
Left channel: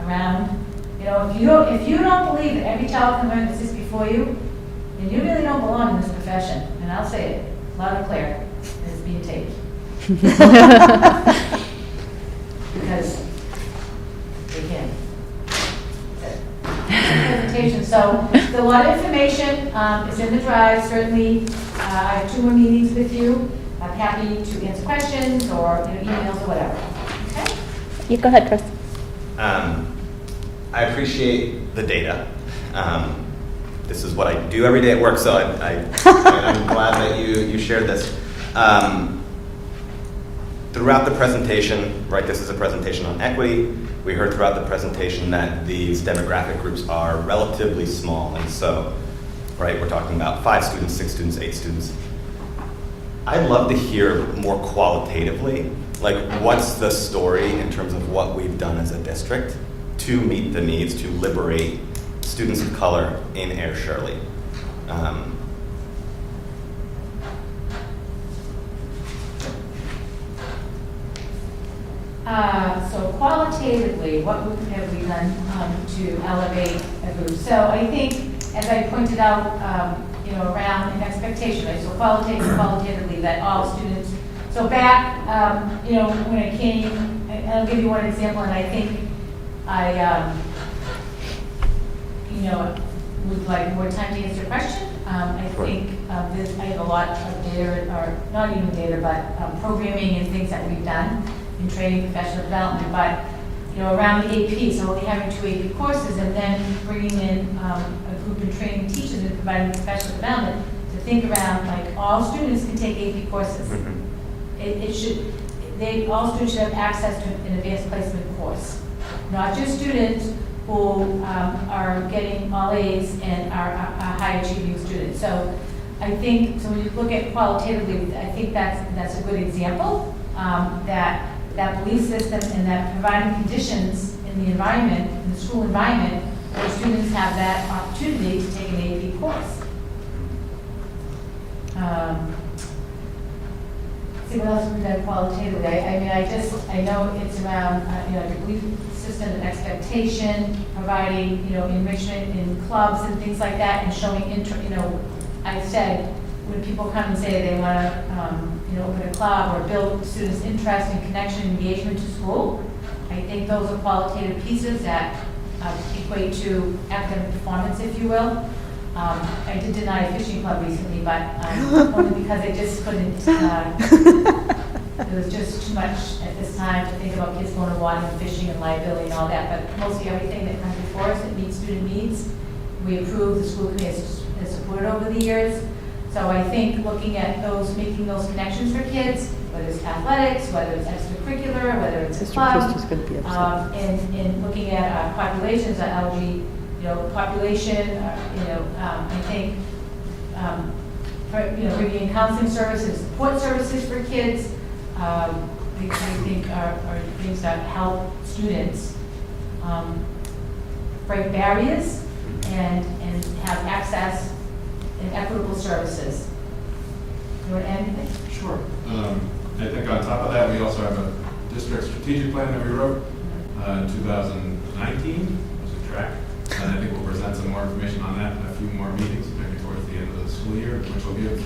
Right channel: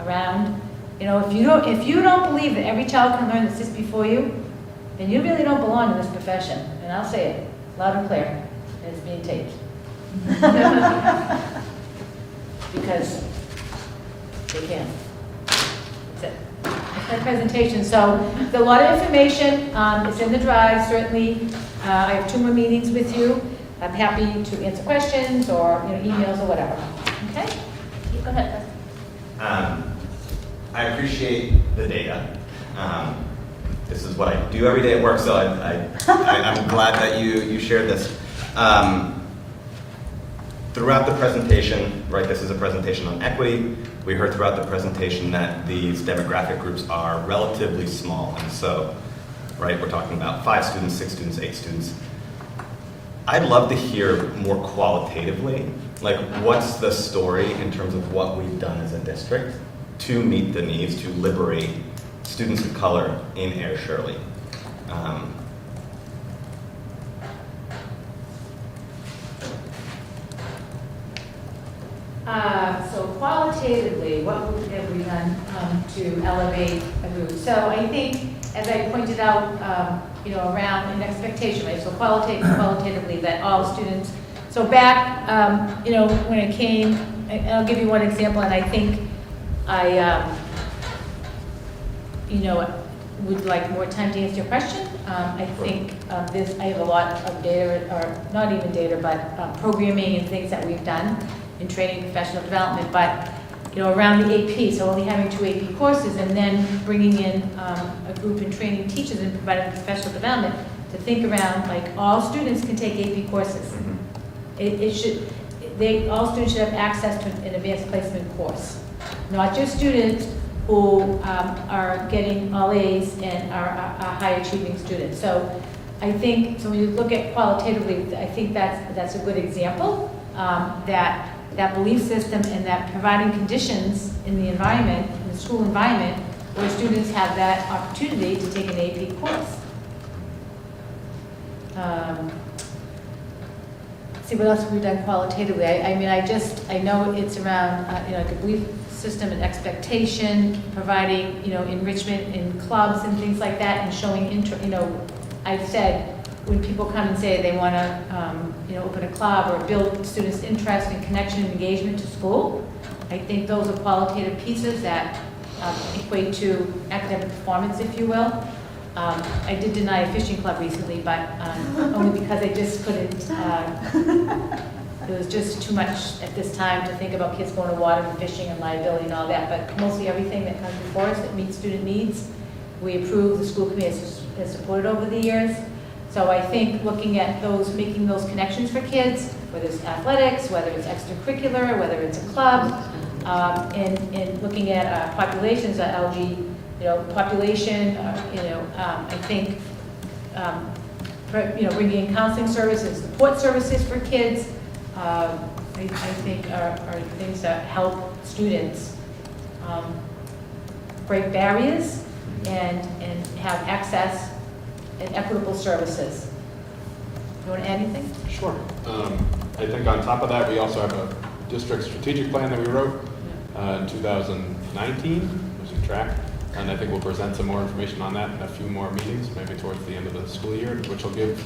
around, if you don't believe that every child can learn that sits before you, then you really don't belong in this profession. And I'll say it loud and clear, and it's being taped. Because they can. That's it. Presentation. So there's a lot of information. It's in the drive, certainly. I have 2 more meetings with you. I'm happy to answer questions or emails or whatever. Okay? You go ahead, Chris. I appreciate the data. This is what I do every day at work, so I'm glad that you shared this. Throughout the presentation, right, this is a presentation on equity. We heard throughout the presentation that these demographic groups are relatively small, and so, right, we're talking about 5 students, 6 students, 8 students. I'd love to hear more qualitatively, like what's the story in terms of what we've done as a district to meet the needs, to liberate students of color in Air Shirley. So qualitatively, what have we done to elevate a group? So I think, as I pointed out, around an expectation, right? So qualitatively, that all students. So back, when it came, and I'll give you one example, and I think I, would like more time to answer your question. I think I have a lot of data, or not even data, but programming and things that we've done in training, professional development, but around the AP, so only having 2 AP courses, and then bringing in a group and training teachers and providing professional development to think around, like, all students can take AP courses. All students should have access to an advanced placement course, not just students who are getting all A's and are high achieving students. So I think, so when you look at qualitatively, I think that's a good example, that belief system and that providing conditions in the environment, in the school environment, where students have that opportunity to take an AP course. See what else we've done qualitatively. I know it's around, the belief system and expectation, providing, enrichment in clubs and things like that, and showing I said, when people come and say they want to, open a club or build students' interest and connection and engagement to school, I think those are qualitative pieces that equate to academic performance, if you will. I did deny a fishing club recently, but only because I just couldn't, it was just too much at this time to think about kids going to water and fishing and liability and all that, but mostly everything that comes before us that meets student needs, we approve, the school committee has supported over the years. So I think looking at those, making those connections for kids, whether it's athletics, whether it's extracurricular, whether it's a club, and looking at populations, LG, population, I think, bringing in counseling services, support services for kids, I think are things that help students break barriers and have access and equitable services. You want to add anything? Sure. I think on top of that, we also have a district strategic plan that we wrote in 2019, which is track. And I think we'll present some more information on that in a few more meetings, maybe towards the end of the school year, which will give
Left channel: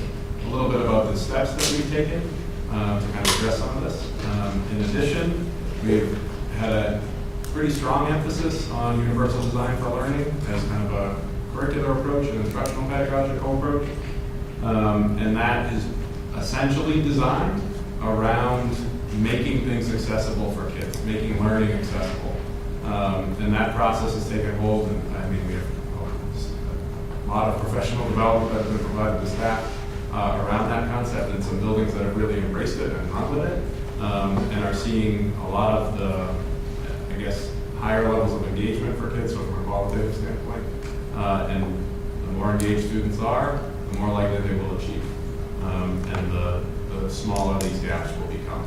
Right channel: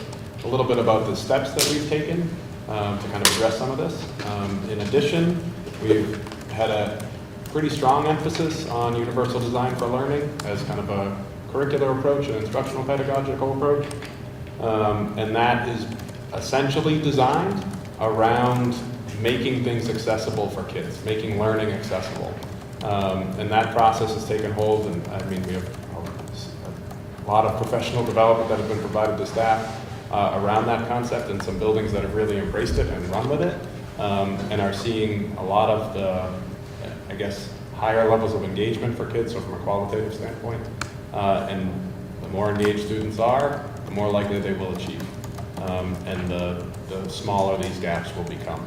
a little bit about the steps that we've taken to kind of address some of this. In addition, we've had a pretty strong emphasis on universal design for learning as kind of a curricular approach, an instructional pedagogical approach. And that is essentially designed around making things accessible for kids, making learning accessible. And that process has taken hold, and I mean, we have a lot of professional development that has been provided to staff around that concept, and some buildings that have really embraced it and run with it, and are seeing a lot of the, I guess, higher levels of engagement for kids, so from a qualitative standpoint. And the more engaged students are, the more likely they will achieve. And the smaller these gaps will become.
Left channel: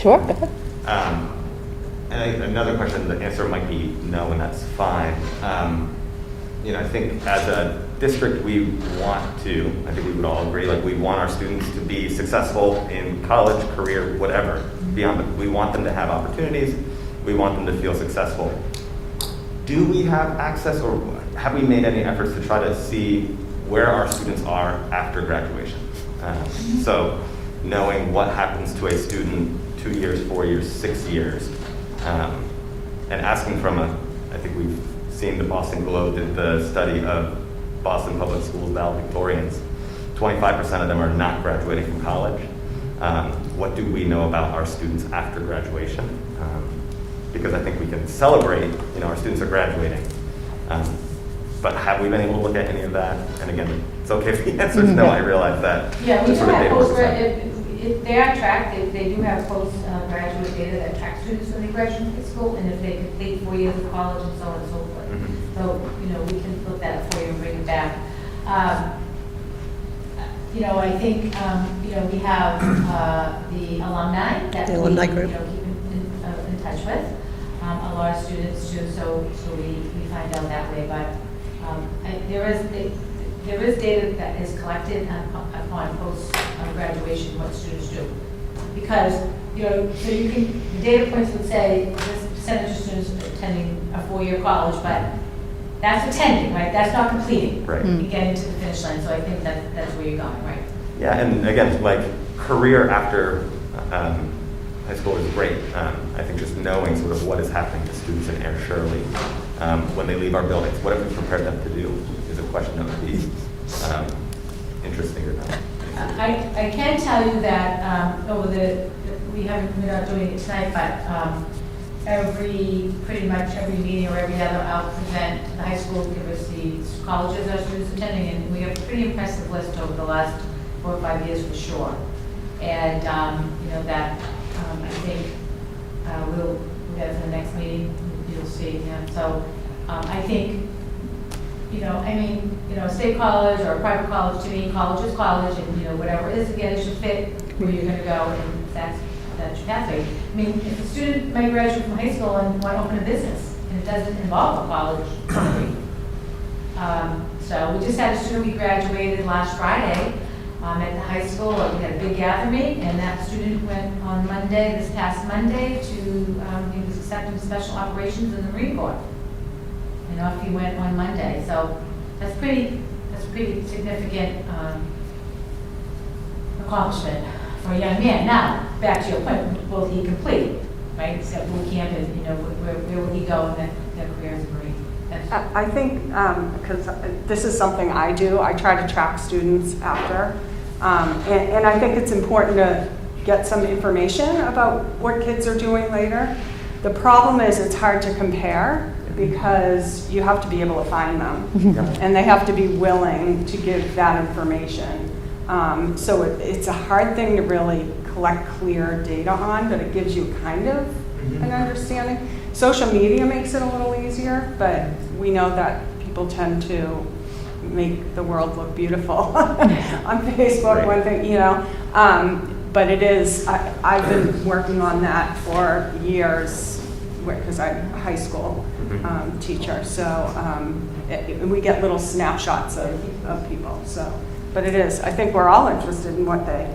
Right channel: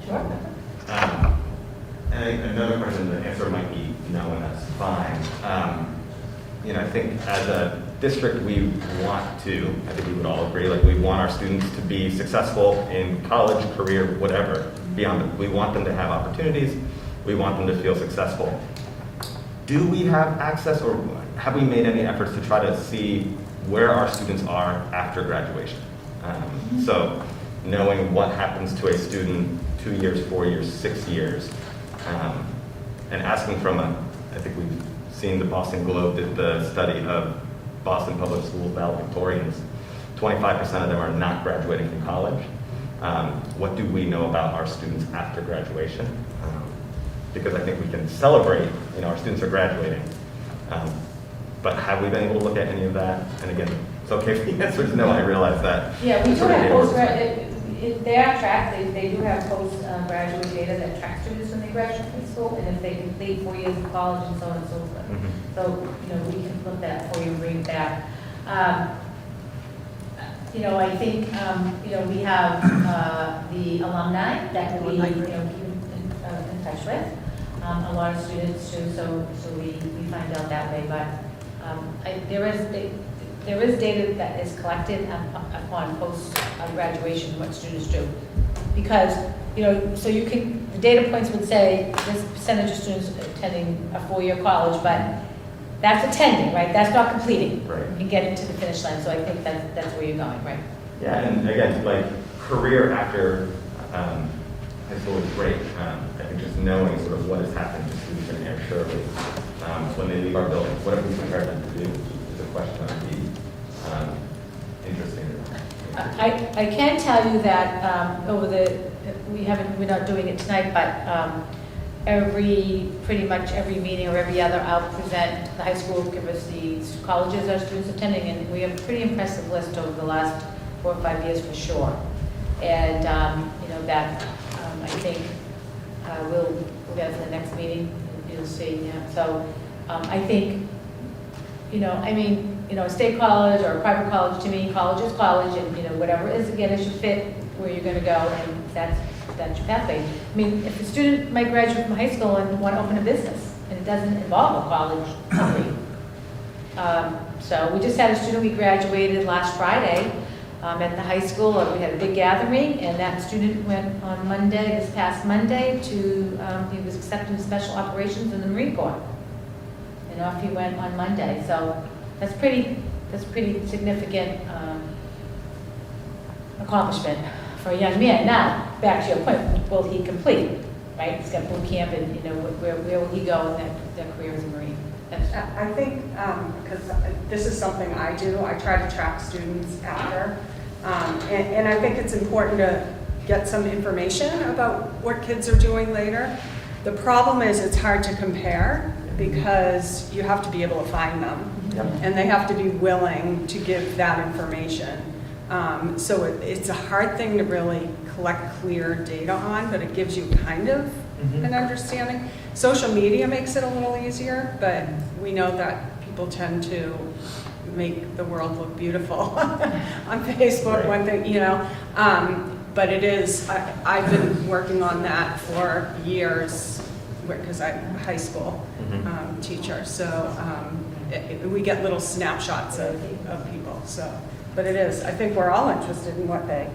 Sure, go ahead. And another question, the answer might be no, and that's fine. I think as a district, we want to, I think we would all agree, like we want our students to be successful in college, career, whatever, beyond it. We want them to have opportunities. We want them to feel successful. Do we have access, or have we made any efforts to try to see where our students are after graduation? So knowing what happens to a student 2 years, 4 years, 6 years, and asking from I think we've seen the Boston Globe did the study of Boston Public Schools valedictorians. 25% of them are not graduating from college. What do we know about our students after graduation? Because I think we can celebrate, our students are graduating. But have we been able to look at any of that? And again, it's okay if the answer is no, I realize that. Yeah, we That's do sort of have able to- they are tracked, they do have post-graduate data that track students when they graduate from school, and if they complete 4 years of college and so on and so forth. Mhm. So, we can look that for you and bring it back. I think, we have the alumni that The we, alumni group. keep in touch with. A lot of students too, so we find out that way, but there is data that is collected upon post-graduation, what students do. Because, so you can, the data points would say this percentage of students attending a 4-year college, but that's attending, right? That's not completing. Right. And getting to the finish line, so I think that's where you're going, right? Yeah, and again, like career after high school is great. I think just knowing sort of what is happening to students in Air Shirley when they leave our buildings, what have we prepared them to do is a question that would be interesting to know. I can tell you that we're not doing it tonight, but pretty much every meeting or every other, I'll present the high school, give us the colleges our students attending, and we have a pretty impressive list over the last 4 or 5 years for sure. And, that I think we'll get to the next meeting, you'll see. Yeah. So I think, a state college or a private college, to me, college is college, and, whatever it is, again, it should fit where you're going to go, and that's your pathway. I mean, if a student might graduate from high school and want to open a business, and it doesn't involve a college degree. So we just had a student, we graduated last Friday at the high school. We had a big gathering, and that student went on Monday, this past Monday, he was accepted in special operations in the Marine Corps. And off he went on Monday. So that's pretty significant accomplishment for a young man. Now, back to your point, will he complete, right? He's got boot camp, and where will he go in that career as a Marine? I think, because this is something I do, I try to track students after. And I think it's important to get some information about what kids are doing later. The problem is it's hard to compare because you have to be able to find them. And they have to be willing to give that information. So it's a hard thing to really collect clear data on, but it gives you kind of an understanding. Social media makes it a little easier, but we know that people tend to make the world look beautiful on Facebook, one thing, you know. But it is, I've been working on that for years because I'm a high school teacher. So we get little snapshots of people. So, but it is, I think we're all interested in what they.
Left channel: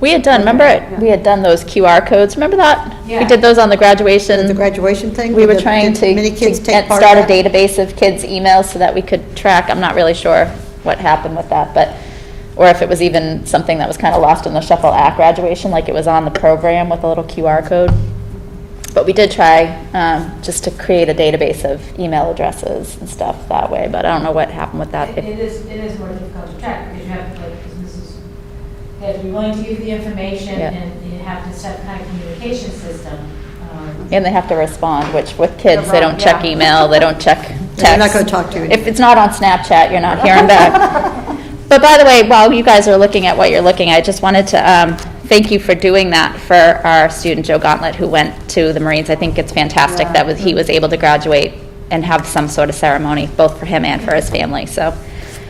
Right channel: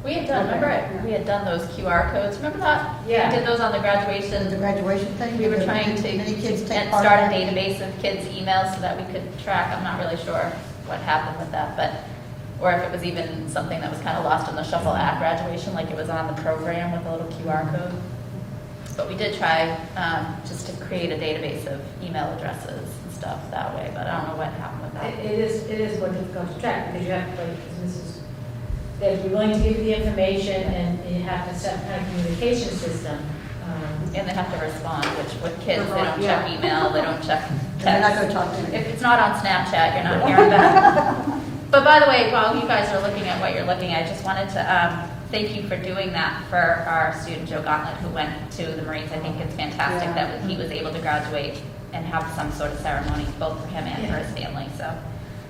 We had done, remember, we had done those QR codes, remember that? We Yeah. did those on the graduation. The graduation thing? We were Did- trying did to many kids take get- part start a in that? database of kids' emails so that we could track, I'm not really sure what happened with that, but, or if it was even something that was kind of lost in the shuffle at graduation, like it was on the program with a little QR code. But we did try just to create a database of email addresses and stuff that way, but I don't know what happened with that. It is more difficult to track because you have to, like, they have to be willing to give you the information Yeah. and you have to set kind of communication system. And they have to respond, which with kids, they don't check Yeah. email, they don't check text. They're not gonna talk to you. If it's not on Snapchat, you're not hearing back. But by the way, while you guys are looking at what you're looking at, I just wanted to thank you for doing that for our student, Joe Gauntlet, who went to the Marines. I think it's fantastic that he was able to graduate and have some sort of ceremony, both for him and for his family, so.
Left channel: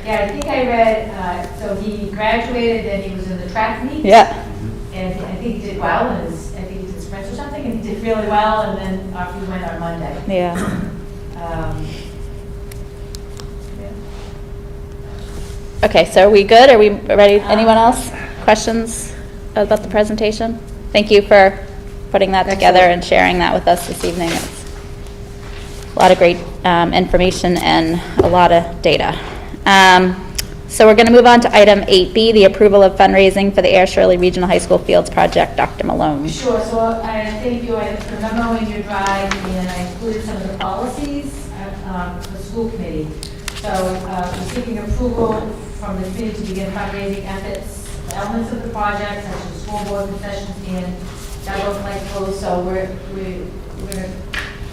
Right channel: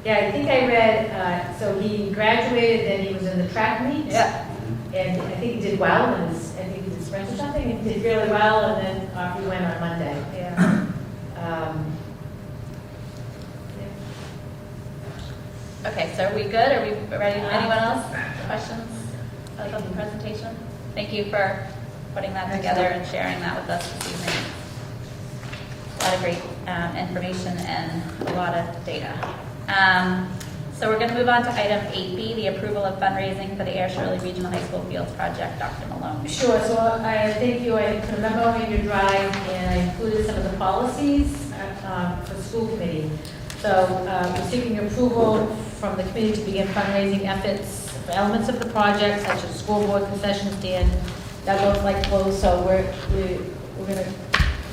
Yeah, I think I read, so he graduated, then he was in the track meet. Yeah. And I think he did well, and I think he did sprints or something, he did really well, and then off he went on Monday. Yeah. Okay, so are we good? Are we ready? Anyone else? Questions about the presentation? Thank you for putting that together and sharing that with us this evening. It's a lot of great information and a lot of data. So we're going to move on to item 8B, the approval of fundraising for the Air Shirley Regional High School Fields Project. Dr. Malone. Sure, so I thank you, I remember when you drive, and I included some of the policies for the school committee. So I'm seeking approval from the committee to begin fundraising efforts, the elements of the project, such as school board concession stand, that look like clothes. So we're going to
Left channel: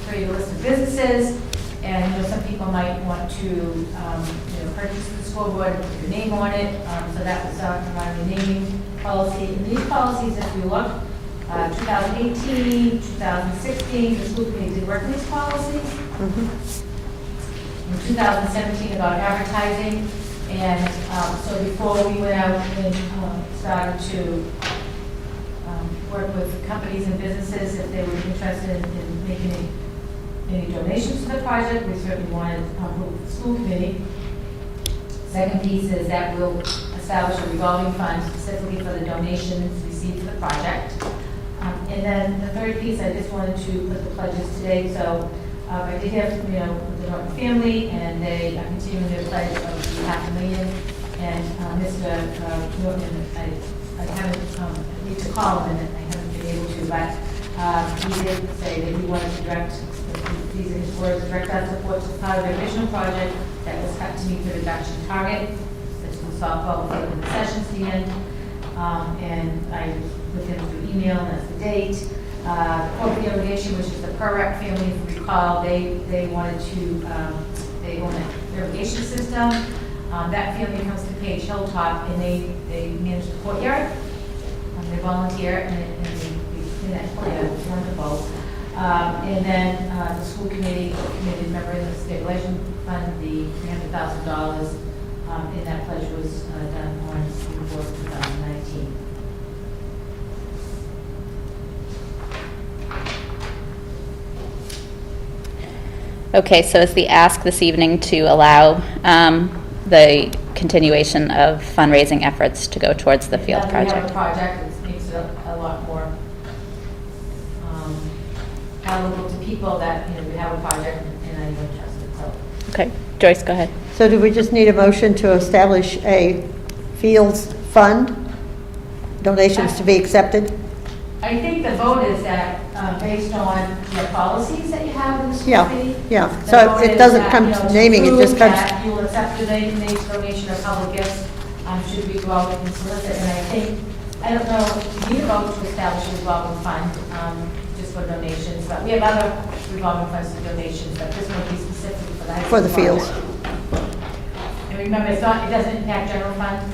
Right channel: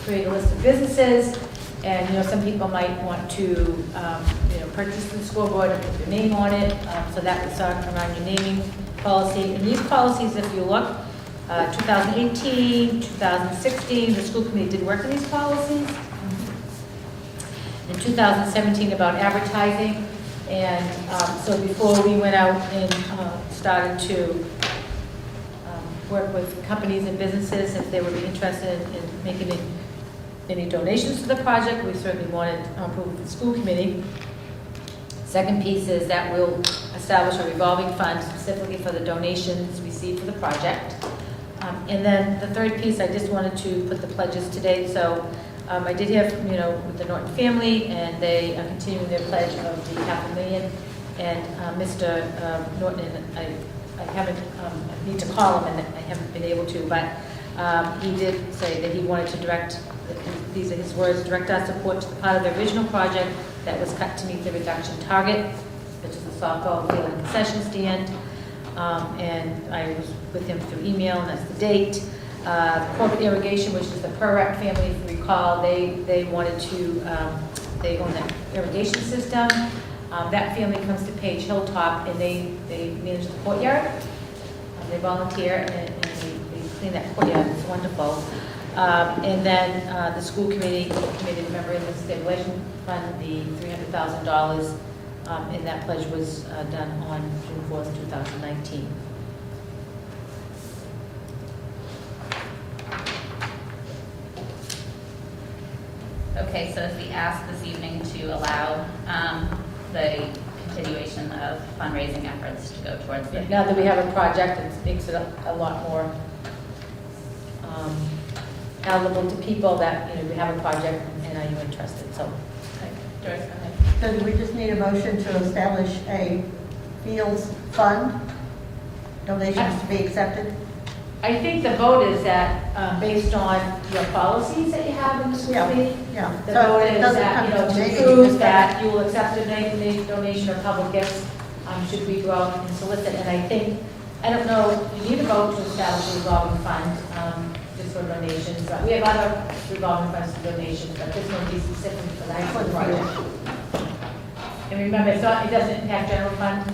create a list of businesses, and some people might want to purchase the scoreboard and put your name on it. So that was around your naming policy. And these policies, if you look, 2018, 2016, the school committee did work on these policies. In 2017 about advertising. And so before we went out and started to work with companies and businesses, if they would be interested in making any donations to the project, we certainly wanted approval of the school committee. Second piece is that we'll establish a revolving fund specifically for the donations received for the project. And then the third piece, I just wanted to put the pledges today. So I did hear from, the Norton family, and they are continuing their pledge of the $500,000. And Mr. Norton, I haven't, I need to call him, and I haven't been able to, but he did say that he wanted to direct, these are his words, direct our support to part of the original project that was cut to meet the reduction target, which is the softball field and concession stand. And I was with him through email, and that's the date. Corp Irrigation, which is the Perrott family, if you recall, they wanted to, they own the irrigation system. That family comes to Page Hilltop, and they manage the courtyard. They volunteer, and they clean that courtyard. It's wonderful. And then the school committee member of the stabilization fund, the $300,000, and that pledge was done on June 4th, 2019. Okay, so is the ask this evening to allow the continuation of fundraising efforts to go towards the field Now that we have a project? project, it makes it a lot more palatable to people that, we have a project and are you interested, so. Okay, Joyce, go ahead. So do we just need a motion to establish a Fields Fund, donations to be accepted? I think the vote is that, based on your policies that you have in the school Yeah, committee. yeah. the So vote it is doesn't that, come you know, to naming, it just prove comes- that you will accept donation or public gifts, should we go out and solicit, and I think, I don't know, you need a vote to establish a revolving fund, just for donations, but we have other revolving funds for donations, but this one will be specific for the high For the school fields. project. And remember, it's not, it doesn't impact general fund,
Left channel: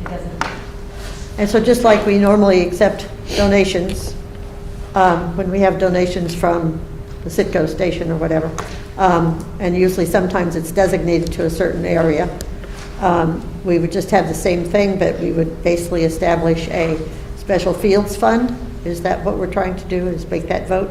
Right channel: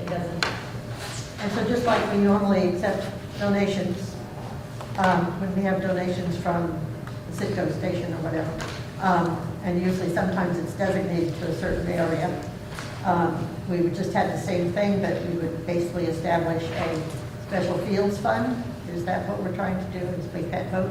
it doesn't. And so just like we normally accept donations, when we have donations from the Citgo station or whatever, and usually sometimes it's designated to a certain area, we would just have the same thing, but we would basically establish a special fields fund. Is that what we're trying to do, is make that vote?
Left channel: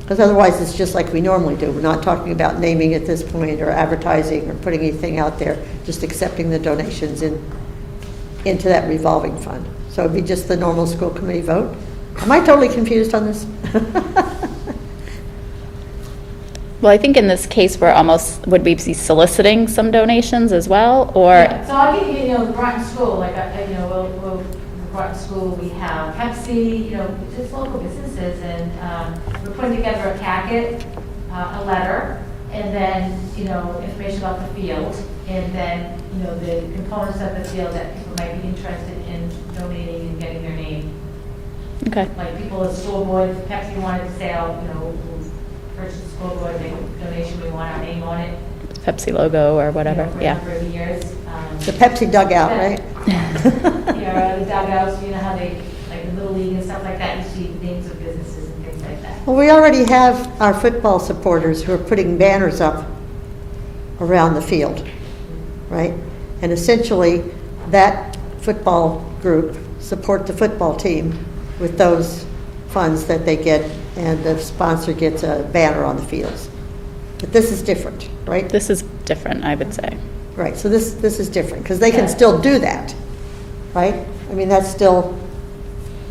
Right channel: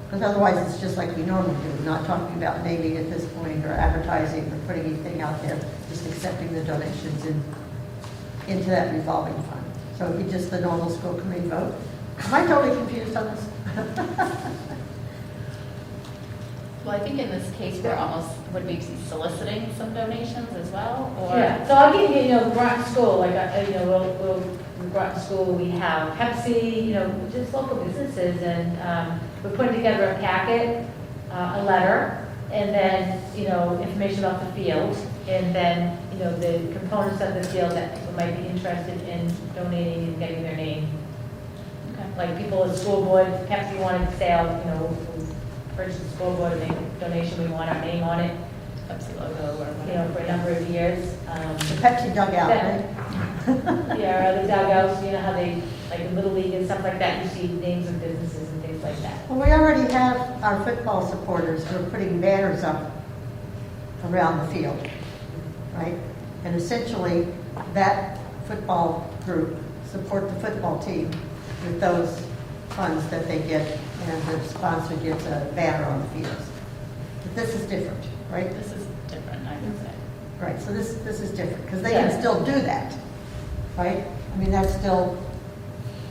Because otherwise, it's just like we normally do. We're not talking about naming at this point or advertising or putting anything out there, just accepting the donations into that revolving fund. So it'd be just the normal school committee vote. Am I totally confused on this? Well, I think in this case, would we be soliciting some donations as well, or? Yeah, so I'll give you, Groton School, like, Groton School, we have Pepsi, just local businesses, and we're putting together a packet, a letter, and then, information about the field, and then, the components of the field that people might be interested in donating and getting their name. Okay, Like people at the school board, if Pepsi wanted to sell, purchase the school board, make a donation, we want our name on it. Pepsi logo or whatever, For a yeah. number of years. The Pepsi dugout, right? Yeah, the dugouts, how they, like the Little League and stuff like that, you see names of businesses and things like that. Well, we already have our football supporters who are putting banners up around the field, right? And essentially, that football group support the football team with those funds that they get, and the sponsor gets a banner on the fields. But this is different, right? This is different, I would say. Right, so this is different, because they can Yeah. still do that, right? I mean, that's still,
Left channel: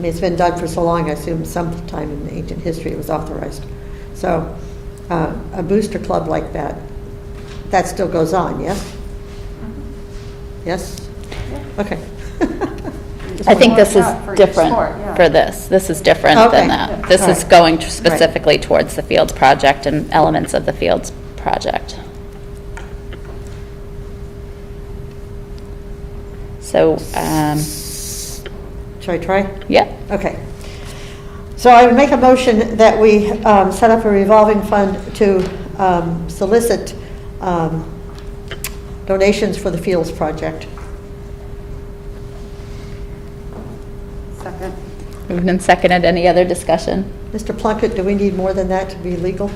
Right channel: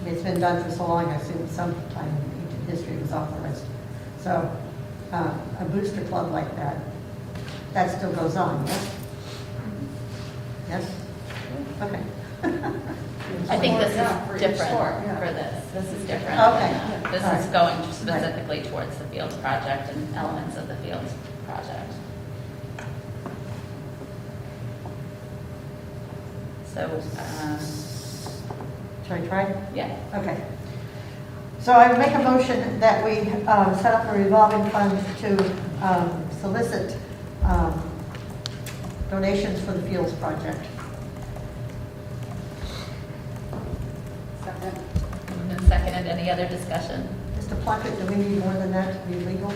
it's been done for so long, I assume sometime in ancient history it was authorized. So, a booster club like that, that still goes on, yes? Yes? Okay. I think this is Yeah, for each different sport, yeah. for this. This is different Okay. than that. This All is right. going specifically towards the Fields project and elements of the Fields project. So, Shall I try? yeah, Okay. So I would make a motion that we set up a revolving fund to solicit donations for the Fields project. Second. moved and seconded. Any other discussion? Mr. Plunkett, do we need more than that to be legal?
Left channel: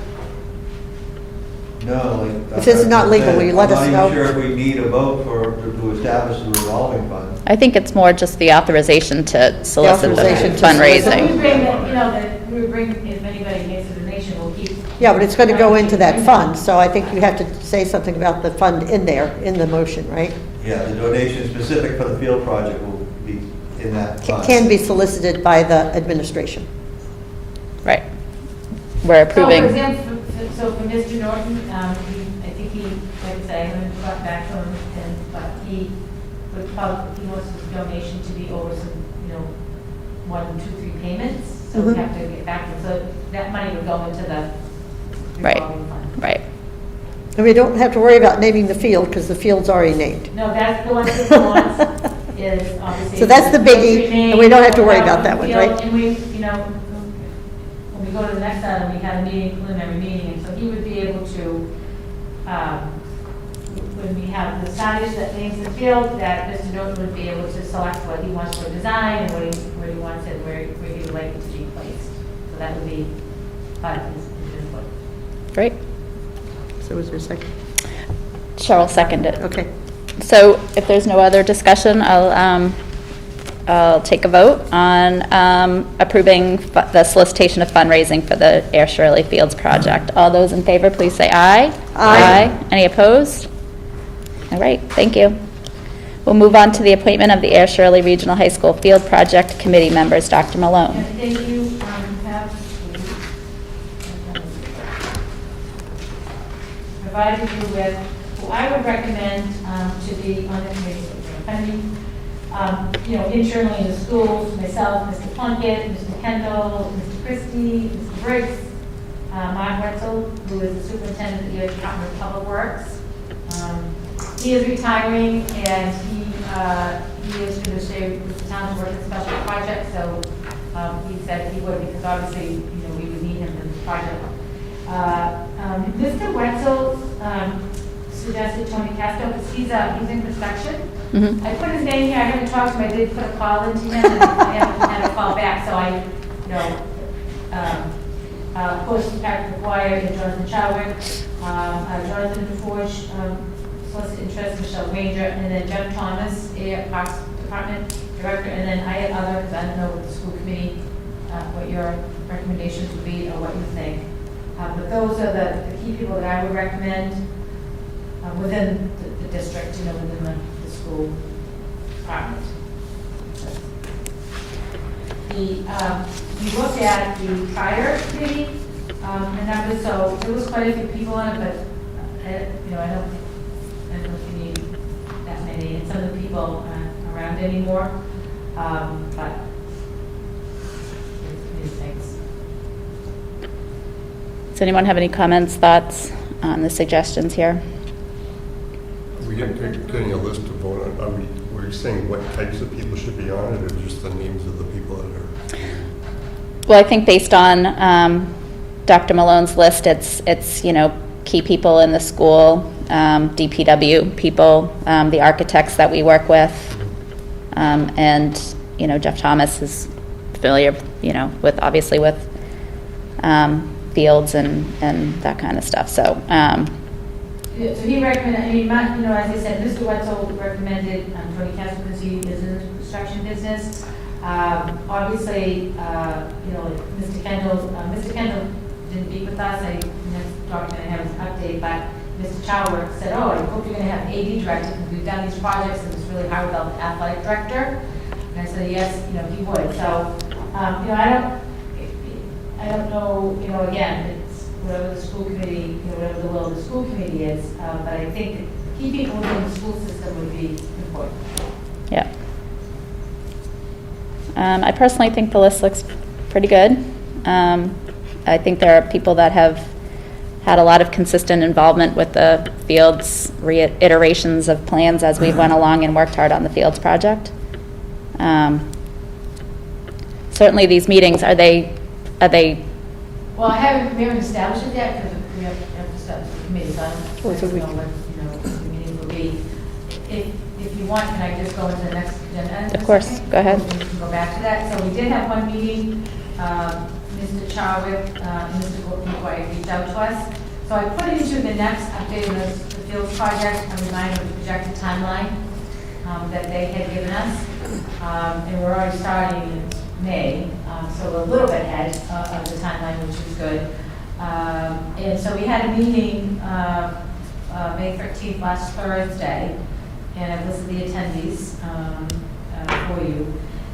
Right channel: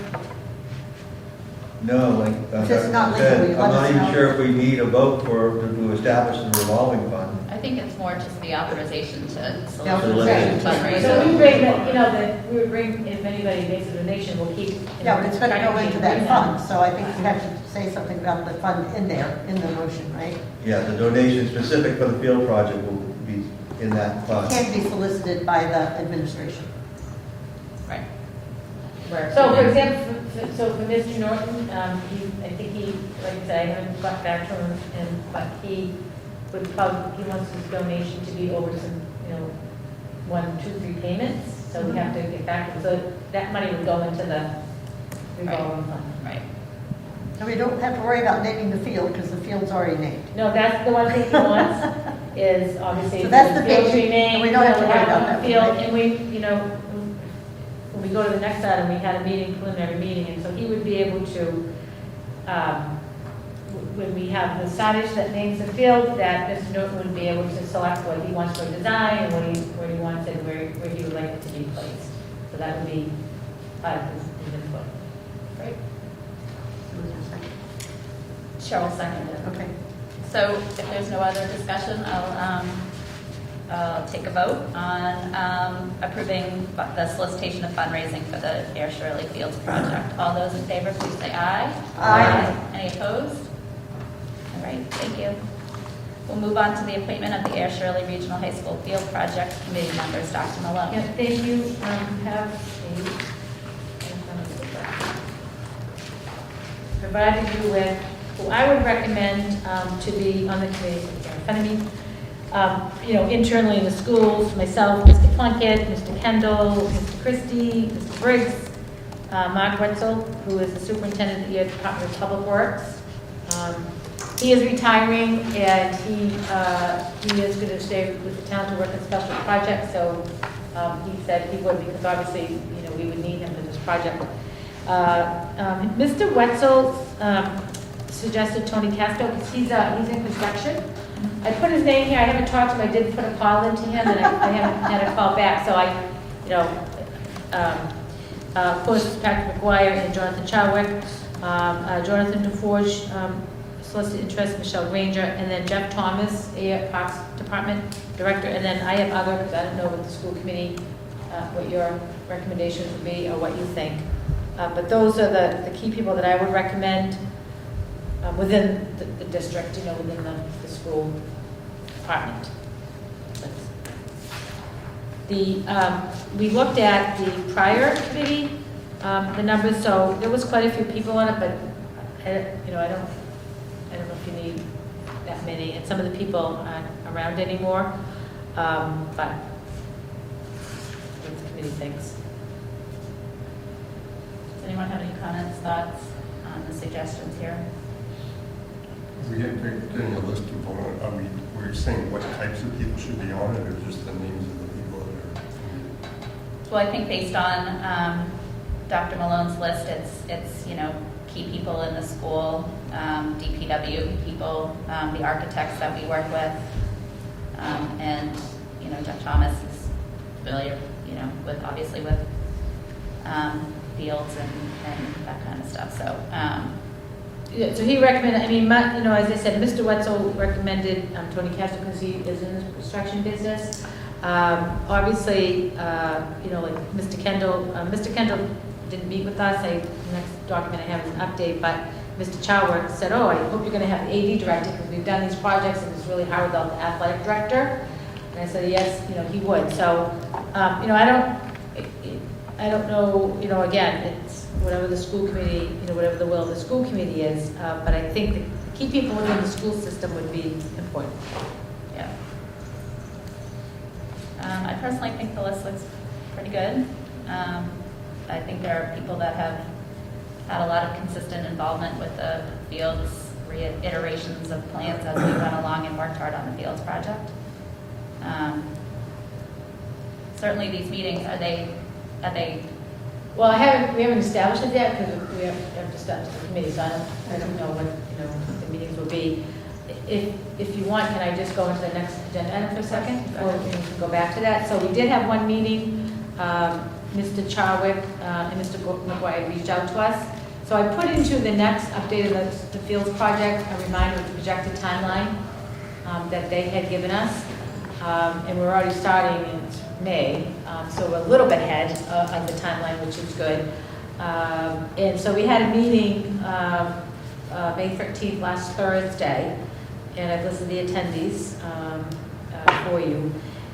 No, like. If this is not legal, will you let us I'm know? not even sure if we need a vote to establish the revolving fund. I think it's more just the authorization to solicit the authorization to So we fundraising. bring, we bring, if anybody makes a donation, we'll keep. Yeah, but it's going to go into that fund, so I think you have to say something about the fund in there, in the motion, right? Yeah, the donation specific for the field project will be in that fund. Can be solicited by the administration. Right. We're So for approving, example, so for Mr. Norton, I think he, like I said, I haven't got back to him, but he would probably, he wants his donation to be over some, 1, 2, 3 payments. So we Mhm. have to get back to him. So that money would go into the Right. revolving fund. right. And we don't have to worry about naming the field, because the field's already named. No, that's the one that he wants, is obviously. So that's the biggie, fields remain, and we don't have to worry we'll about that one, field, right? And we, when we go to the next item, we had a meeting, preliminary meeting, and so he would be able to, when we have the signage that names the field, that Mr. Norton would be able to select what he wants for design and where he wants it, where he would like it to be placed. So that would be part of his input. Great. So was there a second? Cheryl seconded. Okay. So if there's no other discussion, I'll take a vote on approving the solicitation of fundraising for the Air Shirley Fields project. All those in favor, please say aye. Aye. Any opposed? All right, thank you. We'll move on to the appointment of the Air Shirley Regional High School Field Project Committee members. Dr. Malone. Yeah, thank you. Provided you with, who I would recommend to be on the committee. internally in the schools, myself, Mr. Plunkett, Mr. Kendall, Mr. Christie, Mr. Briggs, Mark Wetzel, who is the superintendent of the Department of Public Works. He is retiring, and he is going to stay with the town to work on special projects, so he said he would, because obviously, we would need him in this project. Mr. Wetzel suggested Tony Castro, because he's in construction. Mhm. I put his name here, I haven't talked to him, I did put a call into him, and I haven't had a call back, so of course, Patrick McGuire and Jonathan Chadwick, Jonathan DeForge, solicited interest, Michelle Granger, and then Jeff Thomas, Parks Department Director, and then I have others, I don't know what the school committee, what your recommendations would be, or what you think. But those are the key people that I would recommend within the district, within the school department. We looked at the prior committee, the numbers, so there was quite a few people on it, but I don't know if you need that many, and some of the people aren't around anymore, but what the committee thinks. Does anyone have any comments, thoughts on the suggestions here? Are we getting a list to vote on? Are we saying what types of people should be on it, or just the names of the people that are? Well, I think based on Dr. Malone's list, it's key people in the school, DPW people, the architects that we work with, and Jeff Thomas is familiar, with obviously with fields and that kind of stuff. So. Yeah, so he recommended, as I said, Mr. Wetzel recommended Tony Castro because he is in the construction business. Obviously, like Mr. Kendall didn't meet with us. Next document I have is an update, but Mr. Chadwick said, I hope you're going to have an AD director because we've done these projects and it's really hard without the athletic director. And I said, yes, he would. So, I don't know, again, it's whatever the school committee, whatever the will of the school committee is, but I think that key people within the school system would be important. Yeah. I personally think the list looks pretty good. I think there are people that have had a lot of consistent involvement with the Fields reiterations of plans as we went along and worked hard on the Fields project. Certainly these meetings, are they? Well, we haven't established it yet because we have to establish the committee, so I don't know when, the meetings will be. If you want, can I just go into the next agenda? Of course, go ahead. We can go back to that. So we did have one meeting. Mr. Chadwick and Mr. McGuire reached out to us. So I put into the next update of the Fields project a reminder of the projected timeline that they had given us. And we're already starting in May, so we're a little bit ahead of the timeline, which is good. And so we had a meeting May 13th, last Thursday, and I've listed the attendees for you.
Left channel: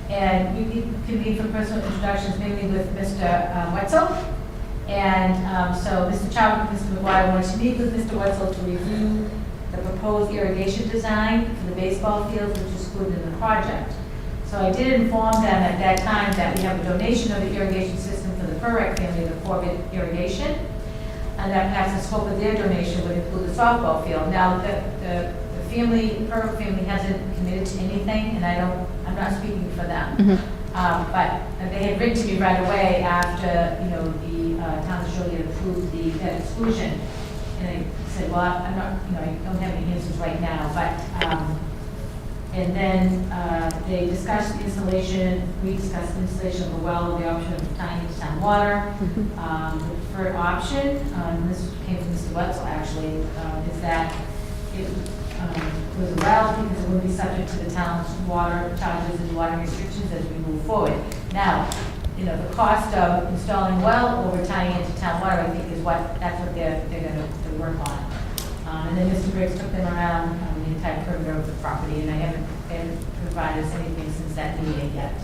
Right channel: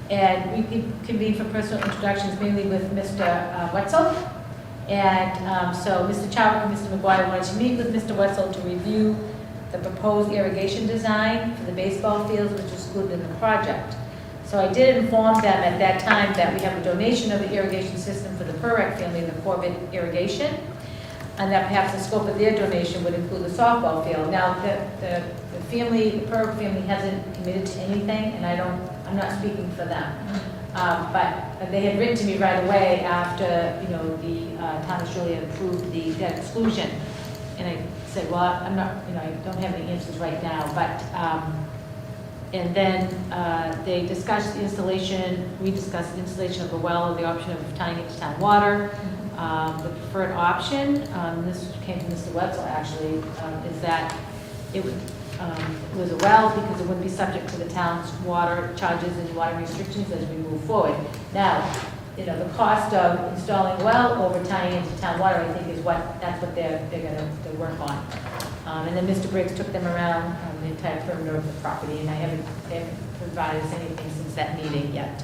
And we convened for personal introductions, mainly with Mr. Wetzel. And so Mr. Chadwick and Mr. McGuire wanted to meet with Mr. Wetzel to review the proposed irrigation design for the baseball fields, which is included in the project. So I did inform them at that time that we have a donation of the irrigation system for the Perrec family, the Corbett irrigation, and that perhaps the scope of their donation would include the softball field. Now, the Perrec family hasn't committed to anything, and I'm not speaking for them. Mm-hmm. But they had written to me right away after, the town of Shirley had approved the debt exclusion. And I said, well, I'm not, I don't have any answers right now, but, and then they discussed the installation, we discussed the installation of the well, or the option of tying into town water. The preferred option, this came from Mr. Wetzel actually, is that it was a well because it wouldn't be subject to the town's water charges and water restrictions as we move forward. Now, the cost of installing well over tying into town water, I think, is that's what they're going to work on. And then Mr. Briggs took them around the entire perimeter of the property, and I haven't provided us anything since that meeting yet.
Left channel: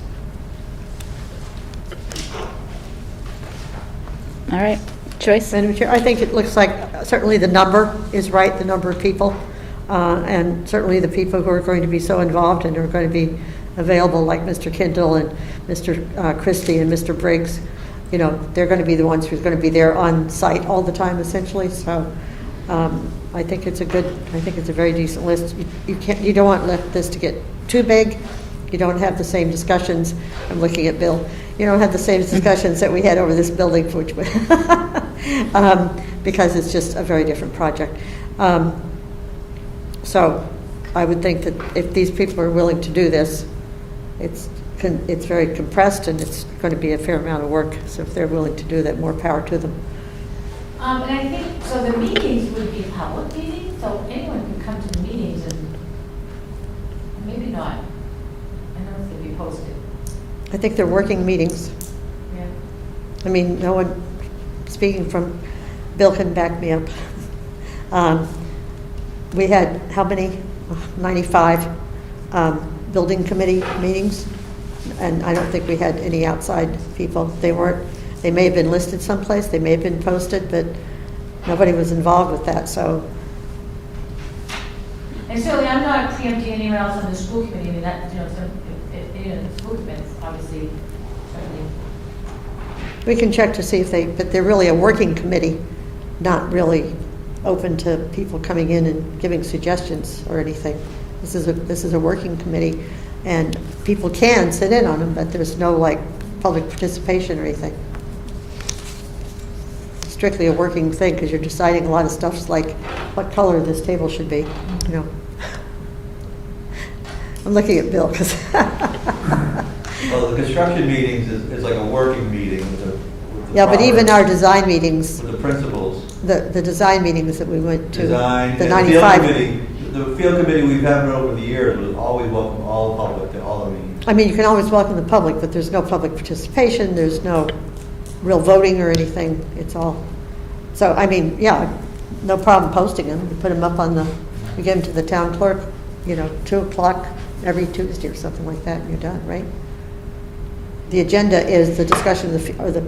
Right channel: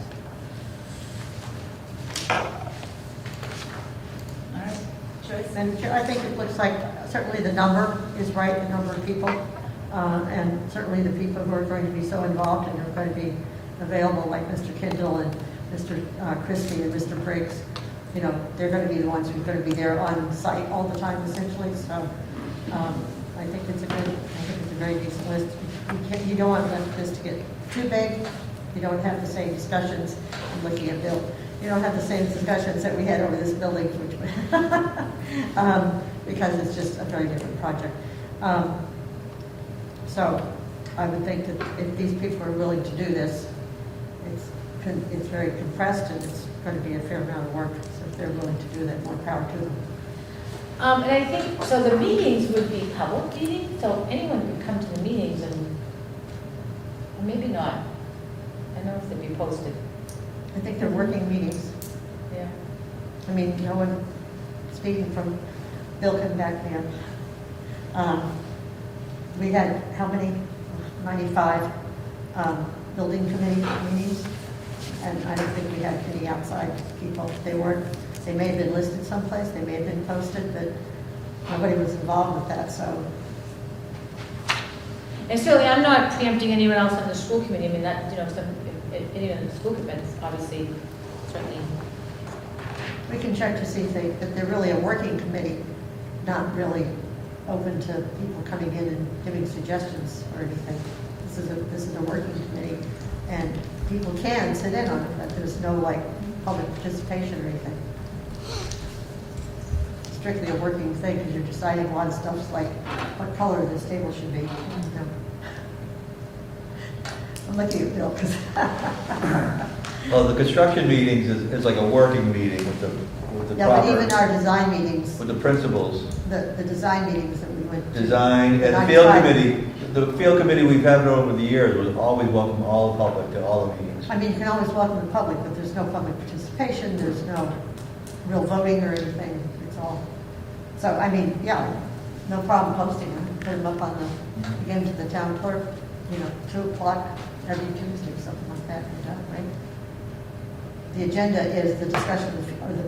All right, Joyce? Madam Chair, I think it looks like certainly the number is right, the number of people. and certainly the people who are going to be so involved and are going to be available, like Mr. Kindle and Mr. Christie and Mr. Briggs, you know, they're going to be the ones who's going to be there on site all the time, essentially. So I think it's a very decent list. You don't want this to get too big. You don't have the same discussions. I'm looking at Bill. You don't have the same discussions that we had over this building, which because it's just a very different project. So I would think that if these people are willing to do this, it's very compressed and it's going to be a fair amount of work. So if they're willing to do that, more power to them. And I think, so the meetings would be public meetings, so anyone can come to the meetings and maybe not. I know it's going to be posted. I think they're working meetings. Yeah. I mean, no one, speaking from, Bill can back me up. We had, how many? 95 building committee meetings, and I don't think we had any outside people. They may have been listed someplace, they may have been posted, but nobody was involved with that, so. And certainly, I'm not preempting anyone else on the school committee. I mean, that, you know, so if any of the school events, obviously, certainly. We can check to see if but they're really a working committee, not really open to people coming in and giving suggestions or anything. This is a working committee, and people can sit in on them, but there's no like public participation or anything. Strictly a working thing, because you're deciding a lot of stuff like what color this table should be, you know. I'm looking at Bill because. Well, the construction meetings is like a working meeting with the Yeah, but even progress, our design meetings, with the principals. the design meetings that we went to. Design, the and the field 95. committee, the field committee we've had over the years was always welcome all the public to all the meetings. I mean, you can always welcome the public, but there's no public participation, there's no real voting or anything, it's all, so, I mean, yeah, no problem posting them, you put them up on we give them to the town clerk, you know, 2:00 every Tuesday or something like that, and you're done, right? The agenda is the discussion or the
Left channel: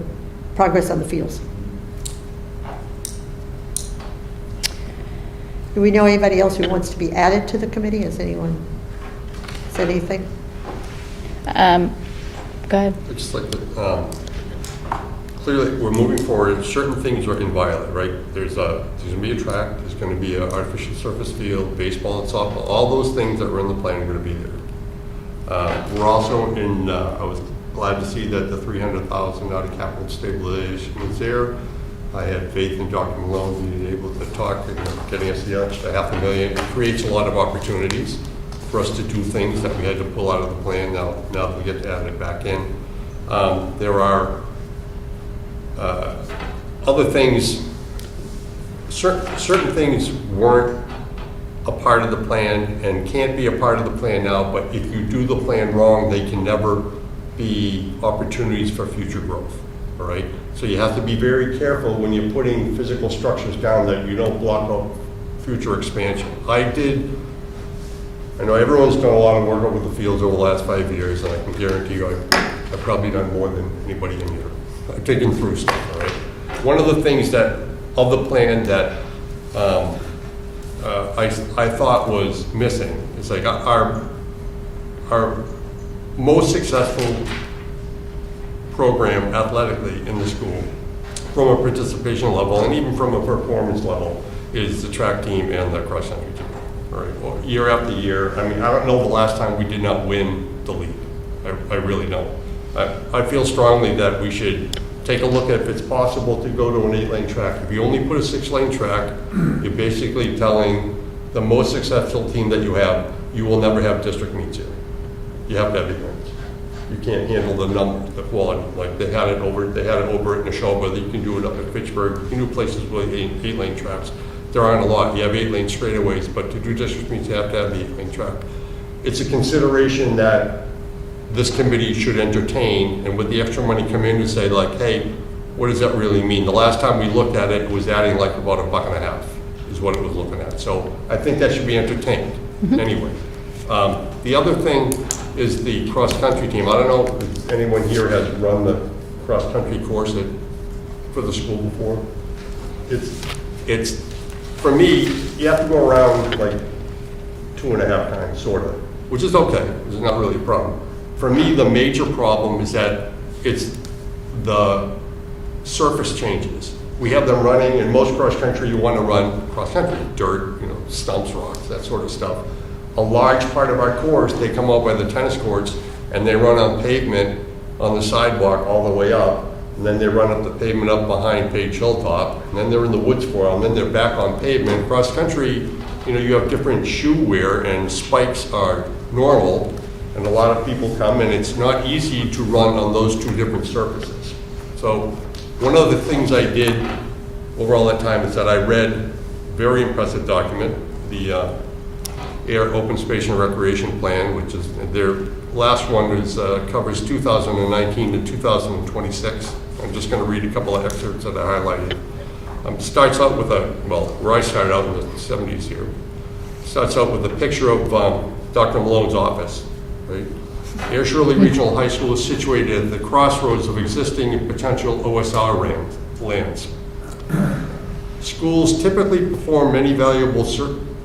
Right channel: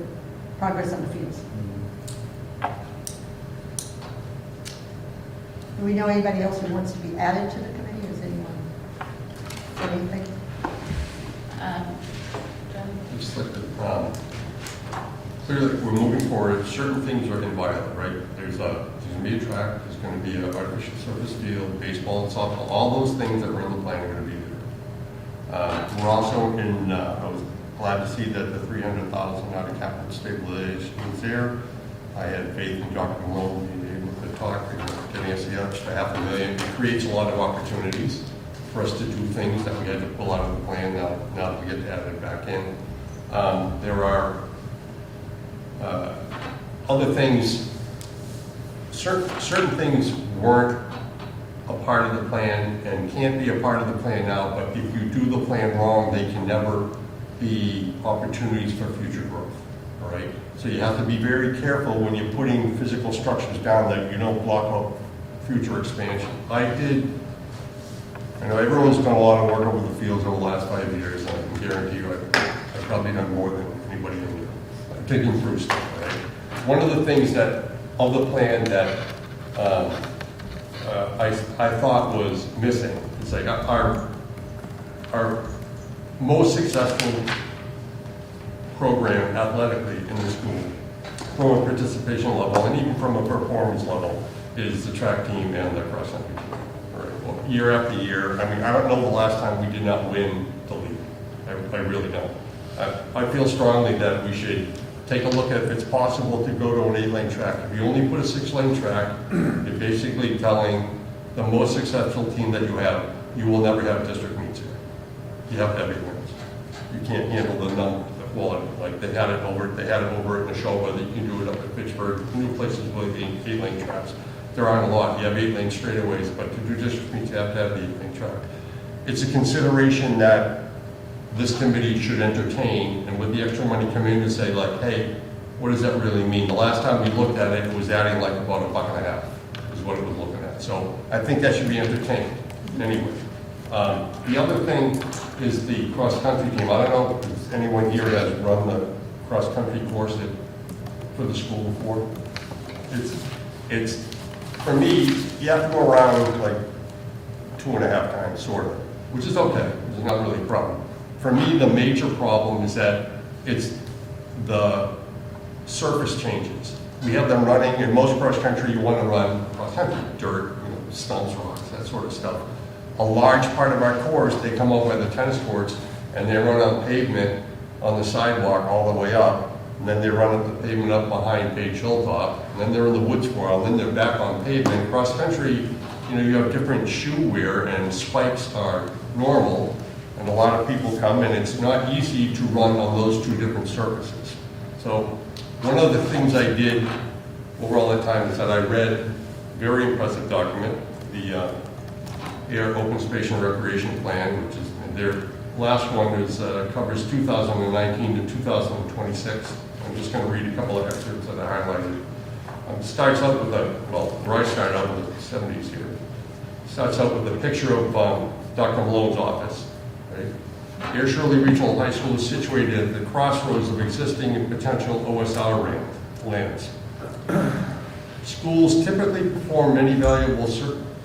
progress on the fields. Do we know anybody else who wants to be added to the committee? Has anyone said anything? Go ahead. I'd just like to, clearly, we're moving forward. Certain things are inviolate, right? There's going to be a track, there's going to be an artificial surface field, baseball and softball. All those things that were in the plan are going to be there. We're also I was glad to see that the $300,000 out of capital stabilization was there. I had faith in Dr. Malone being able to talk and getting us the extra $500,000. It creates a lot of opportunities for us to do things that we had to pull out of the plan. Now that we get to add it back in. There are other things, certain things weren't a part of the plan and can't be a part of the plan now, but if you do the plan wrong, they can never be opportunities for future growth, all right? So you have to be very careful when you're putting physical structures down that you don't block out future expansion. I know everyone's done a lot of work over the fields over the last 5 years, and I can guarantee you I've probably done more than anybody in here. I'm taking through stuff, all right? One of the things of the plan that I thought was missing is like our most successful program athletically in the school, from a participation level and even from a performance level, is the track team and the cross country team. All right, well, year after year, I mean, I don't know the last time we did not win the league. I really don't. I feel strongly that we should take a look at if it's possible to go to an 8-lane track. If you only put a 6-lane track, you're basically telling the most successful team that you have, you will never have district meets here. You have to have 8 lanes. You can't handle the quality. Like they had it over at Neshoba, you can do it up at Fitchburg, you can do places with 8-lane tracks. There aren't a lot. You have 8-lane straightaways, but to do district meets, you have to have the 8-lane track. It's a consideration that this committee should entertain, and with the extra money come in and say like, hey, what does that really mean? The last time we looked at it, it was adding like about $1.50 is what it was looking at. So I think that should be entertained anyway. The other thing is the cross-country team. I don't know if anyone here has run the cross-country course for the school before. It's for me, you have to go around like 2.5 times, sort of, which is okay. It's not really a problem. For me, the major problem is that it's the surface changes. We have them running, in most cross-country, you want to run cross-country, dirt, stumps, rocks, that sort of stuff. A large part of our course, they come out by the tennis courts, and they run on pavement on the sidewalk all the way up, and then they run up the pavement up behind Page Hilltop, and then they're in the woods for a while, and then they're back on pavement. Cross-country, you have different shoe wear, and spikes are normal, and a lot of people come, and it's not easy to run on those two different surfaces. So one of the things I did over all that time is that I read a very impressive document, the Air Open Space and Recreation Plan, which is their last one is covers 2019 to 2026. I'm just going to read a couple of excerpts that I highlighted. Starts out with where I started out in the 70s here. Starts out with a picture of Dr. Malone's office. Right? Air Shirley Regional High School is situated at the crossroads of existing and potential OSR lands. Schools typically perform many valuable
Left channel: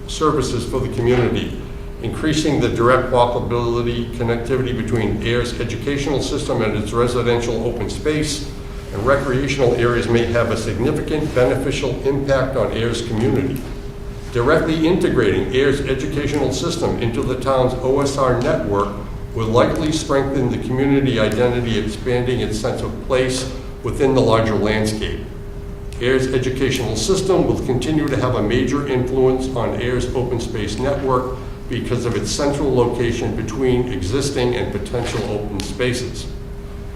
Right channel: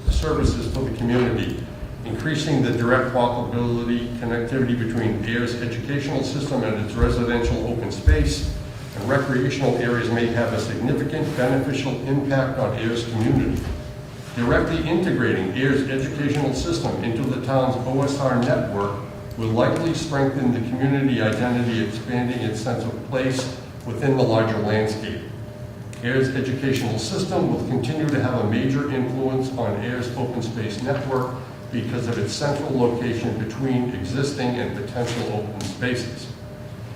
services for the community, increasing the direct walkability connectivity between AIR's educational system and its residential open space and recreational areas may have a significant beneficial impact on AIR's community. Directly integrating AIR's educational system into the town's OSR network will likely strengthen the community identity, expanding its sense of place within the larger landscape. AIR's educational system will continue to have a major influence on AIR's open space network because of its central location between existing and potential open spaces.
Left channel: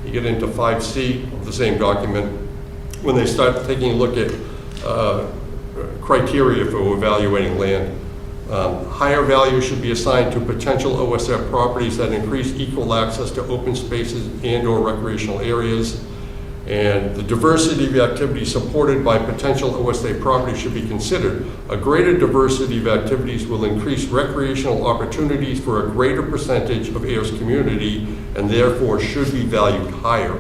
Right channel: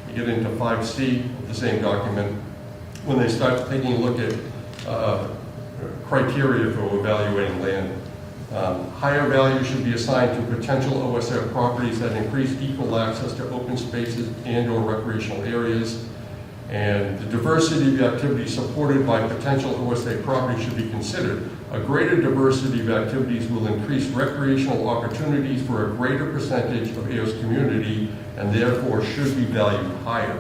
You get into 5C of the same document when they start taking a look at criteria for evaluating land. Higher value should be assigned to potential OSR properties that increase equal access to open spaces and/or recreational areas. And the diversity of activities supported by potential OSA properties should be considered. A greater diversity of activities will increase recreational opportunities for a greater percentage of AIR's community and therefore should be valued higher.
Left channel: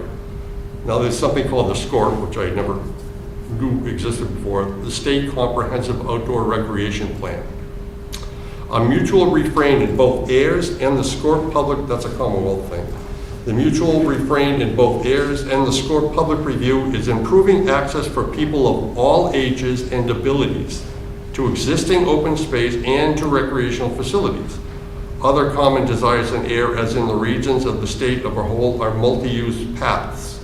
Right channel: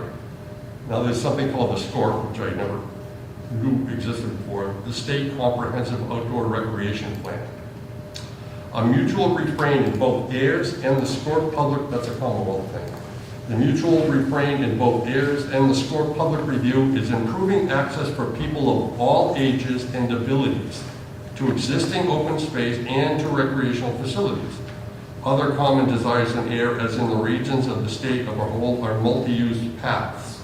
Now there's something called the SCORP, which I never knew existed before, the State Comprehensive Outdoor Recreation Plan. A mutual refrain in both AIR's and the SCORP public, that's a Commonwealth thing. The mutual refrain in both AIR's and the SCORP public review is improving access for people of all ages and abilities to existing open space and to recreational facilities. Other common desires in AIR, as in the regions of the state of a whole, are multi-use paths.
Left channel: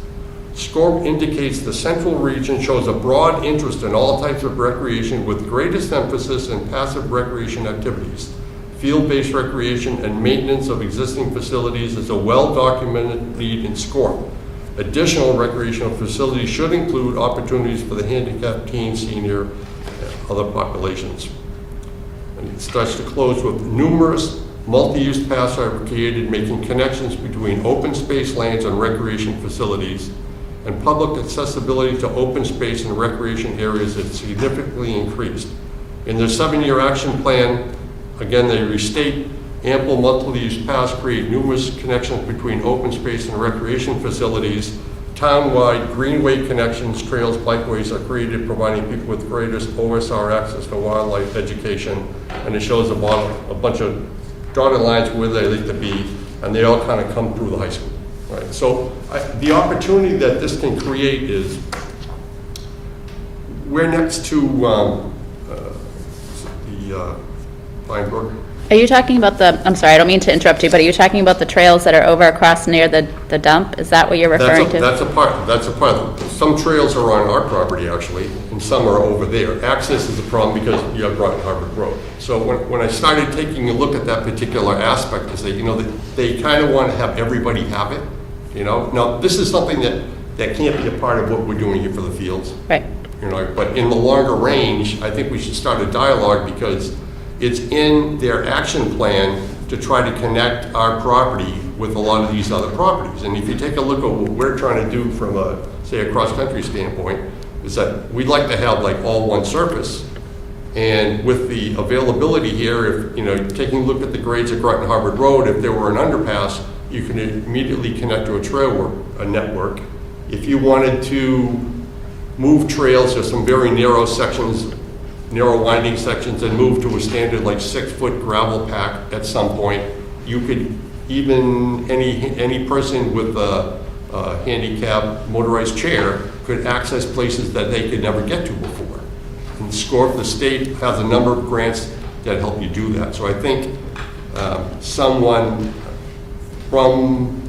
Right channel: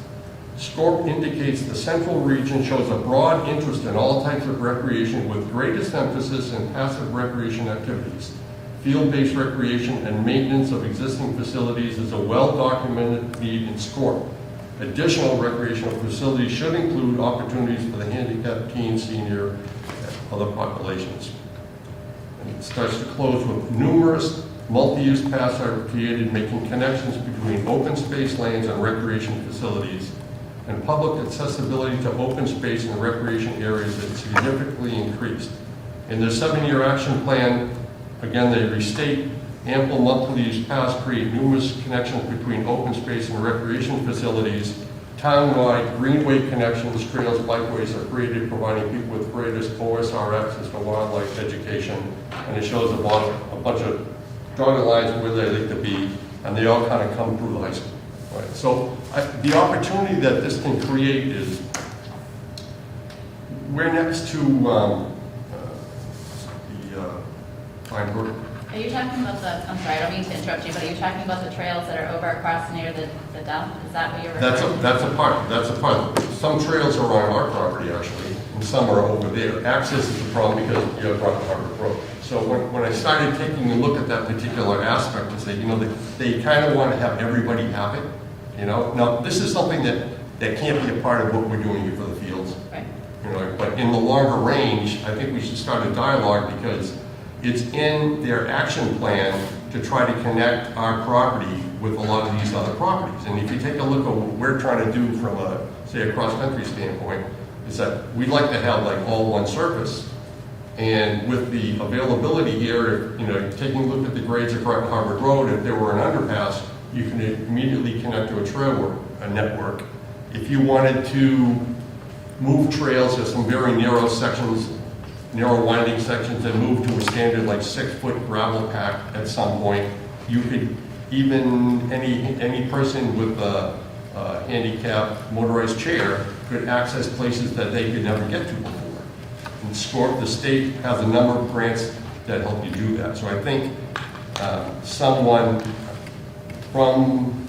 SCORP indicates the central region shows a broad interest in all types of recreation with greatest emphasis in passive recreation activities. Field-based recreation and maintenance of existing facilities is a well-documented need in SCORP. Additional recreational facilities should include opportunities for the handicapped, teen, senior, and other populations. And it starts to close with numerous multi-use paths are created, making connections between open space lands and recreation facilities, and public accessibility to open space and recreation areas is significantly increased. In their 7-year action plan, again, they restate ample multi-use paths create numerous connections between open space and recreation facilities. Town-wide greenway connections, trails, bikeways are created, providing people with greatest OSR access to wildlife education. And it shows a bunch of dotted lines where they need to be, and they all kind of come through the high school. Right? So the opportunity that this can create is, we're next to the Pine Brook. Are you talking about I'm sorry, I don't mean to interrupt you, but are you talking about the trails that are over across near the dump? Is that what you're referring to? That's a part. Some trails are on our property, actually, and some are over there. Access is a problem because you have Harvard Road. So when I started taking a look at that particular aspect, I say, they kind of want to have everybody have it, Now, this is something that can't be a part of what we're doing here for the fields. Right. But in the longer range, I think we should start a dialogue because it's in their action plan to try to connect our property with a lot of these other properties. And if you take a look at what we're trying to do from a cross-country standpoint, is that we'd like to have like all one surface. And with the availability here, if, taking a look at the grades at Groton Harvard Road, if there were an underpass, you can immediately connect to a network. If you wanted to move trails, there's some very narrow sections narrow winding sections and move to a standard like 6-foot gravel pack at some point. You could, even any person with a handicap motorized chair could access places that they could never get to before. And the state has a number of grants that help you do that. So I think someone from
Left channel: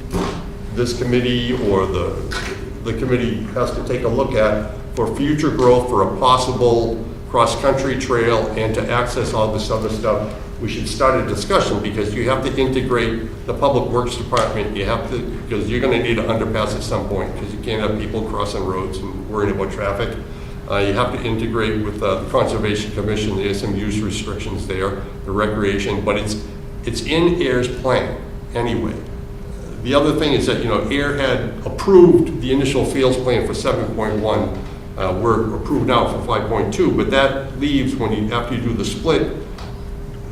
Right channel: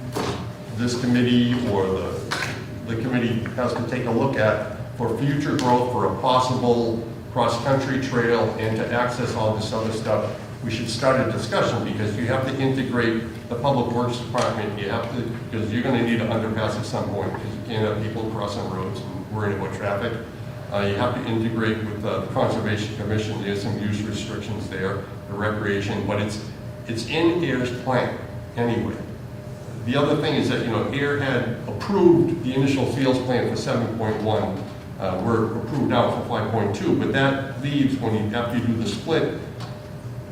this committee or the committee has to take a look at for future growth for a possible cross-country trail and to access all this other stuff. We should start a discussion because you have to integrate the public works department. You have to, because you're going to need an underpass at some point because you can't have people crossing roads and worrying about traffic. You have to integrate with the Conservation Commission. There's some use restrictions there, the recreation, but it's in AIR's plan anyway. The other thing is that, AIR had approved the initial fields plan for 7.1. We're approved now for 5.2, but that leaves after you do the split,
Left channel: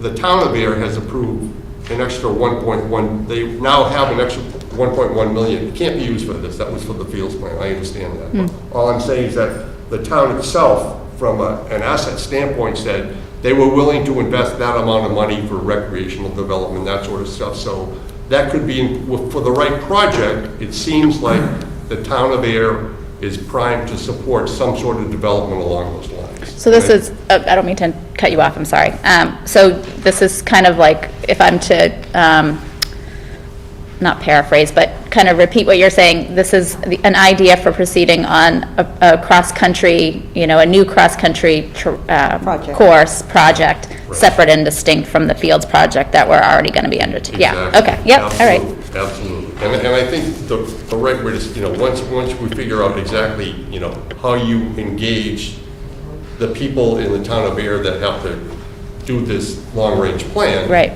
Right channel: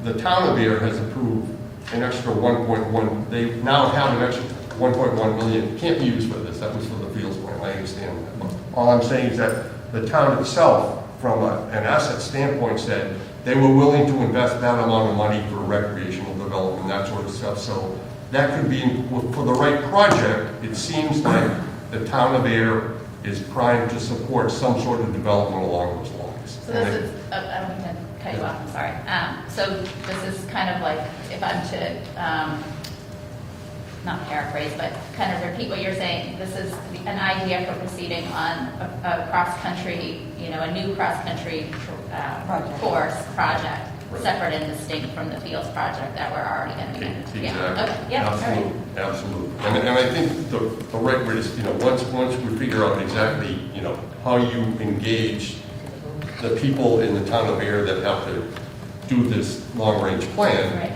the town of AIR has approved an extra 1.1. They now have an extra 1.1 million. It can't be used for this. That was for the fields plan. I understand that. All I'm saying is that the town itself, from an asset standpoint, said they were willing to invest that amount of money for recreational development, that sort of stuff. So that could be, for the right project, it seems like the town of AIR is primed to support some sort of development along those lines. So this is, I don't mean to cut you off, I'm sorry. So this is kind of like, if I'm to, not paraphrase, but kind of repeat what you're saying, this is an idea for proceeding on a cross-country, a new cross-country course project, separate and distinct from the Fields project that we're already going to be undertaking. Yeah, okay, yep, all right. Absolutely. And I think the right word is, once we figure out exactly, how you engage the people in the town of AIR that have to do this long-range plan. Right.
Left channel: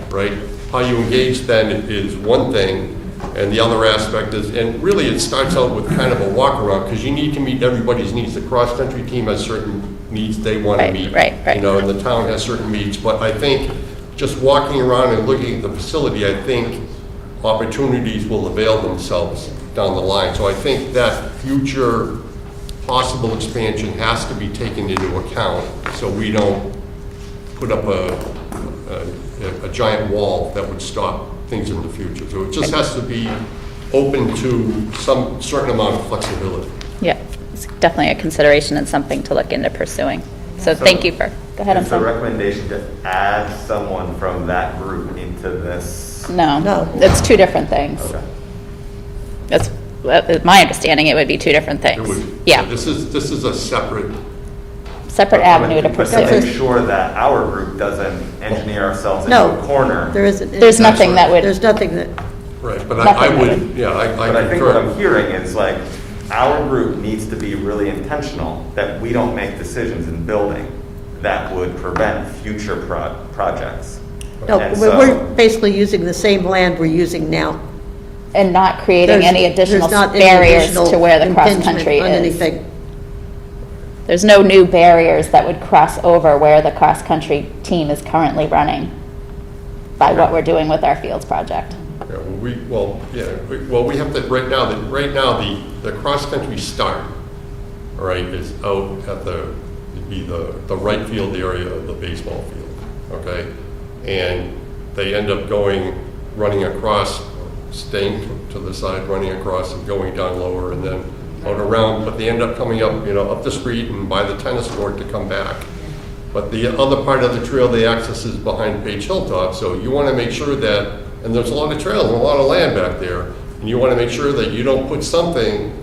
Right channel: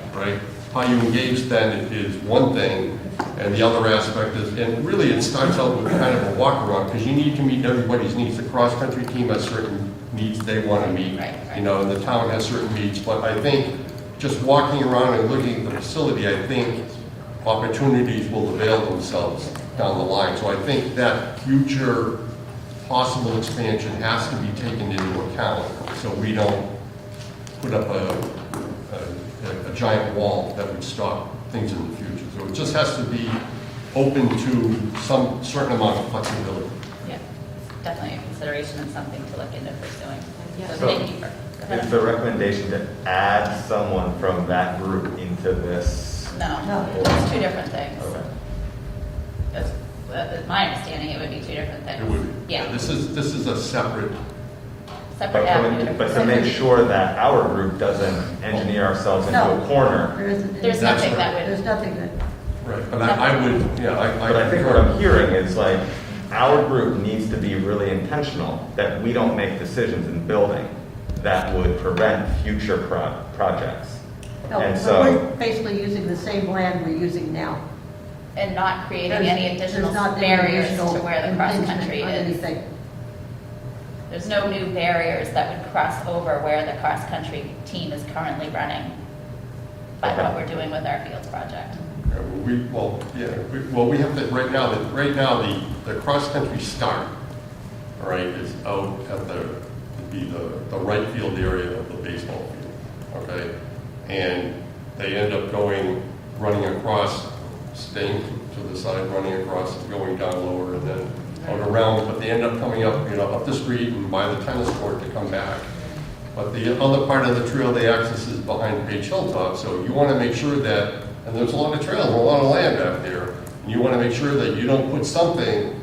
How you engage then is one thing, and the other aspect is, and really it starts out with kind of a walk-around, because you need to meet everybody's needs. The cross-country team has certain needs they want to meet. Right. And the town has certain needs. But I think just walking around and looking at the facility, I think opportunities will avail themselves down the line. So I think that future possible expansion has to be taken into account so we don't put up a giant wall that would stop things in the future. So it just has to be open to some certain amount of flexibility. Yeah, it's definitely a consideration and something to look into pursuing. So thank you for, go ahead. Is the recommendation to add someone from that group into this? No, it's two different things. Okay. That's my understanding. It would be two different things. It would. Yeah. This is a separate avenue to But pursue. to make sure that our group doesn't engineer ourselves into a corner. There isn't. There's nothing that would. There's nothing that. Right, but I would, yeah, But I think what I'm hearing is like, our group needs to be really intentional that we don't make decisions in building that would prevent future projects. No, And we're so- basically using the same land we're using now. And not creating any additional There's not any barriers additional to where the impingement cross-country on is. anything. There's no new barriers that would cross over where the cross-country team is currently running by what we're doing with our fields project. Yeah, we have to, right now, the cross-country start, all right, is out at the right field area of the baseball field, okay? And they end up running across, staying to the side, running across and going down lower and then out around, but they end up coming up, up the street and by the tennis court to come back. But the other part of the trail they access is behind Page Hilltop, so you want to make sure that, and there's a lot of trails and a lot of land back there, and you want to make sure that you don't put something,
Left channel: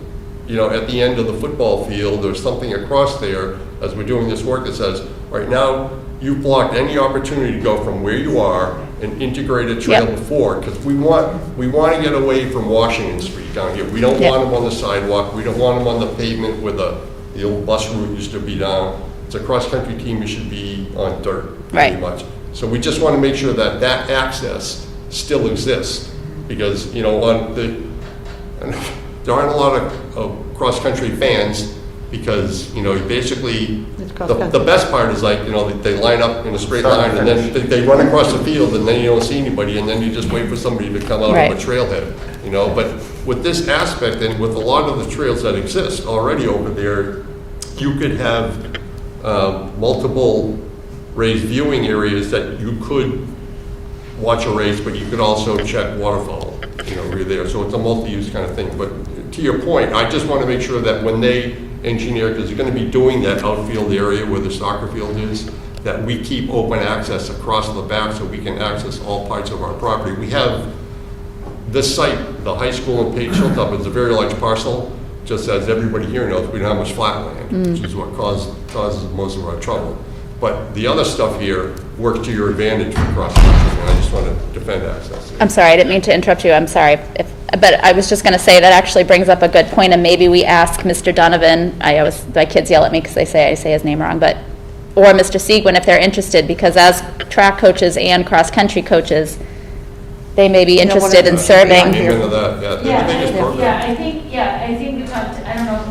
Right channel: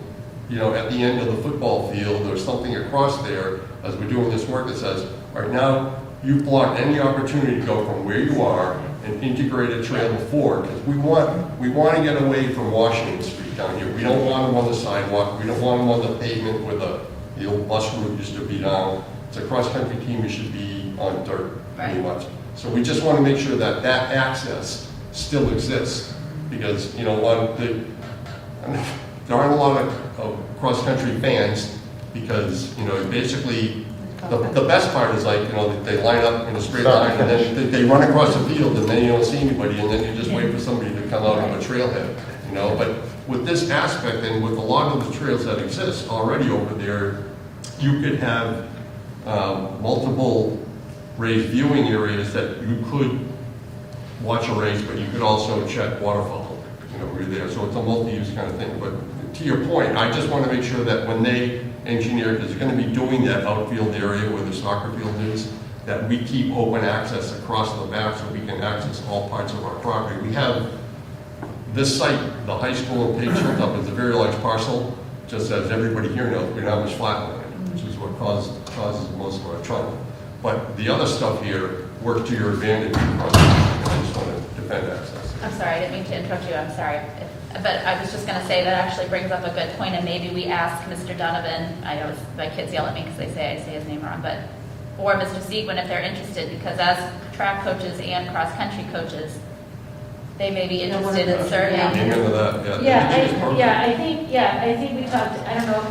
at the end of the football field or something across there as we're doing this work that says, right now, you've blocked any opportunity to go from where you are and integrate a trail before, because we want to get away from Washington Street down here. We don't want them on the sidewalk. We don't want them on the pavement where the old bus route used to be down. It's a cross-country team, you should be on dirt, pretty much. So we just want to make sure that that access still exists, because, there aren't a lot of cross-country fans, because, basically, the best part is like, they line up in a straight line, and then they run across the field, and then you don't see anybody, and then you just wait for somebody to come out of a trailhead, But with this aspect, and with a lot of the trails that exist already over there, you could have multiple raised viewing areas that you could watch a race, but you could also check waterfowl, where you're there. So it's a multi-use kind of thing. But to your point, I just want to make sure that when they engineer, because you're going to be doing that outfield area where the soccer field is, that we keep open access across the back so we can access all parts of our property. We have this site, the high school in Page Hilltop, is a very large parcel. Just as everybody here knows, we don't have much flat land, which is what causes most of our trouble. But the other stuff here works to your advantage across the country, and I just want to defend access. I'm sorry, I didn't mean to interrupt you, I'm sorry. But I was just going to say that actually brings up a good point, and maybe we ask Mr. Donovan, my kids yell at me because they say I say his name wrong, or Mr. Seguin if they're interested, because as track coaches and cross-country coaches, they may be interested in serving. I think we talked, I don't know,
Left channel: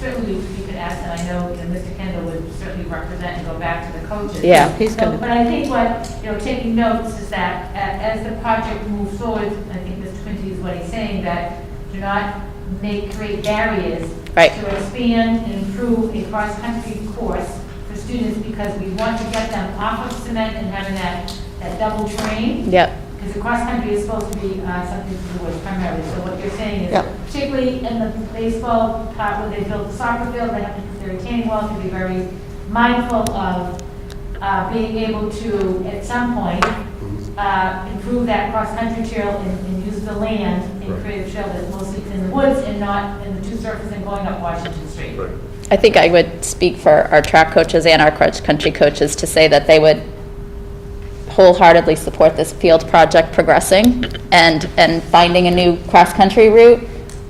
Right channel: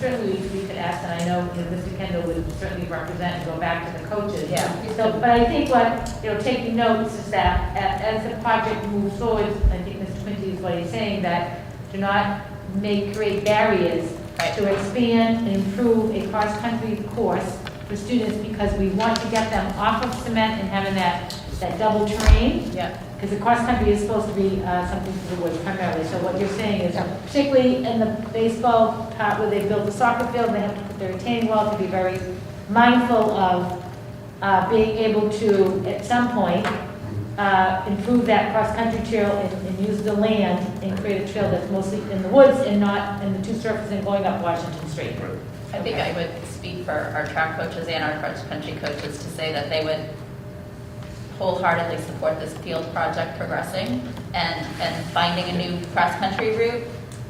certainly we could ask, and I know that Mr. Kendall would certainly represent and go back to the coaches. Yeah. But I think what, taking notes is that as the project moves forward, I think Mr. Quinty is what he's saying, that do not create barriers Right. to expand and improve a cross-country course for students, because we want to get them off of cement and having that double train. Yep. Because the cross-country is supposed to be something for the woods primarily. So what you're saying is, Yeah. particularly in the baseball part where they built the soccer field, they have to put their retaining wall to be very mindful of being able to, at some point, improve that cross-country trail and use the land and create a trail that's mostly in the woods and not in the two surfaces and going up Washington Street. Right. I think I would speak for our track coaches and our cross-country coaches to say that they would wholeheartedly support this field project progressing and finding a new cross-country route,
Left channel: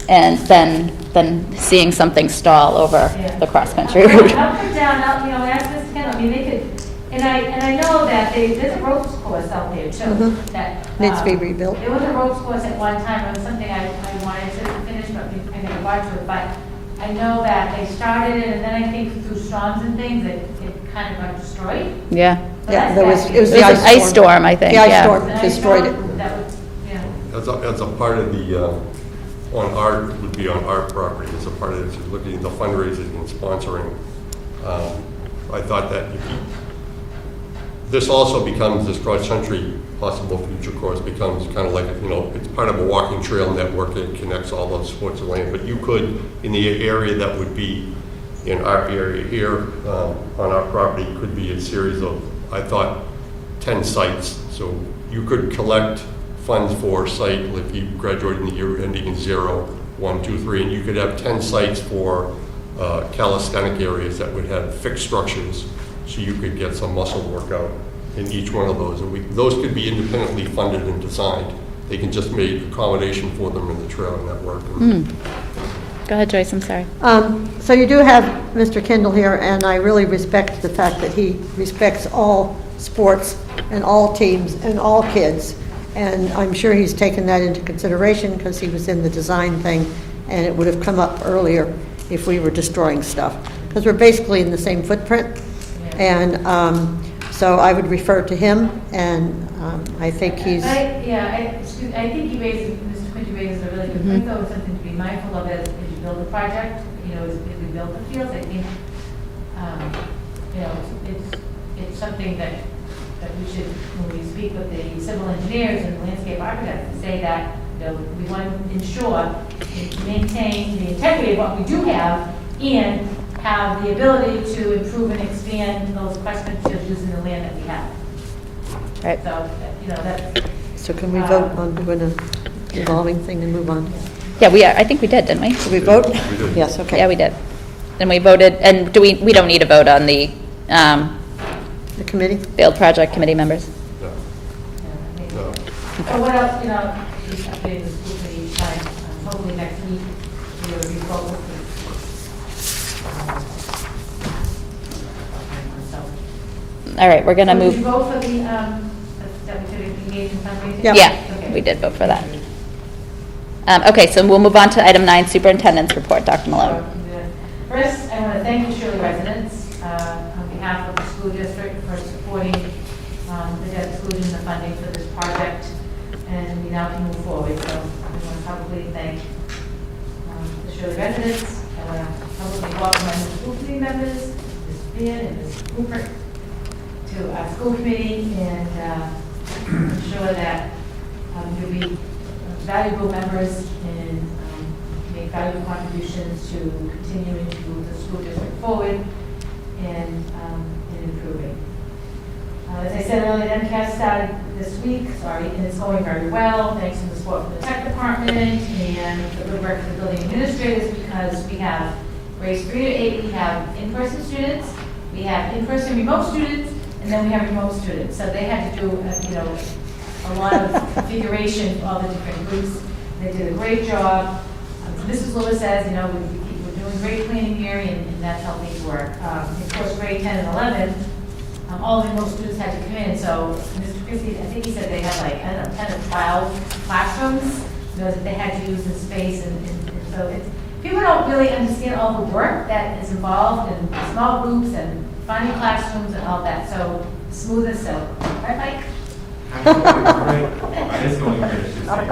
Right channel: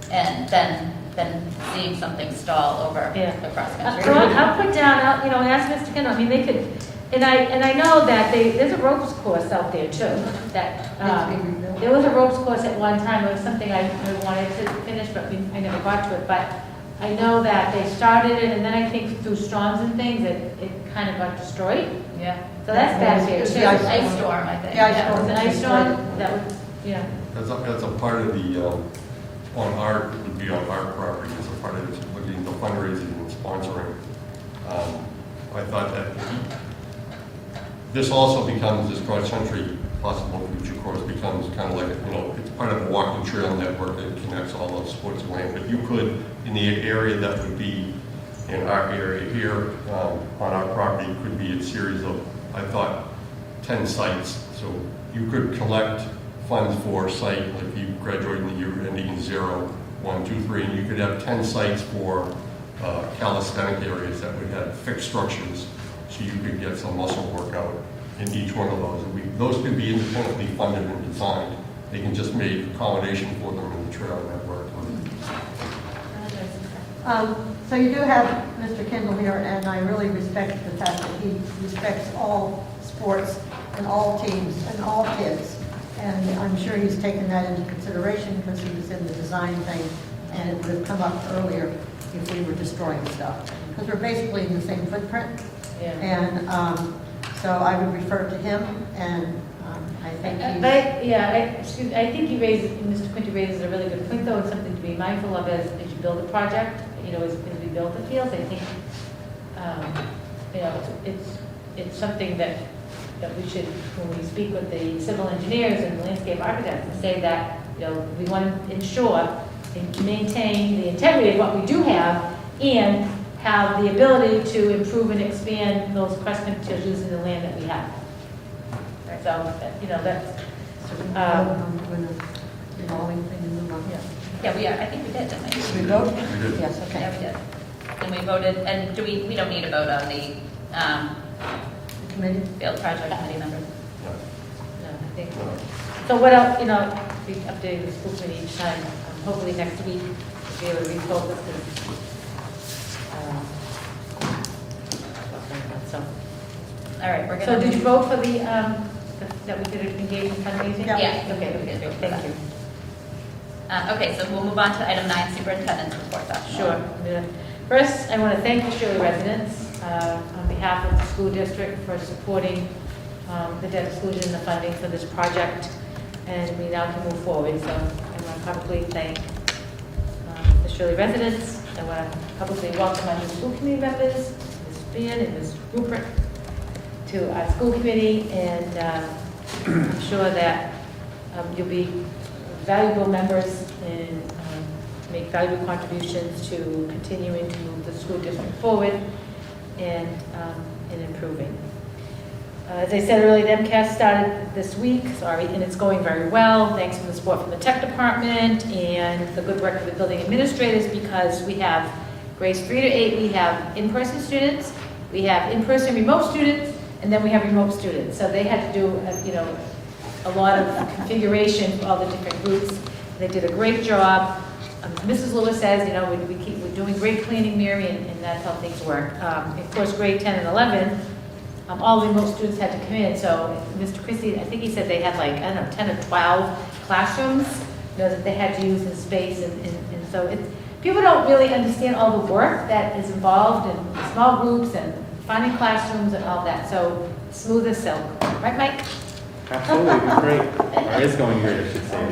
and then seeing something stall over Yeah. the cross-country route. I'll put down, ask Mr. Kendall, they could, and I know that there's a ropes course out there too. Mhm. That Needs to be rebuilt. There was a ropes course at one time, it was something I wanted to finish, but we never got to it. But I know that they started it, and then I think through storms and things, it kind of got destroyed. Yeah. So Yeah, that's there was- bad it was news. the It was an ice storm, I think, The ice yeah. storm The ice destroyed storm, it. that was, yeah. As a part of the, on our, would be on our property, as a part of it, looking at the fundraising and sponsoring, I thought that this also becomes, this cross-country possible future course becomes kind of like, it's part of a walking trail network that connects all those sports and lanes. But you could, in the area that would be in our area here, on our property, could be a series of, I thought, 10 sites. So you could collect funds for a site, if you graduated in the year ending in 0, 1, 2, 3, and you could have 10 sites for calisthenic areas that would have fixed structures, so you could get some muscle workout in each one of those. And those could be independently funded and designed. They can just make accommodation for them in the trail network. Go ahead, Joyce, I'm sorry. So you do have Mr. Kendall here, and I really respect the fact that he respects all sports and all teams and all kids. And I'm sure he's taken that into consideration because he was in the design thing, and it would have come up earlier if we were destroying stuff. Because we're basically in the same footprint. Yeah. And so I would refer to him, and I think he's... I think he raises, Mr. Quinty raises a really good point, though, it's something to be mindful of as you build a project, as we build the fields. I think, it's something that we should, when we speak with the civil engineers and the landscape architects, say that, we want to ensure, maintain the integrity of what we do have, and have the ability to improve and expand those cross-country fields in the land that we have. Right. So, that's. So can we vote on doing a revolving thing and move on? Yeah, I think we did, didn't we? Did we vote? We did. Yes, okay. Yeah, we did. And we voted, and we don't need a vote on the The committee? field project committee members? Yeah. I think No. so what else, just updating the school committee each time, hopefully next week, we'll be voting. All right, we're going to Did move. you vote for the, that we did engage in fundraising? Yeah. Yeah, Okay. we did vote for that. Okay, so we'll move on to item 9, superintendent's report. Dr. Malone. Sure. First, I want to thank the Shirley residents on behalf of the school district for supporting the debt exclusion and the funding for this project, and we now can move forward. So I want to publicly thank the Shirley residents. I want to publicly welcome our new school committee members, Ms. Beard and Ms. Rupert to our school committee, and I'm sure that you'll be valuable members and make valuable contributions to continuing to move the school district forward and improving. As I said earlier, the MCAS started this week, and it's going very well, thanks to the support from the tech department and the good work of the building administrators, because we have grades 3 to 8, we have in-person students, we have in-person remote students, and then we have remote students. So they had to do, a lot of configuration for all the different groups. They did a great job. Mrs. Lewis says, we're doing great cleaning, Mary, and that's how things work. Of course, grade 10 and 11, all the remote students had to come in. So Mr. Christie, I think he said they had 10 or 12 classrooms, that they had to use in space. And so people don't really understand all the work that is involved in small groups and finding classrooms and all that. So smooth as silk. Right, Mike? Absolutely, great. It's going great, I should say.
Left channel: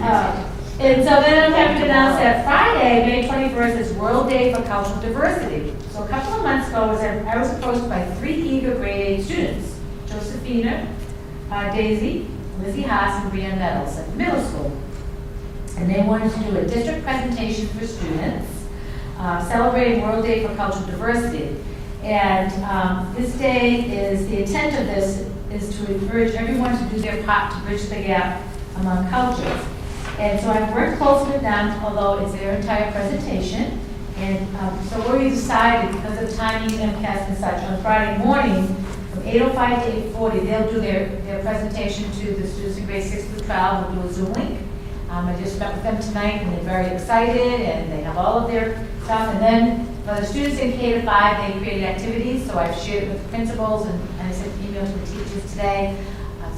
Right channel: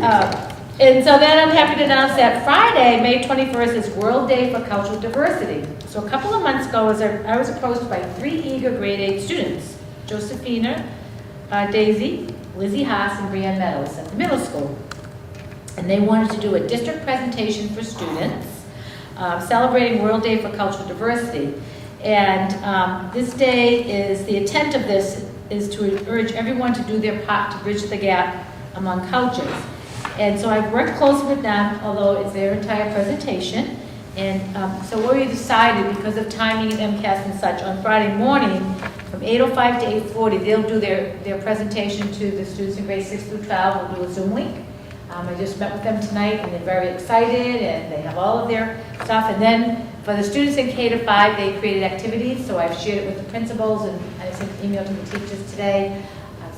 Yeah. And so then I'm happy to announce that Friday, May 21st, is World Day for Cultural Diversity. So a couple of months ago, I was approached by 3 eager grade 8 students, Josephina, Daisy, Lizzie Haas, and Brianne Meadows at the middle school. And they wanted to do a district presentation for students celebrating World Day for Cultural Diversity. And this day the intent of this is to urge everyone to do their part to bridge the gap among cultures. And so I've worked closely with them, although it's their entire presentation. And so what we decided, because of timing and MCAS and such, on Friday morning, from 8:05 to 8:40, they'll do their presentation to the students in grades 6 through 12. We'll do a Zoom link. I just met with them tonight, and they're very excited, and they have all of their stuff. And then for the students in K to 5, they created activities, so I've shared it with the principals, and I sent an email to the teachers today.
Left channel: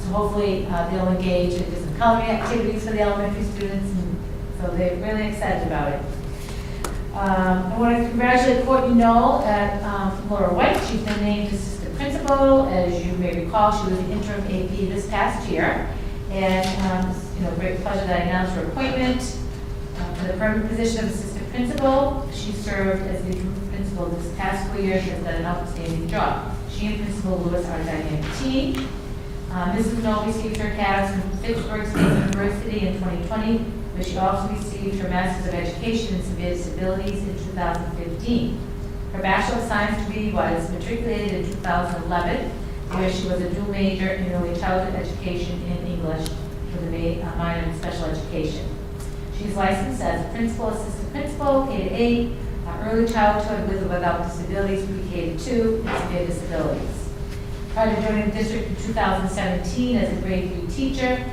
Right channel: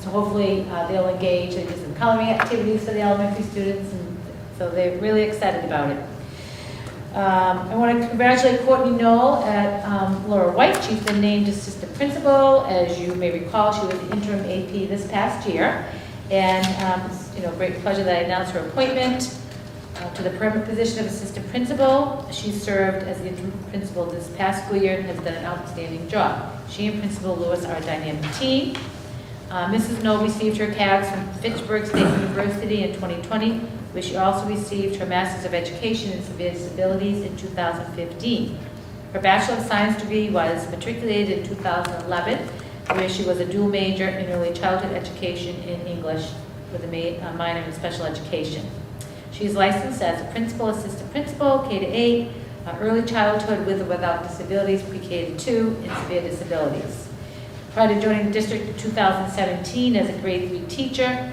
So hopefully they'll engage in some coloring activities for the elementary students, and so they're really excited about it. I want to congratulate Courtney Knoll at Laura White. She's been named assistant principal. As you may recall, she was the interim AP this past year. And it's great pleasure that I announced her appointment to the permanent position of assistant principal. She served as the interim principal this past school year and has done an outstanding job. She and Principal Lewis are a dynamic team. Mrs. Knoll received her CAS from Fitchburg State University in 2020, where she also received her Master's of Education in Severe Disabilities in 2015. Her Bachelor of Science degree was matriculated in 2011, where she was a dual major in early childhood education and English with a minor in special education. She is licensed as a principal, assistant principal, K to 8, early childhood with or without disabilities, pre-K to 2, and severe disabilities. Prior to joining the district in 2017 as a grade 3 teacher,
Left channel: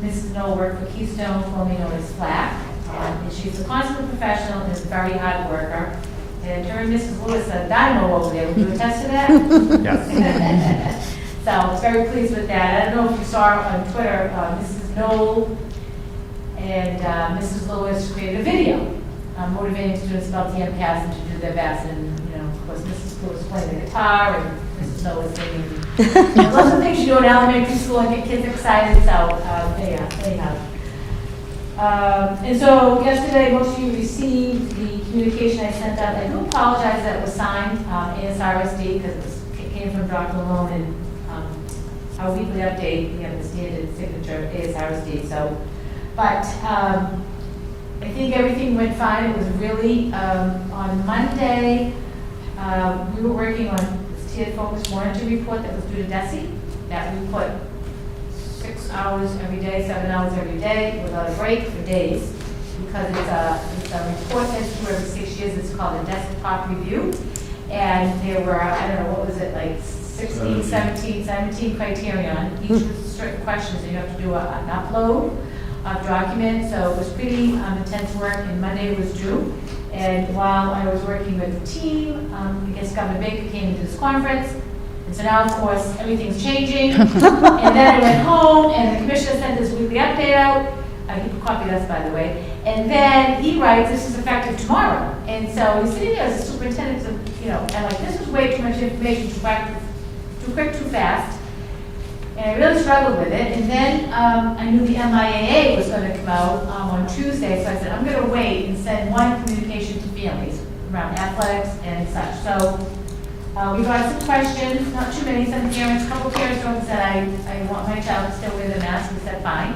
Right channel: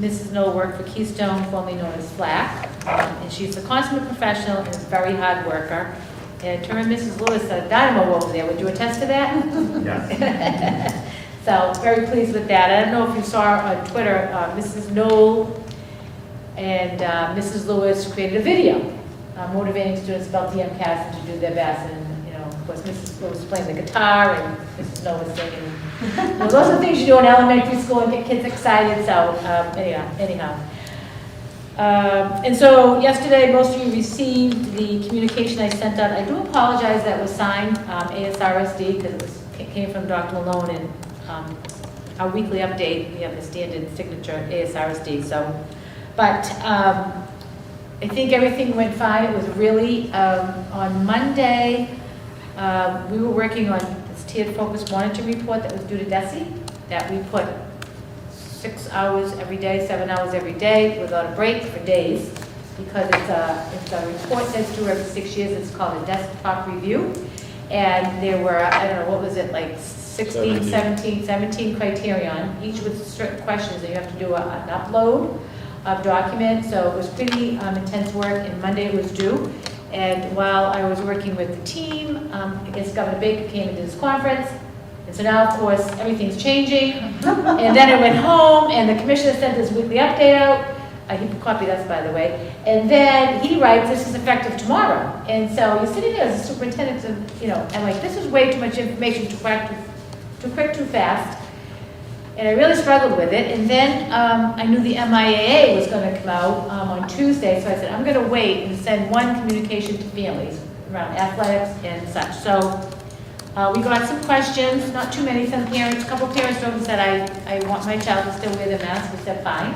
Mrs. Knoll worked for Keystone, formerly known as FLAC, and she's a consummate professional and a very hard worker. And her and Mrs. Lewis said, dynamo over there. Would you attest to that? Yes. So very pleased with that. I don't know if you saw on Twitter, Mrs. Knoll and Mrs. Lewis created a video motivating students about the MCAS and to do their best. And of course, Mrs. Lewis playing the guitar and Mrs. Knoll was singing. Those are the things you do in elementary school and get kids excited. So anyhow. And so yesterday, most of you received the communication I sent out. I do apologize that it was signed ASRSD because it came from Dr. Malone and our weekly update, the standard signature ASRSD. So, but I think everything went fine. It was really, on Monday, we were working on this tiered focus monitor report that was due to DESE, that we put 6 hours every day, 7 hours every day, without a break for days, because it's a report that's due every 6 years. It's called a desktop review. And there were, I don't know, what was it, like 17 criterion, each with certain questions, and you have to do an upload of documents. So it was pretty intense work, and Monday was due. And while I was working with the team, I guess Governor Baker came into this conference. And so now, of course, everything's changing. And then I went home, and the commissioner sent this weekly update out. He copied us, by the way. And then he writes, this is effective tomorrow. And so he's sitting there as a superintendent, and like, this is way too much information, too quick, too fast. And I really struggled with it. And then I knew the MIAA was going to come out on Tuesday, so I said, I'm going to wait and send one communication to families around athletics and such. So We got some questions, not too many, some parents, a couple parents wrote and said, I want my child to still wear their mask. We said, fine.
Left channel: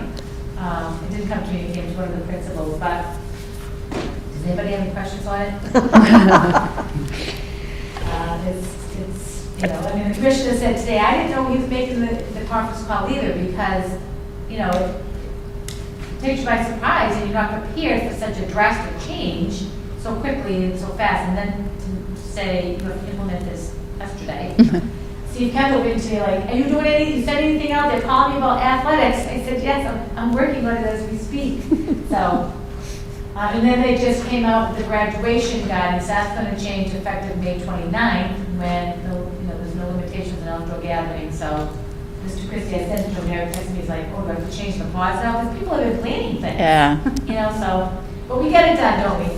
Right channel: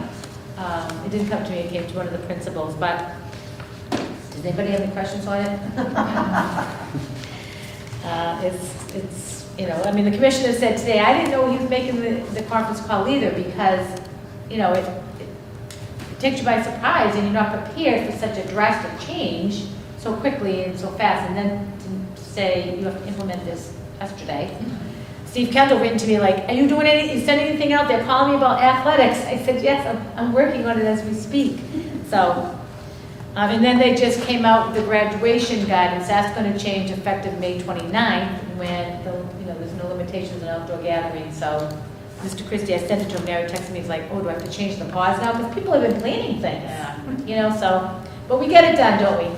It didn't come to me, it came to one of the principals, but does anybody have any questions on it? It's, you know, I mean, the commissioner said today, I didn't know he was making the conference call either, because, you know, it takes you by surprise and you're not prepared for such a drastic change so quickly and so fast, and then to say you have to implement this yesterday. Steve Kendall written to me like, are you doing anything, you said anything out there, calling me about athletics? I said, yes, I'm working on it as we speak. So, and then they just came out with the graduation guidance. That's going to change effective May 29th when there's no limitations on outdoor gathering. So, Mr. Christie, I sent it to him. Mary texted me. He's like, oh, do I have to change the pause now? Because people have been planning things. Yeah. You know, so, but we get it done, don't we?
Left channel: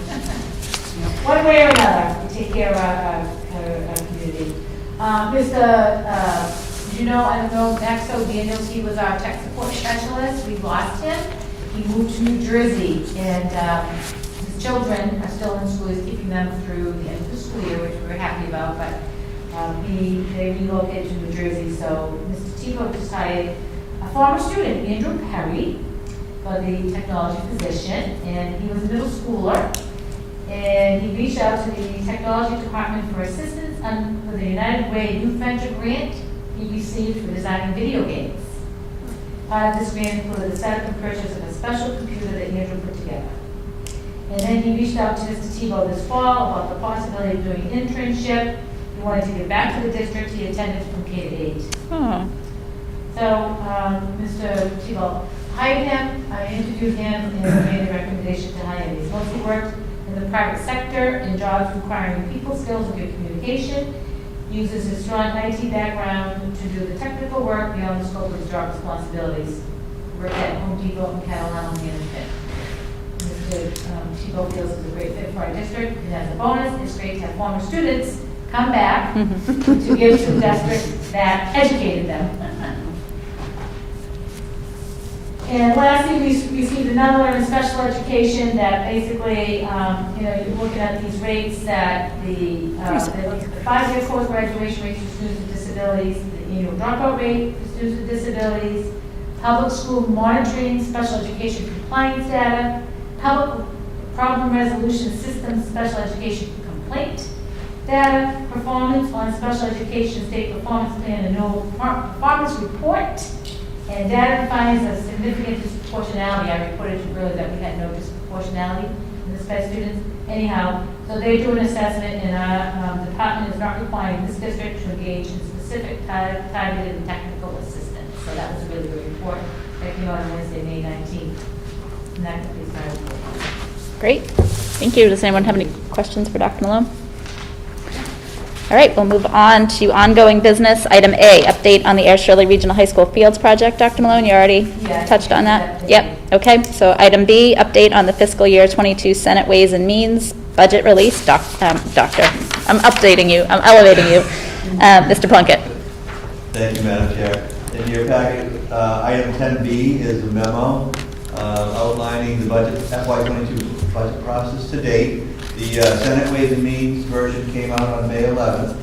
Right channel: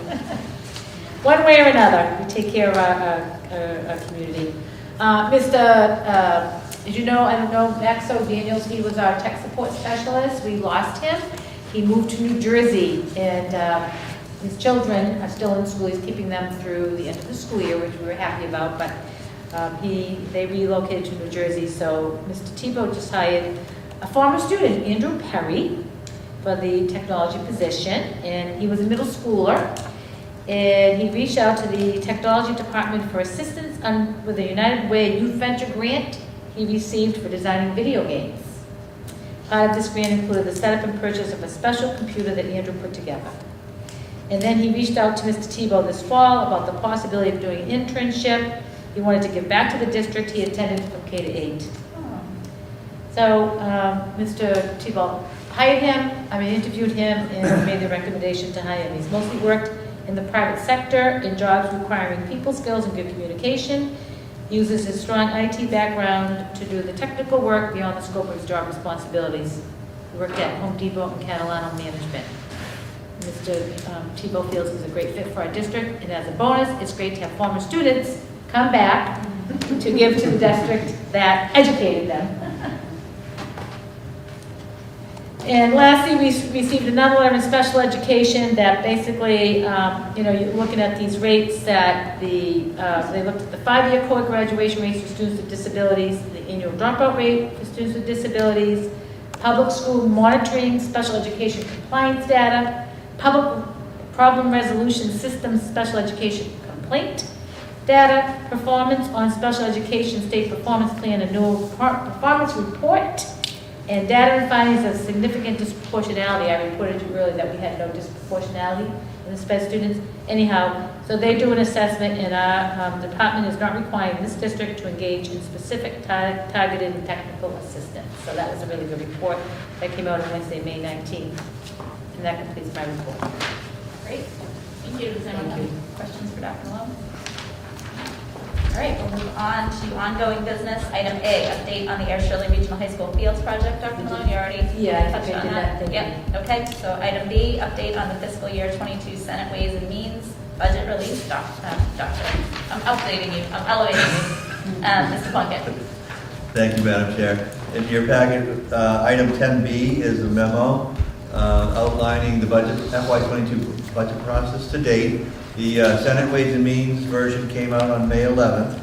One way or another, we take care of our community. Did you know? I don't know. Maxo Daniels. He was our tech support specialist. We lost him. He moved to New Jersey, and his children are still in school. He's keeping them through the end of the school year, which we're happy about, but they relocated to New Jersey. So Mr. Tebow just hired a former student, Andrew Perry, for the technology position, and he was a middle schooler, and he reached out to the technology department for assistance with a United Way Youth Venture grant he received for designing video games. Part of this grant included the setup and purchase of a special computer that Andrew put together. And then he reached out to Mr. Tebow this fall about the possibility of doing an internship. He wanted to give back to the district. He attended from K to 8. So Mr. Tebow hired him, interviewed him, and made the recommendation to hire him. He's mostly worked in the private sector in jobs requiring people skills and good communication. Uses his strong IT background to do the technical work beyond the scope of his job responsibilities. He worked at Home Depot and Catalano Management. Mr. Tebow feels he's a great fit for our district, and as a bonus, it's great to have former students come back to give to the district that educated them. And lastly, we received another letter in special education that basically, you're looking at these rates that they looked at the 5-year core graduation rates for students with disabilities, the annual dropout rate for students with disabilities, public school monitoring, special education compliance data, public problem resolution system special education complaint data, performance on special education state performance plan and no performance report, and data and findings of significant disproportionality. I reported to you earlier that we had no disproportionality in the SPED students. Anyhow, so they do an assessment, and our department is not requiring this district to engage in specific targeted and technical assistance. So that was a really good report that came out on Wednesday, May 19th. And that completes my report. Great. Thank you. Does anyone have any questions for Dr. Malone? All right, we'll move on to ongoing business. Item A, update on the Air Shirley Regional High School Fields Project. Dr. Malone, you already touched on that? Yep. Okay, so item B, update on the fiscal year 22 Senate Ways and Means budget release. Doctor, I'm updating you. I'm elevating you. Mr. Plunkett. Thank you, Madam Chair. In your packet, item 10B is a memo outlining the budget FY22 budget process to date. The Senate Ways and Means version came out on May 11th,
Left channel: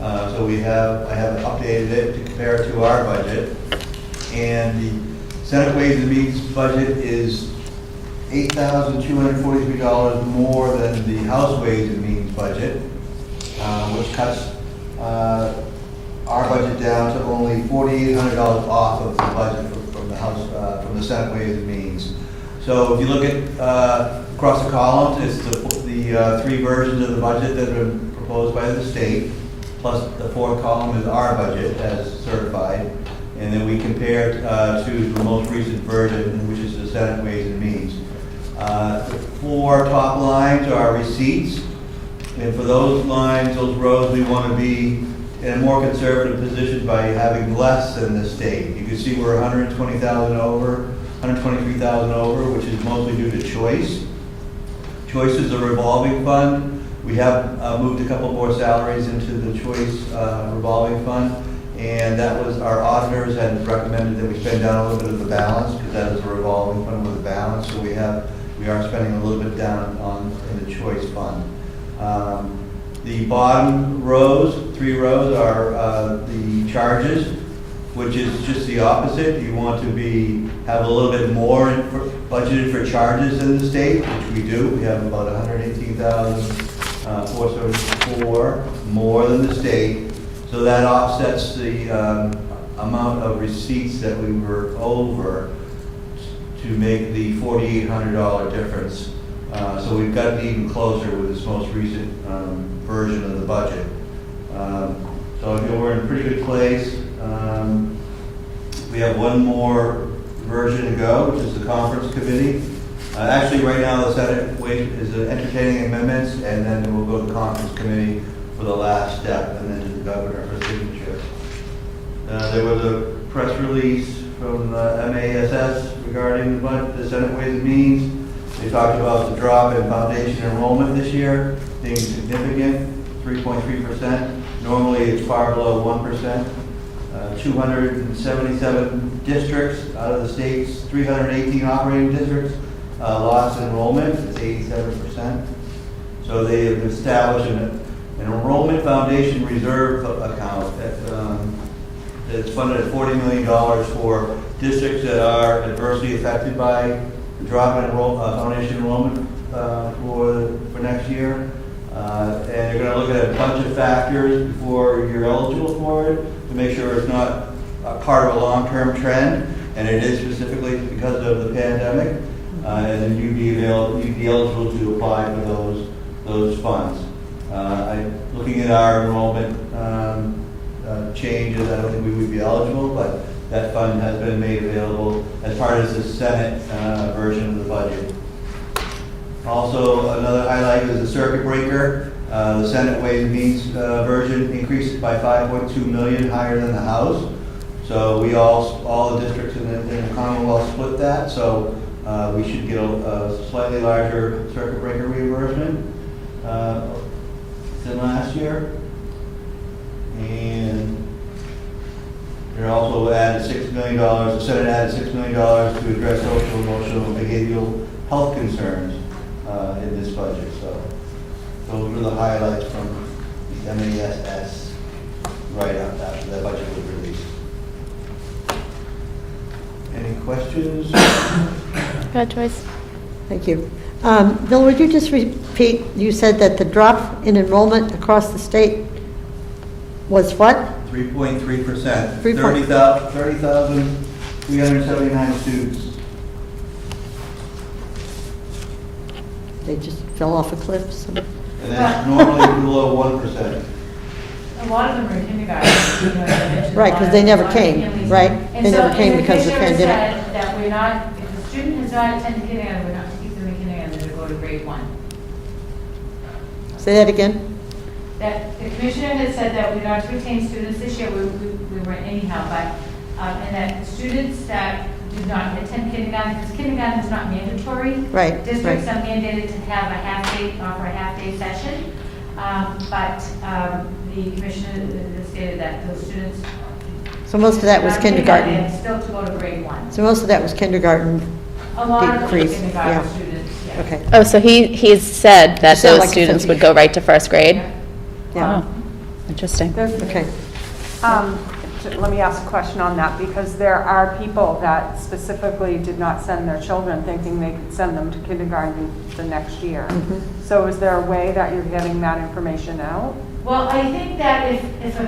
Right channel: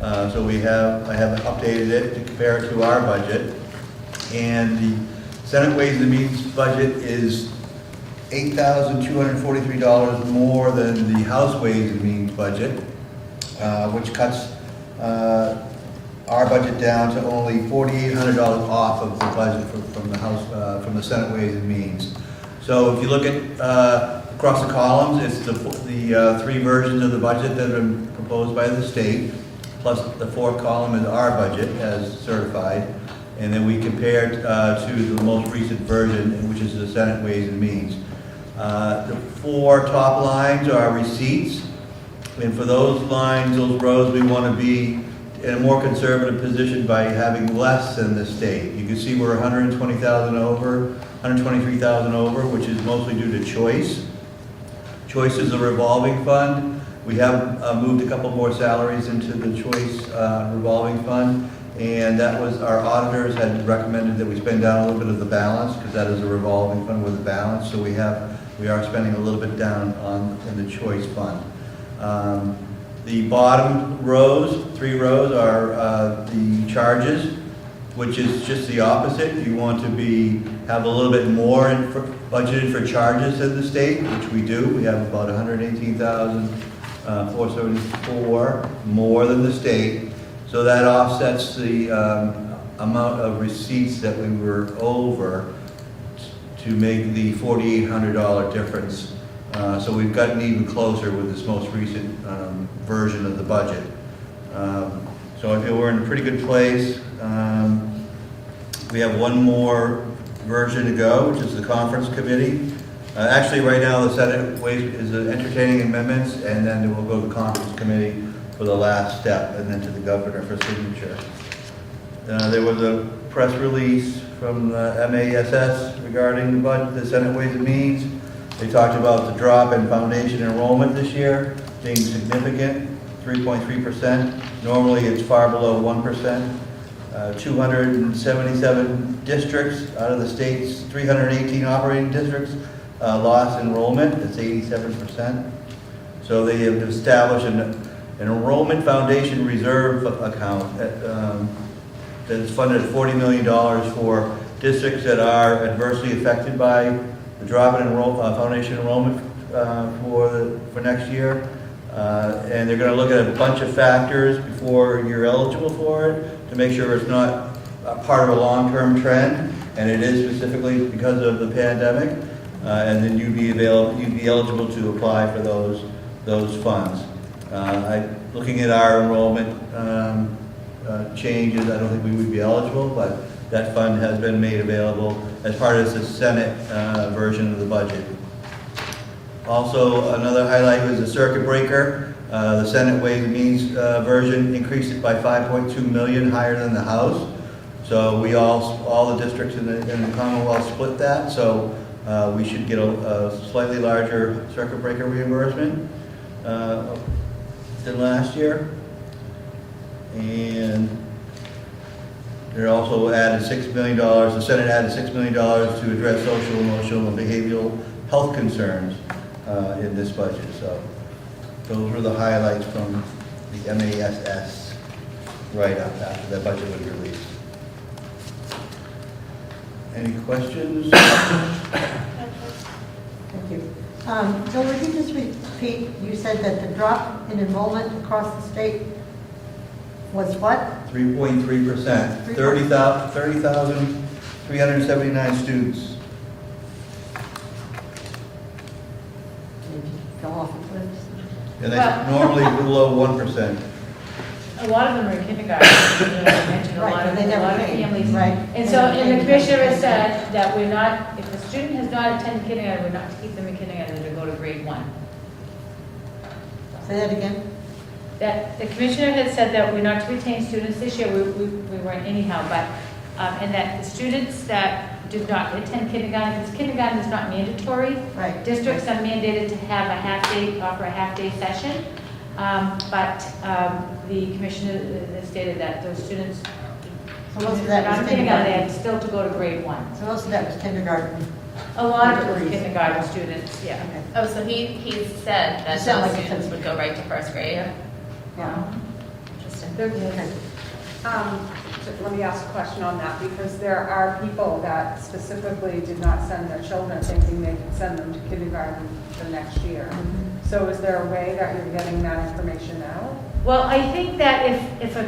so I have updated it to compare it to our budget. And the Senate Ways and Means budget is $8,243 more than the House Ways and Means budget, which cuts our budget down to only $4,800 off of the budget from the House, from the Senate Ways and Means. So if you look at across the columns, it's the 3 versions of the budget that have been proposed by the state, plus the 4th column is our budget as certified, and then we compare it to the most recent version, which is the Senate Ways and Means. The 4 top lines are receipts, and for those lines, those rows, we want to be in a more conservative position by having less than the state. You can see we're 120,000 over, 123,000 over, which is mostly due to choice. Choice is a revolving fund. We have moved a couple more salaries into the choice revolving fund, and that was, our auditors had recommended that we spend down a little bit of the balance, because that is a revolving fund with a balance, so we are spending a little bit down in the choice fund. The bottom rows, 3 rows, are the charges, which is just the opposite. You want to have a little bit more budgeted for charges than the state, which we do. We have about 118,474 more than the state. So that offsets the amount of receipts that we were over to make the $4,800 difference. So we've gotten even closer with this most recent version of the budget. So I feel we're in a pretty good place. We have one more version to go, which is the conference committee. Actually, right now, the Senate is entertaining amendments, and then we'll go to the conference committee for the last step, and then to the governor for signature. There was a press release from MASS regarding the Senate Ways and Means. They talked about the drop in foundation enrollment this year being significant, 3.3%. Normally, it's far below 1%. 277 districts out of the state's 318 operating districts lost enrollment. It's 87%. So they have established an enrollment foundation reserve account that's funded at $40 million for districts that are adversely affected by the drop in foundation enrollment for next year. And they're going to look at a bunch of factors before you're eligible for it to make sure it's not part of a long-term trend, and it is specifically because of the pandemic. And then you'd be eligible to apply for those funds. Looking at our enrollment changes, I don't think we would be eligible, but that fund has been made available as part of the Senate version of the budget. Also, another highlight was the circuit breaker. The Senate Ways and Means version increased it by $5.2 million higher than the House. So we all the districts in the Commonwealth split that. So we should get a slightly larger circuit breaker reimbursement than last year. And they're also added $6 million. The Senate added $6 million to address social, emotional, and behavioral health concerns in this budget. So those were the highlights from the MASS right after the budget was released. Any questions? Go ahead, Joyce. Thank you. Bill, would you just repeat, you said that the drop in enrollment across the state was what? 3.3%. 30,379 students. They just fell off a cliff? So. And that's normally below 1%. A lot of them are in kindergarten. Right, because they never came, right? And They so, never came and the because of the commissioner pandemic. said that we're not, if a student has not attended kindergarten, we're not to keep them in kindergarten, they're to go to grade 1. Say that again? That the commissioner has said that we're not to retain students this year, we weren't anyhow, but, and that the students that did not attend kindergarten, because kindergarten is not mandatory. Right, Districts right. are mandated to have a half-day, offer a half-day session. But the commissioner has stated that those students. So most of that was not kindergarten. And still to go to grade 1. So most of that was kindergarten. A lot of them are Decrease, kindergarten yeah. students, yeah. Okay. Oh, so he's said that Sound those like a students fifty. would go right to first grade? Yeah. Oh, interesting. Okay. Let me ask a question on that, because there are people that specifically did not send their children thinking they could send them to kindergarten the next year. Mhm. So is there a way that you're getting that information out? Well, I think that if a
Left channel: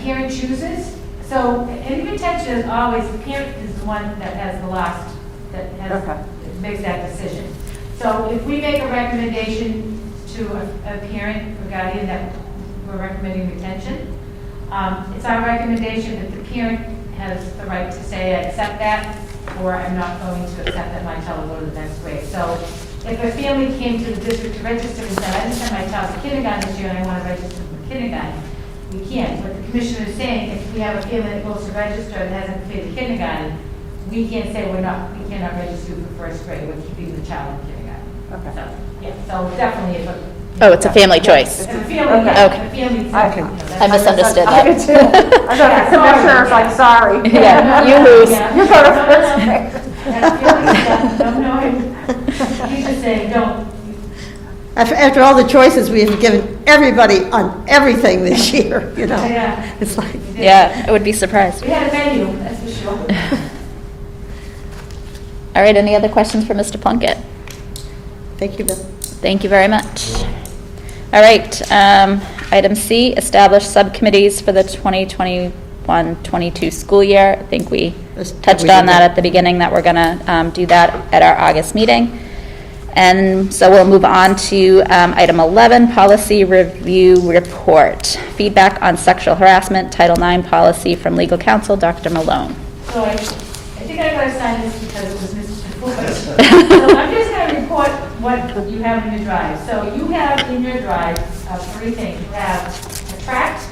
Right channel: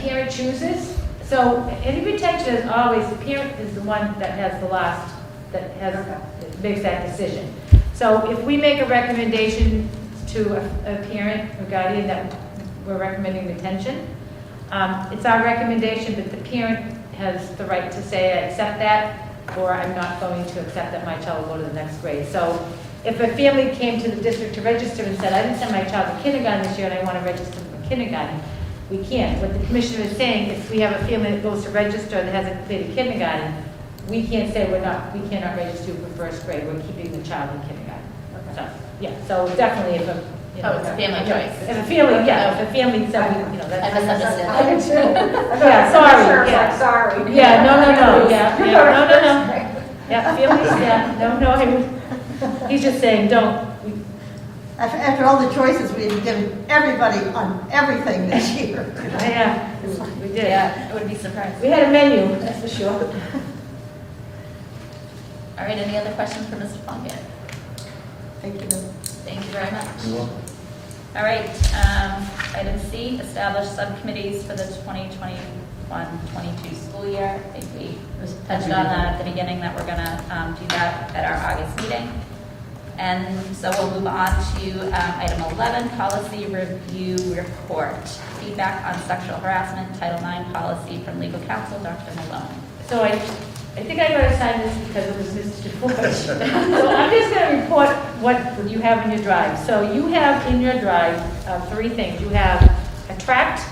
parent chooses, so any retention is always, the parent is the one that has the last, that has, Okay. that makes that decision. So if we make a recommendation to a parent or guardian that we're recommending retention, it's our recommendation that the parent has the right to say, I accept that, or I'm not going to accept that my child will go to the next grade. So if a family came to the district to register and said, I just sent my child to kindergarten this year and I want to register for kindergarten, we can't. What the commissioner is saying, if we have a family that goes to register that hasn't completed kindergarten, we can't say we cannot register for first grade, we're keeping the child in kindergarten. Okay. So, yeah, so definitely if a. Oh, it's a family choice. It's a family, Okay. yeah, the family. I misunderstood I that. did too. I thought the commissioner was like, sorry. Yeah, no, You no, lose. yeah, You yeah, go to no, no, first no. grade. Yeah, feelings, yeah, no, he's just saying, don't. after all the choices we've given everybody on everything this year, you know? Yeah. It's like, We did. Yeah, I would be surprised. We had a menu, that's for sure. All right, any other questions for Mr. Plunkett? thank you, Bill. Thank you very much. All right, item C, establish subcommittees for the 2021-22 school year. I think we touched on that at the beginning, that we're gonna do that at our August meeting. And so we'll move on to item 11, policy review report. Feedback on sexual harassment, Title IX policy from legal counsel, Dr. Malone. So I think I gotta sign this because it was Mrs. Bush. So I'm just gonna report what you have in your drive. So you have in your drive three things. You have a tract.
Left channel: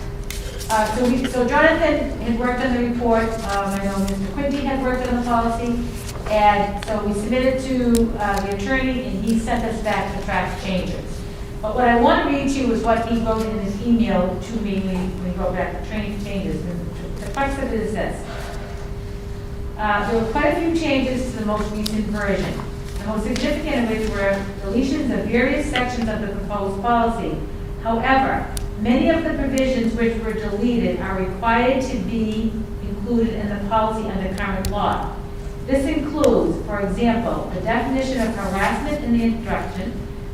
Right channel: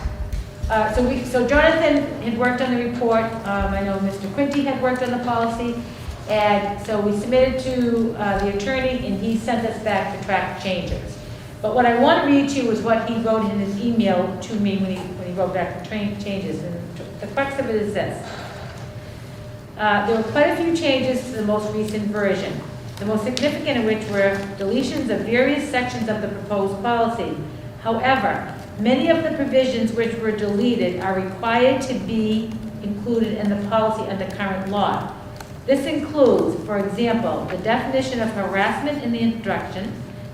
So Jonathan had worked on the report. I know Mr. Quinty had worked on the policy. And so we submitted to the attorney, and he sent us back the tract changes. But what I want to read to you is what he wrote in his email to me when he wrote back the changes. The crux of it is this. There were quite a few changes to the most recent version, the most significant of which were deletions of various sections of the proposed policy. However, many of the provisions which were deleted are required to be included in the policy under current law. This includes, for example, the definition of harassment in the introduction,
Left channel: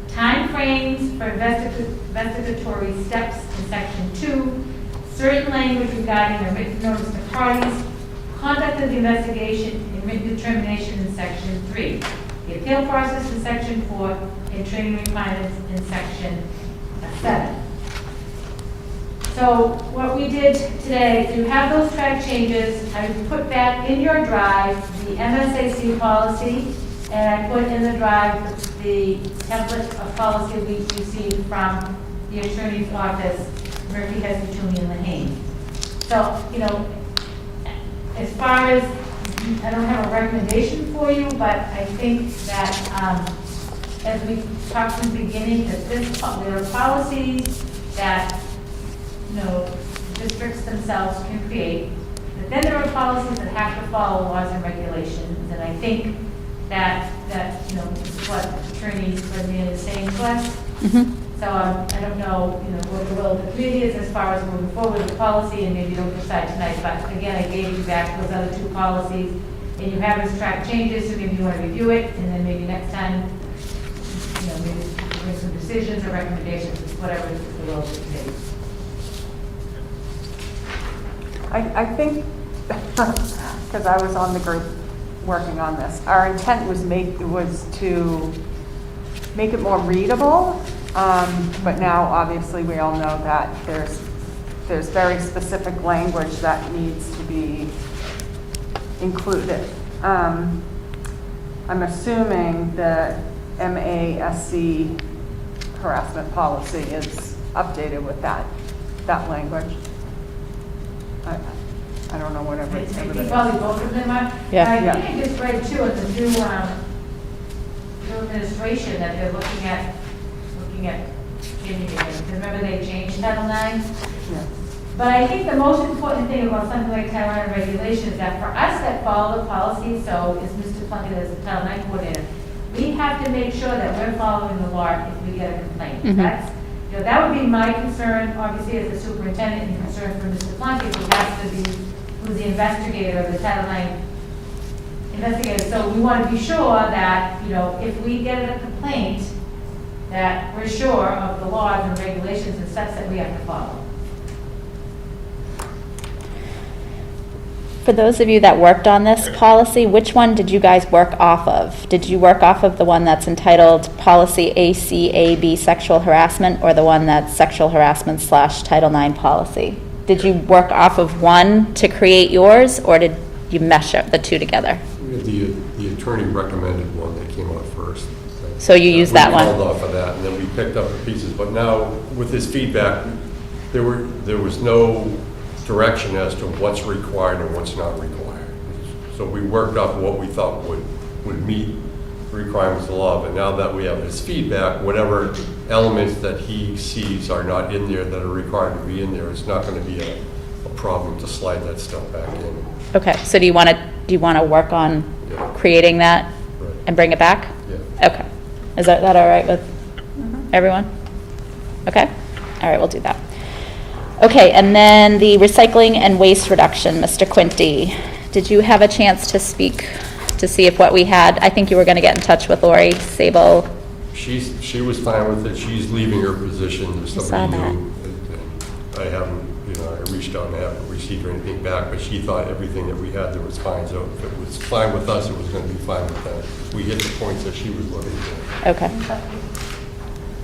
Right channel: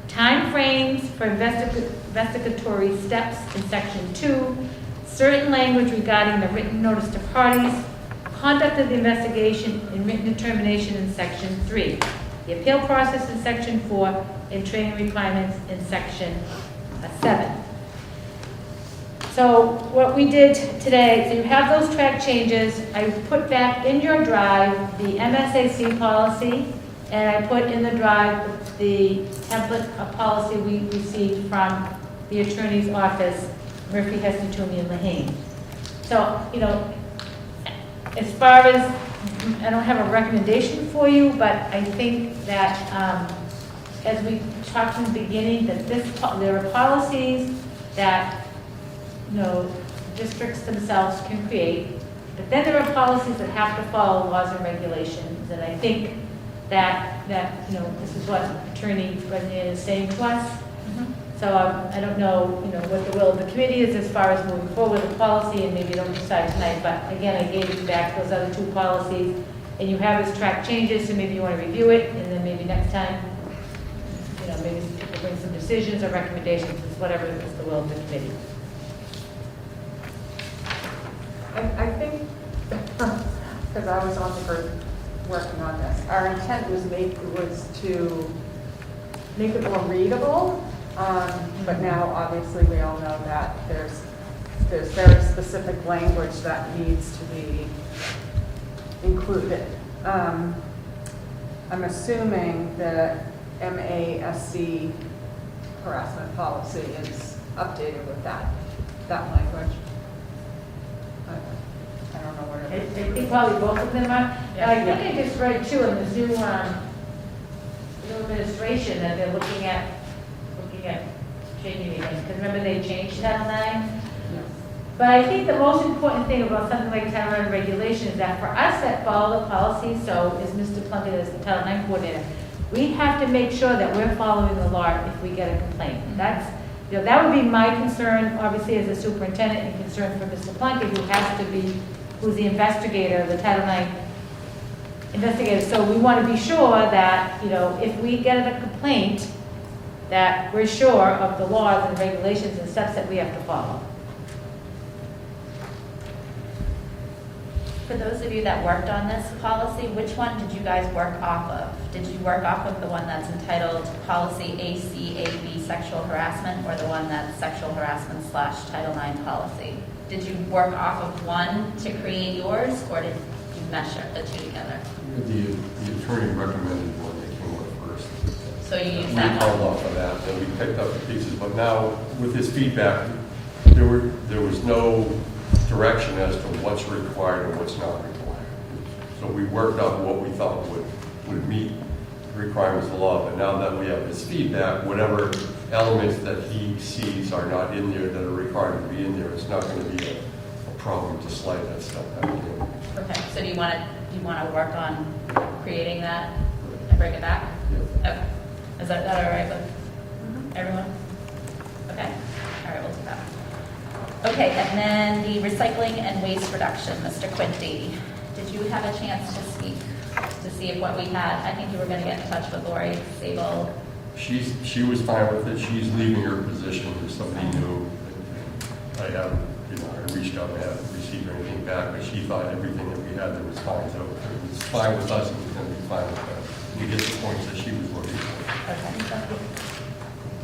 time frames for investigatory steps in Section 2, certain language regarding the written notice to parties, conduct of the investigation and written determination in Section 3, the appeal process in Section 4, and training requirements in Section 7. So what we did today is you have those track changes. I put back in your drive the MSAC policy, and I put in the drive the template of policy we received from the attorney's office, Murphy, Hester, Toomey, and Lehane. So, you know, as far as, I don't have a recommendation for you, but I think that as we talked in the beginning, that there are policies that, you know, districts themselves can create, but then there are policies that have to follow laws and regulations, and I think that you know, this is what Attorney Lesnian is saying to us. Mm-hmm. So I don't know, you know, what the will of the committee is as far as moving forward with the policy, and maybe you don't decide tonight, but again, I gave you back those other two policies, and you have his track changes, so maybe you want to review it, and then maybe next time, you know, maybe bring some decisions or recommendations, whatever is the will of the committee. I think, because I was on the group working on this, our intent was to make it more readable, but now obviously we all know that there's very specific language that needs to be included. I'm assuming the MASC harassment policy is updated with that language. I don't know whatever. I think probably both of them are. Yeah. I think I just read too, in the new administration, that they're looking at changing it. Because remember they changed Title IX? But I think the most important thing about something like Title IX regulation is that for us that follow the policy, so as Mr. Plunkett is the Title IX coordinator, we have to make sure that we're following the law if we get a complaint. Mhm. That's, you know, that would be my concern, obviously, as a superintendent, and concern for Mr. Plunkett, who has to be, who's the investigator, the Title IX investigator. So we want to be sure that, you know, if we get a complaint, that we're sure of the laws and regulations and steps that we have to follow. For those of you that worked on this policy, which one did you guys work off of? Did you work off of the one that's entitled Policy ACAB Sexual Harassment, or the one that's Sexual Harassment / Title IX Policy? Did you work off of one to create yours, or did you mesh up the two together? The attorney recommended one that came out first. So you used that one? We held off of that, and then we picked up the pieces. But now, with this feedback, there was no direction as to what's required and what's not required. So we worked out what we thought would meet the requirements of the law. But now that we have his feedback, whatever elements that he sees are not in there that are required to be in there, it's not going to be a problem to slide that stuff back in. Okay, so do you want to work on creating that and bring it back? Yeah. Okay. Is that all right with? everyone? Okay, all right, we'll do that. Okay, and then the recycling and waste reduction, Mr. Quinty. Did you have a chance to speak to see if what we had, I think you were going to get in touch with Lori Sable. She was fine with it. She's leaving her position. saw Somebody that. new. And I haven't, I reached out and haven't received anything back, but she thought everything that we had there was fine. So if it was fine with us, it was going to be fine with them. We hit the points that she was looking for. Okay.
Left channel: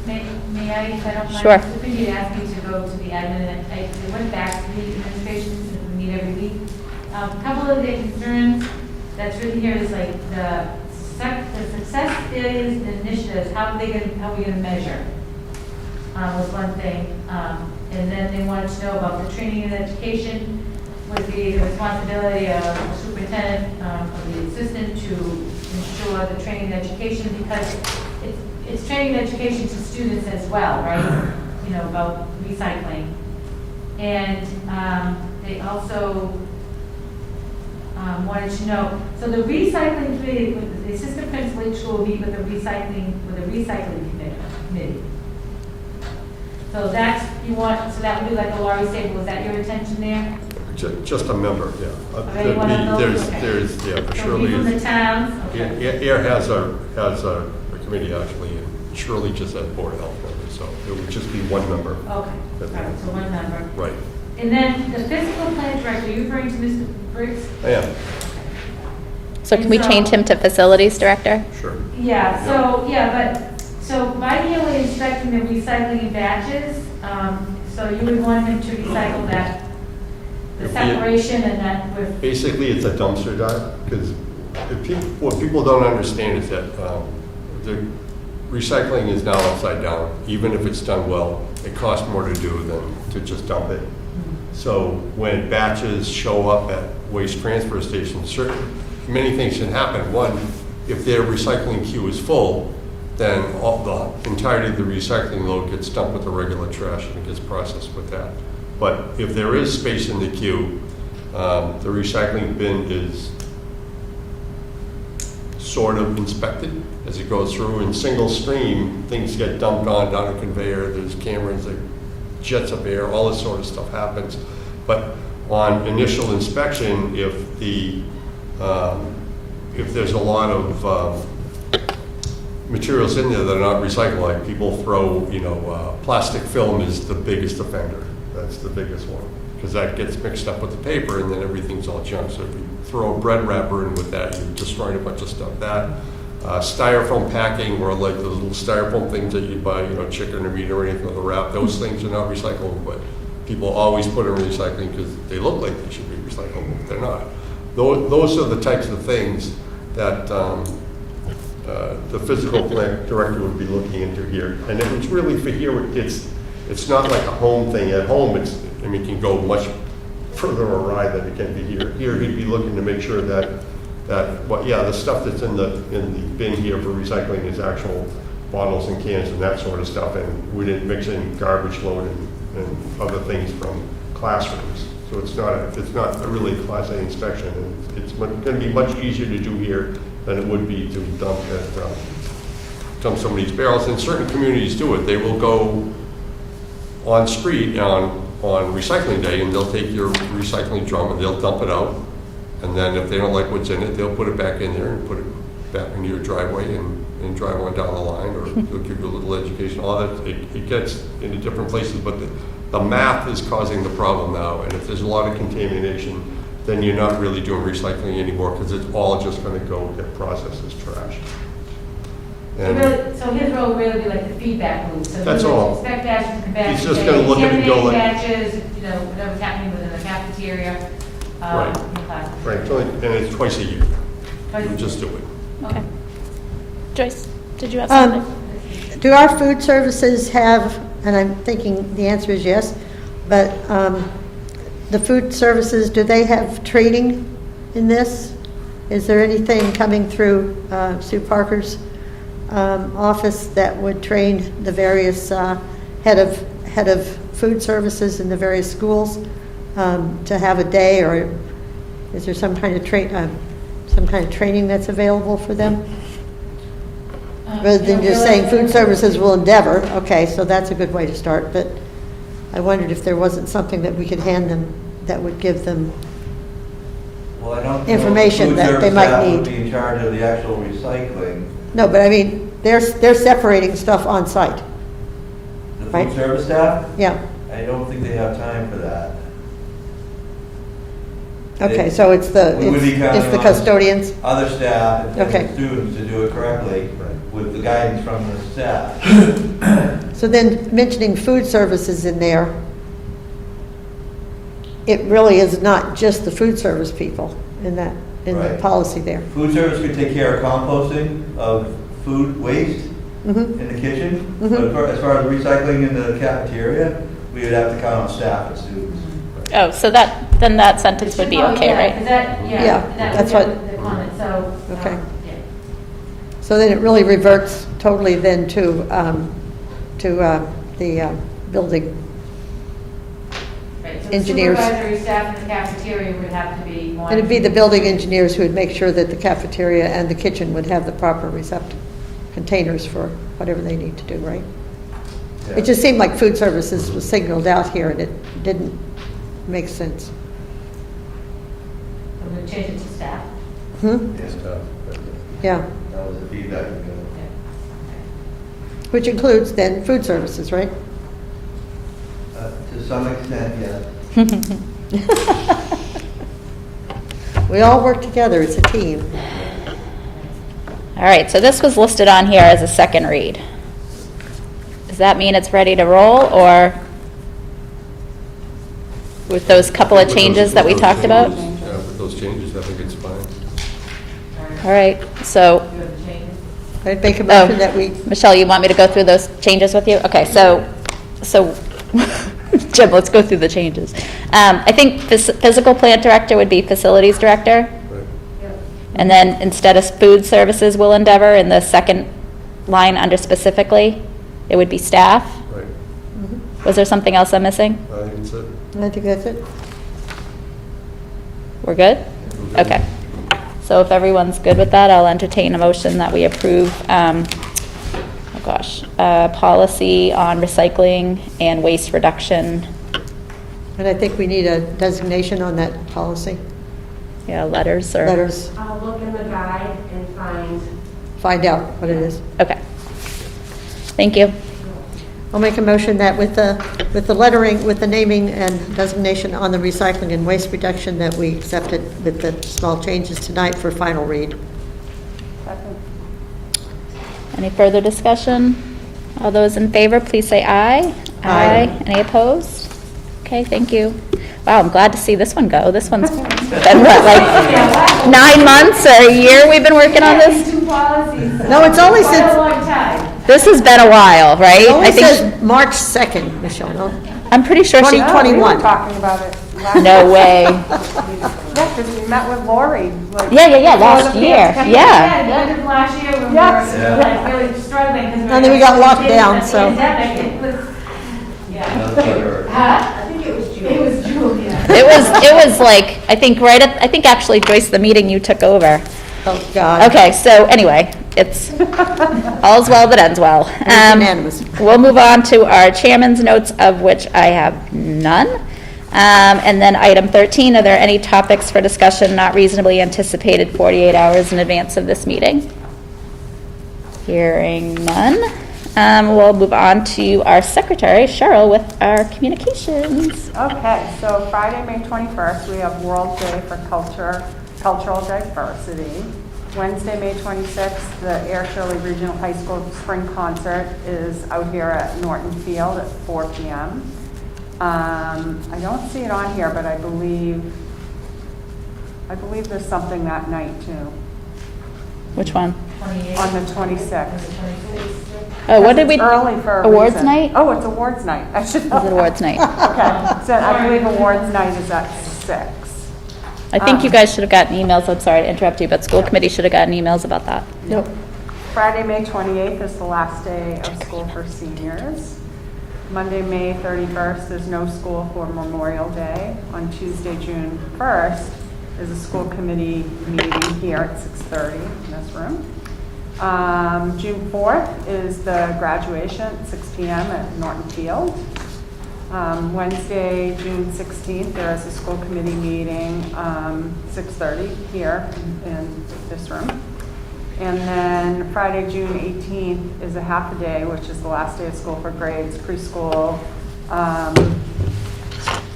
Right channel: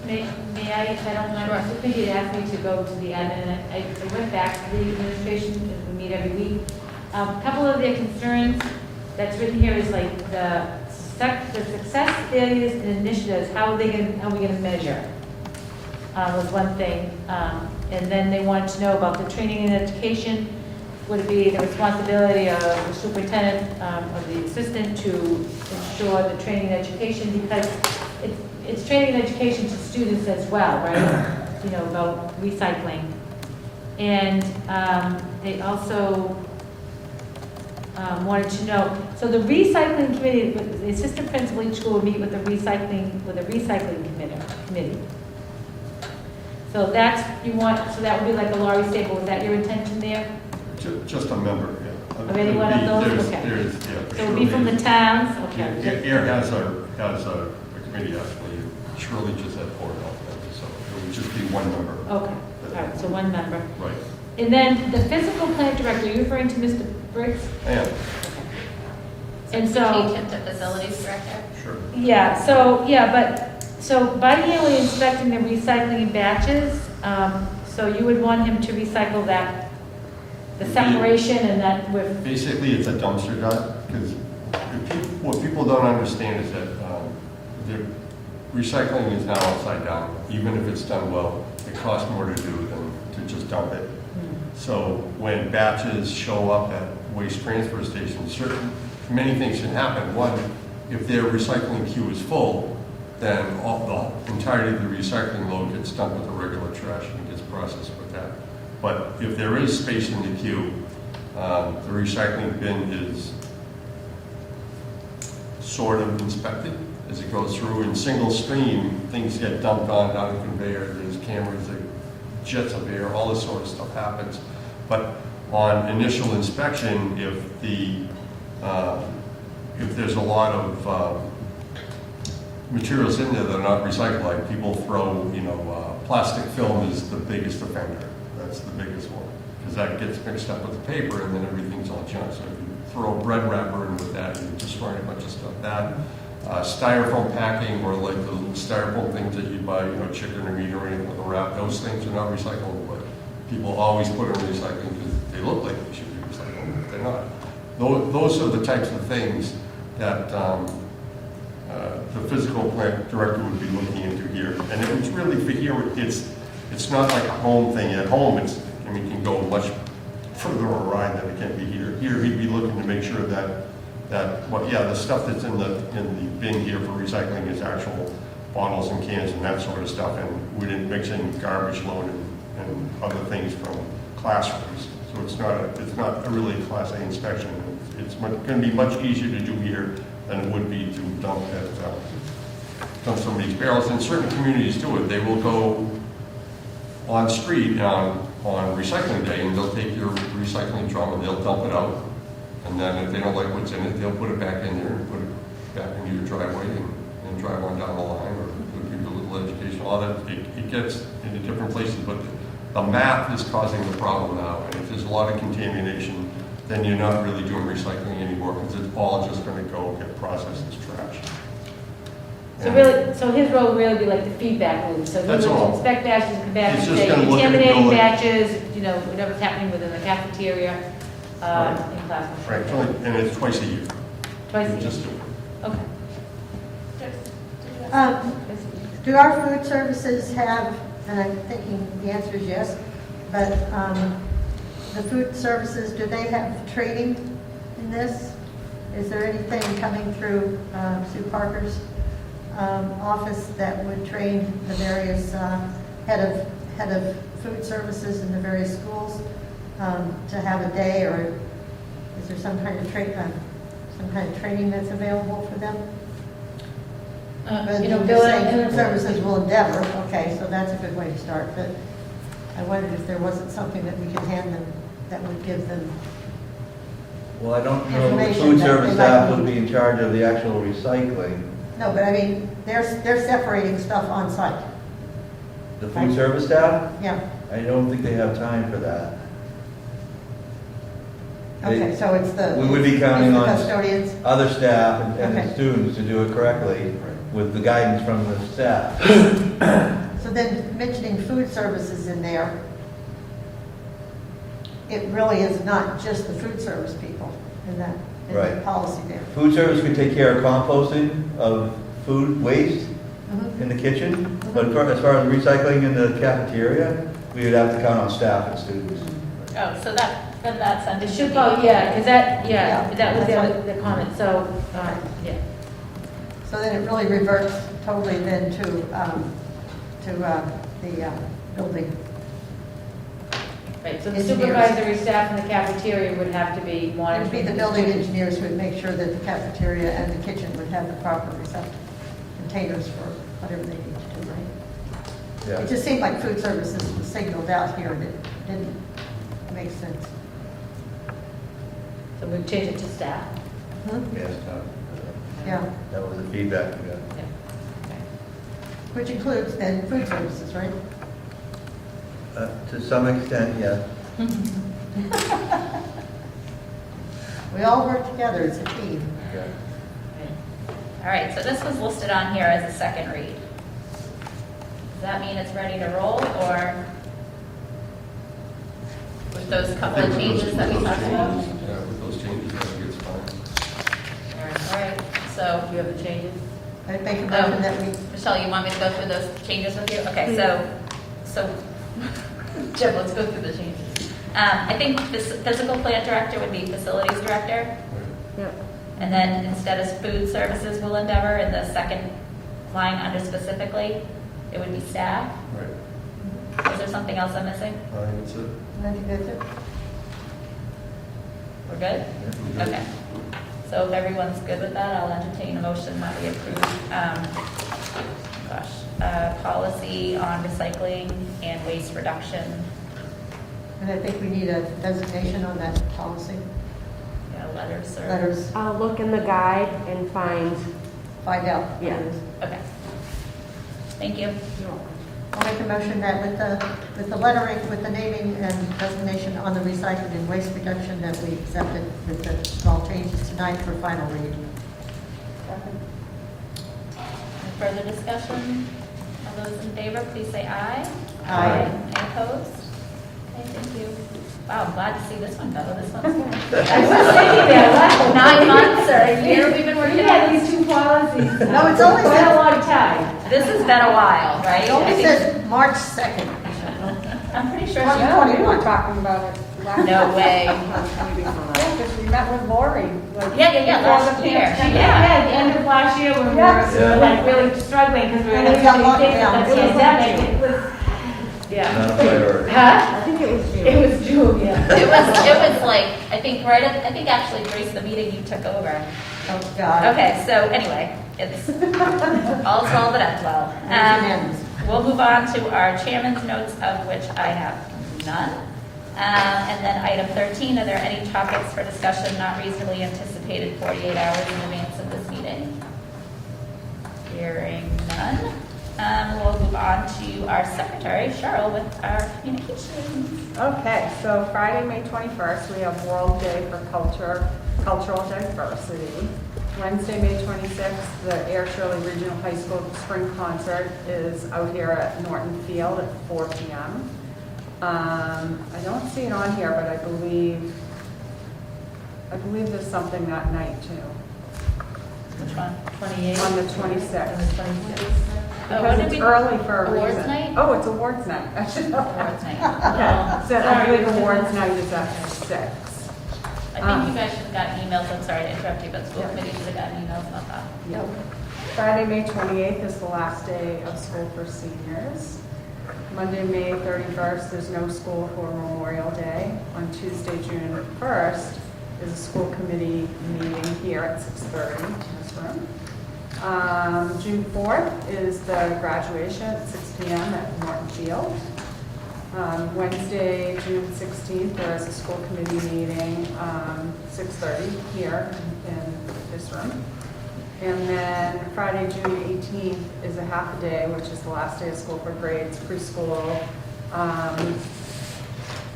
May I, if I don't mind? Sure. The committee had asked me to go to the admin, and I went back to the administration, since we meet every week. A couple of their concerns that's written here is like the success, failures, and initiatives, how are we gonna measure? Was one thing. And then they wanted to know about the training and education, would be the responsibility of the superintendent, of the assistant to ensure the training and education, because it's training and education to students as well, right? You know, about recycling. And they also wanted to know, so the recycling committee, the assistant principal each school will meet with the recycling committee. So that's, so that would be like a Laurie Staple, is that your intention there? Just a member, yeah. Of any one of those? Okay. There's, yeah, So it'll be from the towns? Okay. Air has a committee actually, and Shirley just had board health members, so it would just be one member. Okay, all right, so one member. Right. And then the physical plant director, are you referring to Mr. Briggs? I am, So can we And so- change him to facilities director? sure. Yeah, so biennially inspecting the recycling in batches, so you would want him to recycle that, the separation and that with, Basically, it's a dumpster dive, because what people don't understand is that the recycling is now upside down. Even if it's done well, it costs more to do than to just dump it. So when batches show up at waste transfer stations, many things can happen. One, if their recycling queue is full, then all the entirety of the recycling load gets dumped with the regular trash and gets processed with that. But if there is space in the queue, the recycling bin is sort of inspected as it goes through. In single stream, things get dumped on down a conveyor, there's cameras that jets up air, all this sort of stuff happens. But on initial inspection, if there's a lot of materials in there that are not recycled, like people throw, plastic film is the biggest offender. That's the biggest one, because that gets mixed up with the paper and then everything's all junk. So if you throw a bread wrapper in with that, you're destroying a bunch of stuff. That styrofoam packing, or like those little styrofoam things that you buy, chicken or meat or anything with a wrap, those things are not recyclable, but people always put in recycling because they look like they should be recyclable, but they're not. Those are the types of things that the physical plant director would be looking into here. And if it's really for here, it's not like a home thing. At home, it can go much further awry than it can be here. Here, he'd be looking to make sure that the stuff that's in the bin here for recycling is actual bottles and cans and that sort of stuff, and we didn't mix in garbage load and other things from classrooms. So it's not a really Class A inspection, and it's going to be much easier to do here than it would be to dump some of these barrels. And certain communities do it. They will go on street on recycling day, and they'll take your recycling drum and they'll dump it out. And then if they don't like what's in it, they'll put it back in there and put it back into your driveway and drive one down the line, or they'll give you a little education. All that, it gets into different places, but the math is causing the problem now. And if there's a lot of contamination, then you're not really doing recycling anymore, because it's all just going to go get processed as trash. So his role would really be like the feedback loop. So That's he would all. inspect batches and batches, He's just say gonna look at it and go contaminating like- batches, whatever's happening within the cafeteria. Right. in class. Right, and it's twice a year. Twice a You just do year. it. Okay. Joyce, did you have something? Do our food services have, and I'm thinking the answer is yes, but the food services, do they have training in this? Is there anything coming through Sue Parker's office that would train the various head of food services in the various schools to have a day, or is there some kind of training that's available for them? Rather than just saying food services will endeavor, okay, so that's a good way to start, but I wondered if there wasn't something that we could hand them that would give them, Well, I don't know if the Information food that they service might staff would need. be in charge of the actual recycling. no, but I mean, they're separating stuff on site, The Right. food service staff, yeah. I don't think they have time for that. Okay, so it's the, We would be it's counting the on custodians, other staff and Okay. students to do it correctly with the guidance from the staff. so then mentioning food services in there, it really is not just the food service people in that, in the Right. policy there. Food service could take care of composting of food waste Mhm. in the kitchen, Mhm. but as far as recycling in the cafeteria, we would have to count on staff and students. Oh, so then that sentence would be okay, Yeah, right? because that, Yeah, yeah, that was that's the comment, so, Okay. yeah. So then it really reverts totally then to the building. Right, so the Engineers. supervisory staff in the cafeteria would have to be And monitored. it'd be the building engineers who would make sure that the cafeteria and the kitchen would have the proper containers for whatever they need to do, right? Yeah. It just seemed like food services was signaled out here and it didn't make sense. So we change it to staff. Hmm? Yes, Yeah, that was the feedback we got. which includes then food services, right? To some extent, yes. We all work together as a team. All right, so this was listed on here as a second read. Does that mean it's ready to roll, or with those couple of changes that we talked about? Yeah, with those changes, I think it's fine. All right, so, Do you have the changes? I'd make a motion that we, Michelle, you want me to go through those changes with you? Okay, so, Jim, let's go through the changes. I think physical plant director would be facilities director. Right. And then instead of food services will endeavor, in the second line under specifically, it would be staff. Right. Was there something else I'm missing? I think it's a, I think that's it. We're good? Okay. So if everyone's good with that, I'll entertain a motion that we approve, policy on recycling and waste reduction. And I think we need a designation on that policy. Yeah, letters or? Letters, I'll look in the guide and find out what it is. Okay. Thank you. I'll make a motion that with the lettering, with the naming and designation on the recycling and waste reduction, that we accept it with the small changes tonight for final read. Any further discussion? All those in favor, please say aye. Aye. Any opposed? Okay, thank you. Wow, I'm glad to see this one go. This one's been what, like 9 months or a year we've been working on this? Two policies. No, it's only Quite since- a long time. This has been a while, right? It only I think says March 2nd, Michelle, no? I'm pretty sure she. 2021. We were talking about it last No way. Yeah, because we met with Lori. like, Yeah, last year. Yeah, Yeah. the end of last year, we were Yes. like really struggling because we were. And then we got locked kids, down, but so- the pandemic, it was, yeah. Not a priority. Huh? I think it was June. It was June, yeah. It was like, I think actually, Joyce, the meeting you took over. Oh, God. Okay, so anyway, it's all's well that ends well. It's unanimous. We'll move on to our chairman's notes, of which I have none. And then item 13, are there any topics for discussion not reasonably anticipated 48 hours in advance of this meeting? Hearing none. We'll move on to our secretary, Cheryl, with our communications. Okay, so Friday, May 21st, we have World Day for Cultural Diversity. Wednesday, May 26th, the Air Shirley Regional High School Spring Concert is out here at Norton Field at 4 p.m. I don't see it on here, but I believe there's something that night too, Which one? 28. on the 26th. Oh, what did we? It's early for a Awards reason. night? Oh, it's awards night. I should know. Is it awards night? Okay, so I believe awards night is at 6. I think you guys should have gotten emails, I'm sorry to interrupt you, but school committee should have gotten emails about that. Yep. Friday, May 28th is the last day of school for seniors. Monday, May 31st, there's no school for Memorial Day. On Tuesday, June 1st, there's a school committee meeting here at 6:30 in this room. June 4th is the graduation at 6 p.m. at Norton Field. Wednesday, June 16th, there is a school committee meeting, 6:30 here in this room. And then Friday, June 18th is a half a day, which is the last day of school for grades, preschool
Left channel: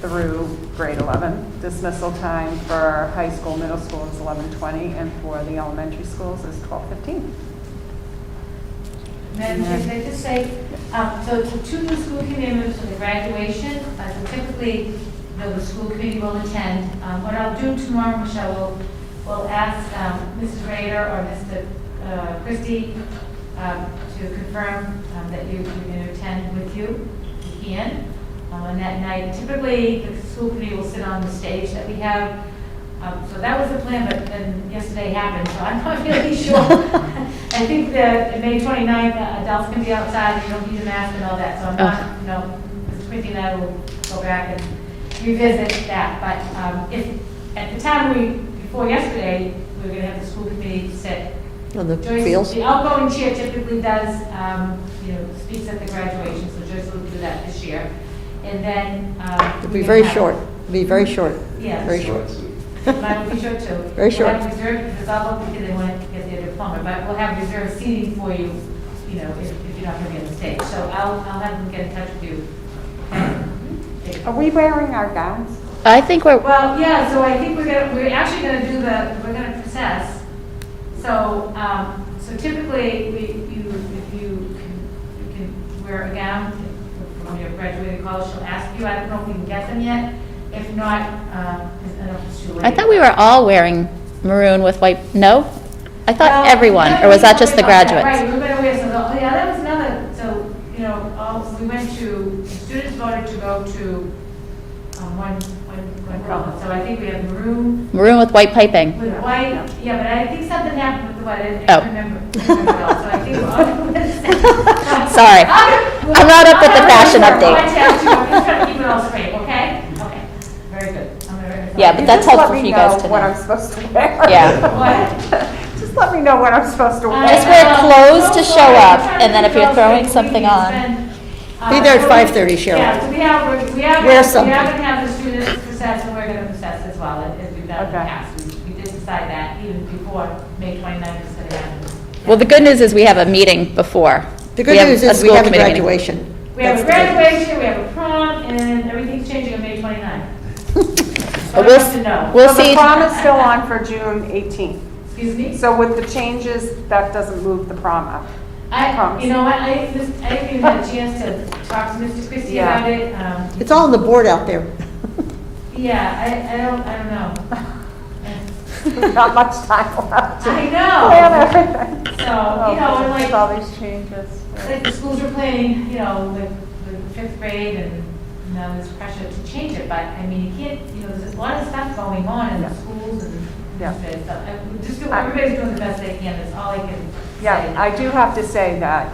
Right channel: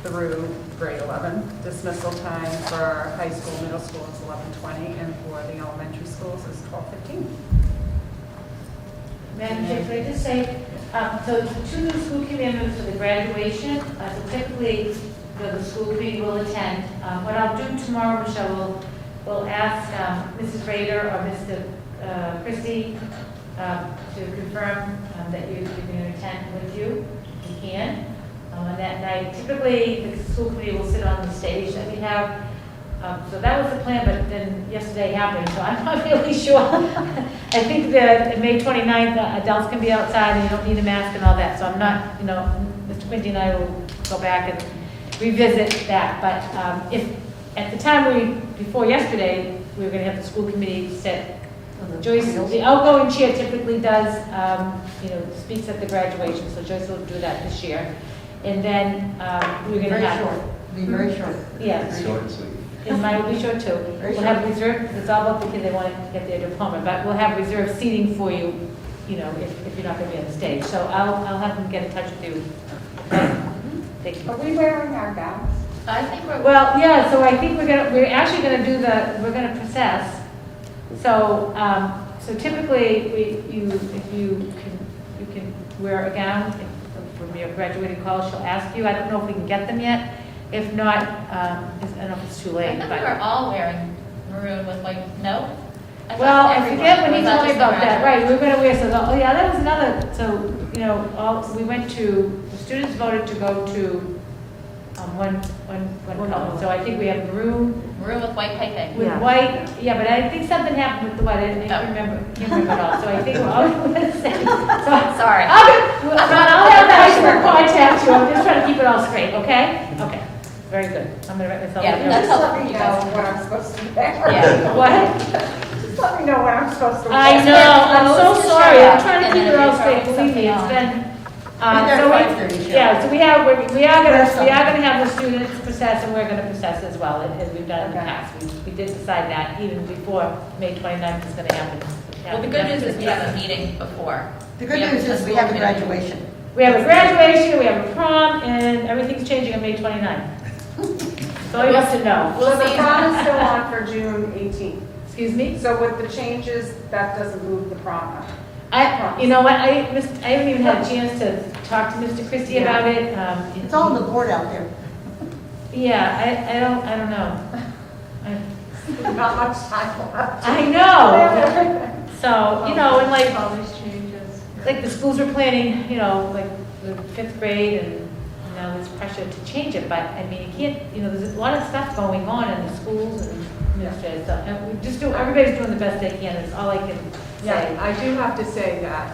through grade 11. Dismissal time for high school, middle school is 11:20, and for the elementary schools is 12:15. Madam Chair, can I just say, so two new school committee members for the graduation, so typically the school committee will attend. What I'll do tomorrow, Michelle, will ask Mrs. Rader or Mr. Christie to confirm that you can attend with you, if you can, on that night. Typically, the school committee will sit on the stage that we have. So that was the plan, but then yesterday happened, so I'm not really sure. I think that on May 29th, adults can be outside and you don't need a mask and all that, so I'm not, Mr. Quinty and I will go back and revisit that. But if, at the time before yesterday, we were gonna have the school committee sit. On the Joyce, fields. the outgoing chair typically does, speaks at the graduation, so Joyce will do that this year. And then, It'll be very short. It'll be very short. Yeah. Very short. And mine will be short too. Very short. We'll have reserved, it's all about because they want to get their diploma, but we'll have reserved seating for you, if you're not going to be on the stage. So I'll have them get in touch with you. Are we wearing our gowns? I think we're, Well, yeah, so I think we're actually gonna do we're gonna process. So, so typically, if you can wear a gown when you're graduating college, she'll ask you. I don't know if we can get them yet. If not, I don't know if it's too late. I thought we were all wearing maroon with white, no? I thought Well, everyone, yeah, or was we that talked just the about that. graduates? Right, we were gonna wear, so, yeah, that was another, so, we went to, students voted to go to, one, so I think we have maroon Maroon with white piping. with Yeah. white, yeah, but I think something happened with the white, I Oh. didn't remember it all, so I think we're all gonna say. Sorry. I'm not up with the fashion update. I'm just trying to keep it all straight, okay? Okay, very good. I'm gonna write this Yeah, all but down. that's Just let helpful me for you guys to what know. I'm supposed to wear. Yeah. What? Just let me know what I'm supposed to wear. Just I wear know, clothes I'm so to show sorry. up, I'm trying to and then keep if it you're all throwing straight. something It's on. been, Be there at so 5:30, Cheryl. Yeah, so we are Wear something. gonna have the students process, and we're gonna process as well, as we've done in the Okay. past. We did decide that even before May 29th is gonna happen. Well, the good news is we have a meeting before. The good news is we school have a committee meeting. graduation. We have a graduation, we have a prom, and everything's changing on May 29th. So But I we'll have to know. We'll So the see. prom is still on for June 18th. Excuse me? So with the changes, that doesn't move the prom up. You know what, I haven't even had a chance to talk to Mr. Christie Yeah. about it. It's all on the board out there. Yeah, I don't know. Not much time left. I Plan know. everything. So, and like, all these changes. like the schools are planning, like the 5th grade, and now there's pressure to change it, but I mean, you can't, there's a lot of stuff going on in the schools and Yeah. everybody's doing the best they can, that's all I can say. Yeah, I do have to say that,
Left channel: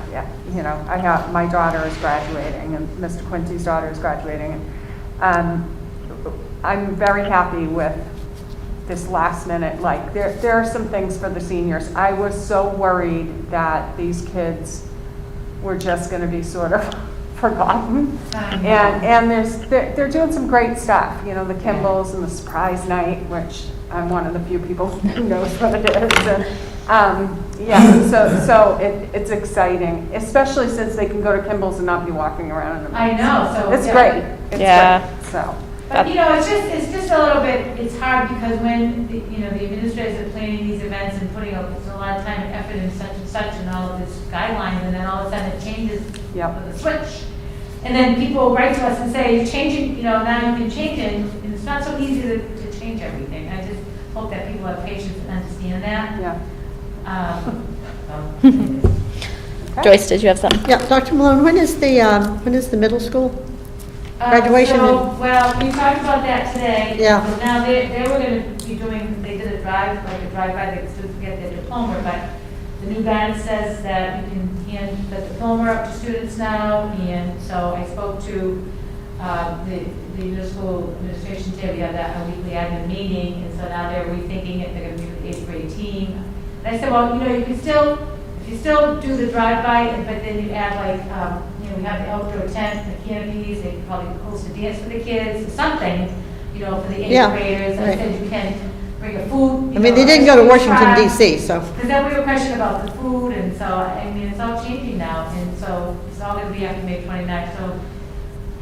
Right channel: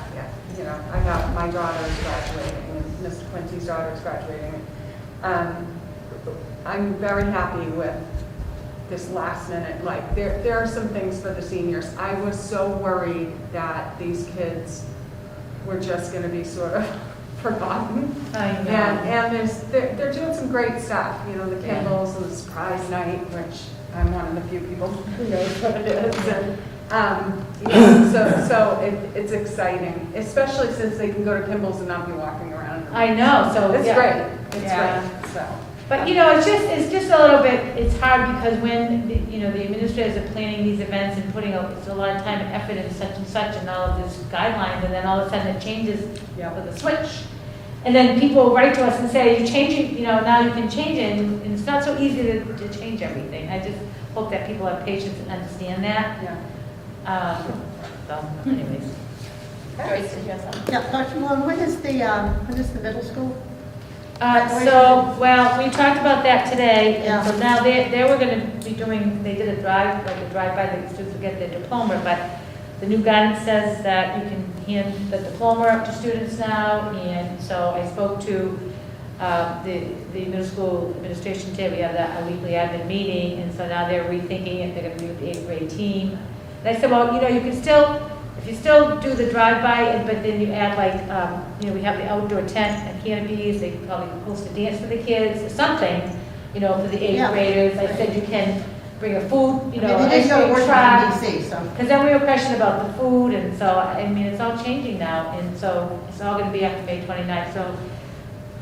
I have, my daughter is graduating, and Mr. Quincy's daughter is graduating. I'm very happy with this last minute, like, there are some things for the seniors. I was so worried that these kids were just gonna be sort of forgotten. I know. And they're doing some great stuff, the Kimballs and the surprise night, which I'm one of the few people who knows what it is. And, so it's exciting, especially since they can go to Kimballs and not be walking around in the. I know, so. It's yeah. great. It's Yeah. great, so. But, it's just a little bit, it's hard because when, the administrators are planning these events and putting a lot of time and effort into such and such and all of these guidelines, and then all of a sudden it changes Yep. with a switch. And then people write to us and say, you're changing, now you can change it, and it's not so easy to change everything. I just hope that people have patience and understand that. Yeah. So, anyways. Joyce, did you have something? Yeah, Dr. Malone, when is the middle school? Graduation So, well, we talked about that today. Yeah. So now they were gonna be doing, they did a drive-by, the students get their diploma, but the new guidance says that you can hand the diploma up to students now, and so I spoke to the middle school administration today. We had a weekly admin meeting, and so now they're rethinking it, they're gonna meet with the 8th grade team. And I said, well, you can still, if you still do the drive-by, but then you add like, you know, we have the outdoor tent and canopies, they can probably host a dance for the kids, or something, you know, for the Yeah, eighth graders. I right. said you can bring a food, I you mean, know, they didn't go to ice cream Washington truck. DC, so. Because then we were questioning about the food, and so, I mean, it's all changing now, and so it's all gonna be after May 29th,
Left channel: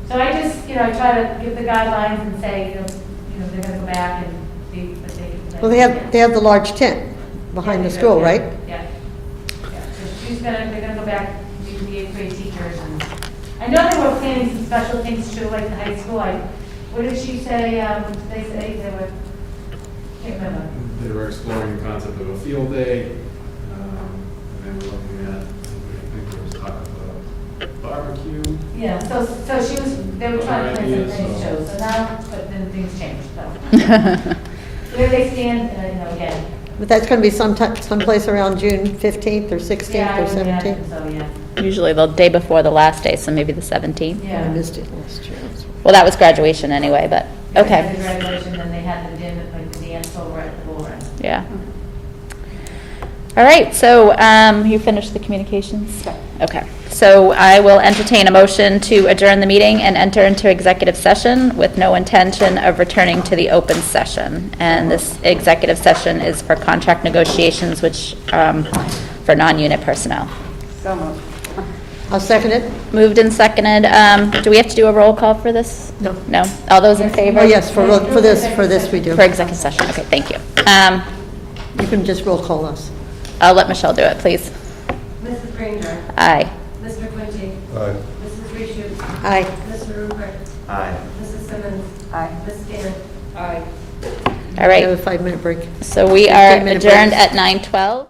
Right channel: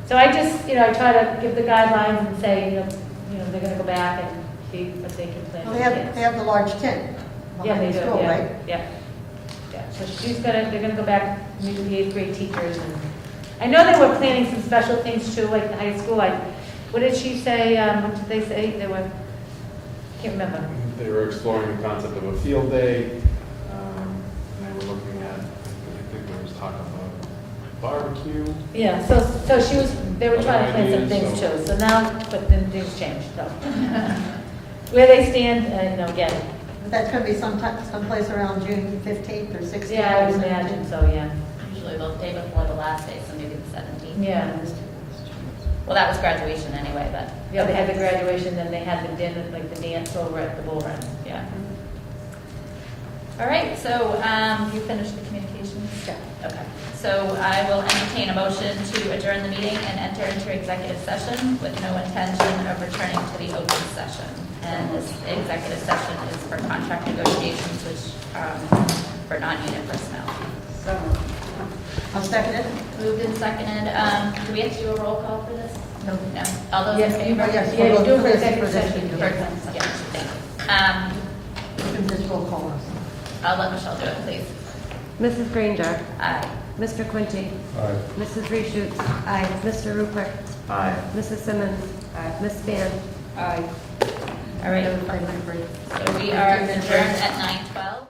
so I just, you know, I try to give the guidelines and say, you know, they're gonna go back and be what they can play. Well, they have the large tent behind Yeah, the they school, go, right? Yeah. Yeah, so they're gonna go back, meet with the eighth grade teachers, and I know they were planning some special things too, like the high school, what did she say, they say they were, can't remember. They were exploring the concept of a field day, and they were looking at, I think there was talk of a barbecue. Yeah, so she was, they were trying to plan some things too, so now, but then things changed, so. Where they stand, you know, again. But that's going to be someplace around June 15th or 16th Yeah, I or would imagine 17th. so, yeah. Usually the day before the last day, so maybe the 17th. I Yeah. missed it last year. Well, that was graduation anyway, but, Yeah, they had okay. the graduation, then they had the dinner, like the dance over at the bull run. Yeah. All right, so you finished the communications? Okay. So I will entertain a motion to adjourn the meeting and enter into executive session with no intention of returning to the open session. And this executive session is for contract negotiations, which, for non-unit personnel. So much. I'll second it. Moved and seconded. Do we have to do a roll call for this? No. No? All those in favor? Oh, yes, for this we do. For executive session, okay, thank you. You can just roll call us. I'll let Michelle do it, please. Mrs. Granger, Aye. Mr. Quincy, Aye. Mrs. Reshus, Aye. Mr. Rupert, Aye. Mrs. Simmons, Aye. Ms. Span. Aye. All We have right, a 5-minute break. so we are 15-minute adjourned break. at 9:12.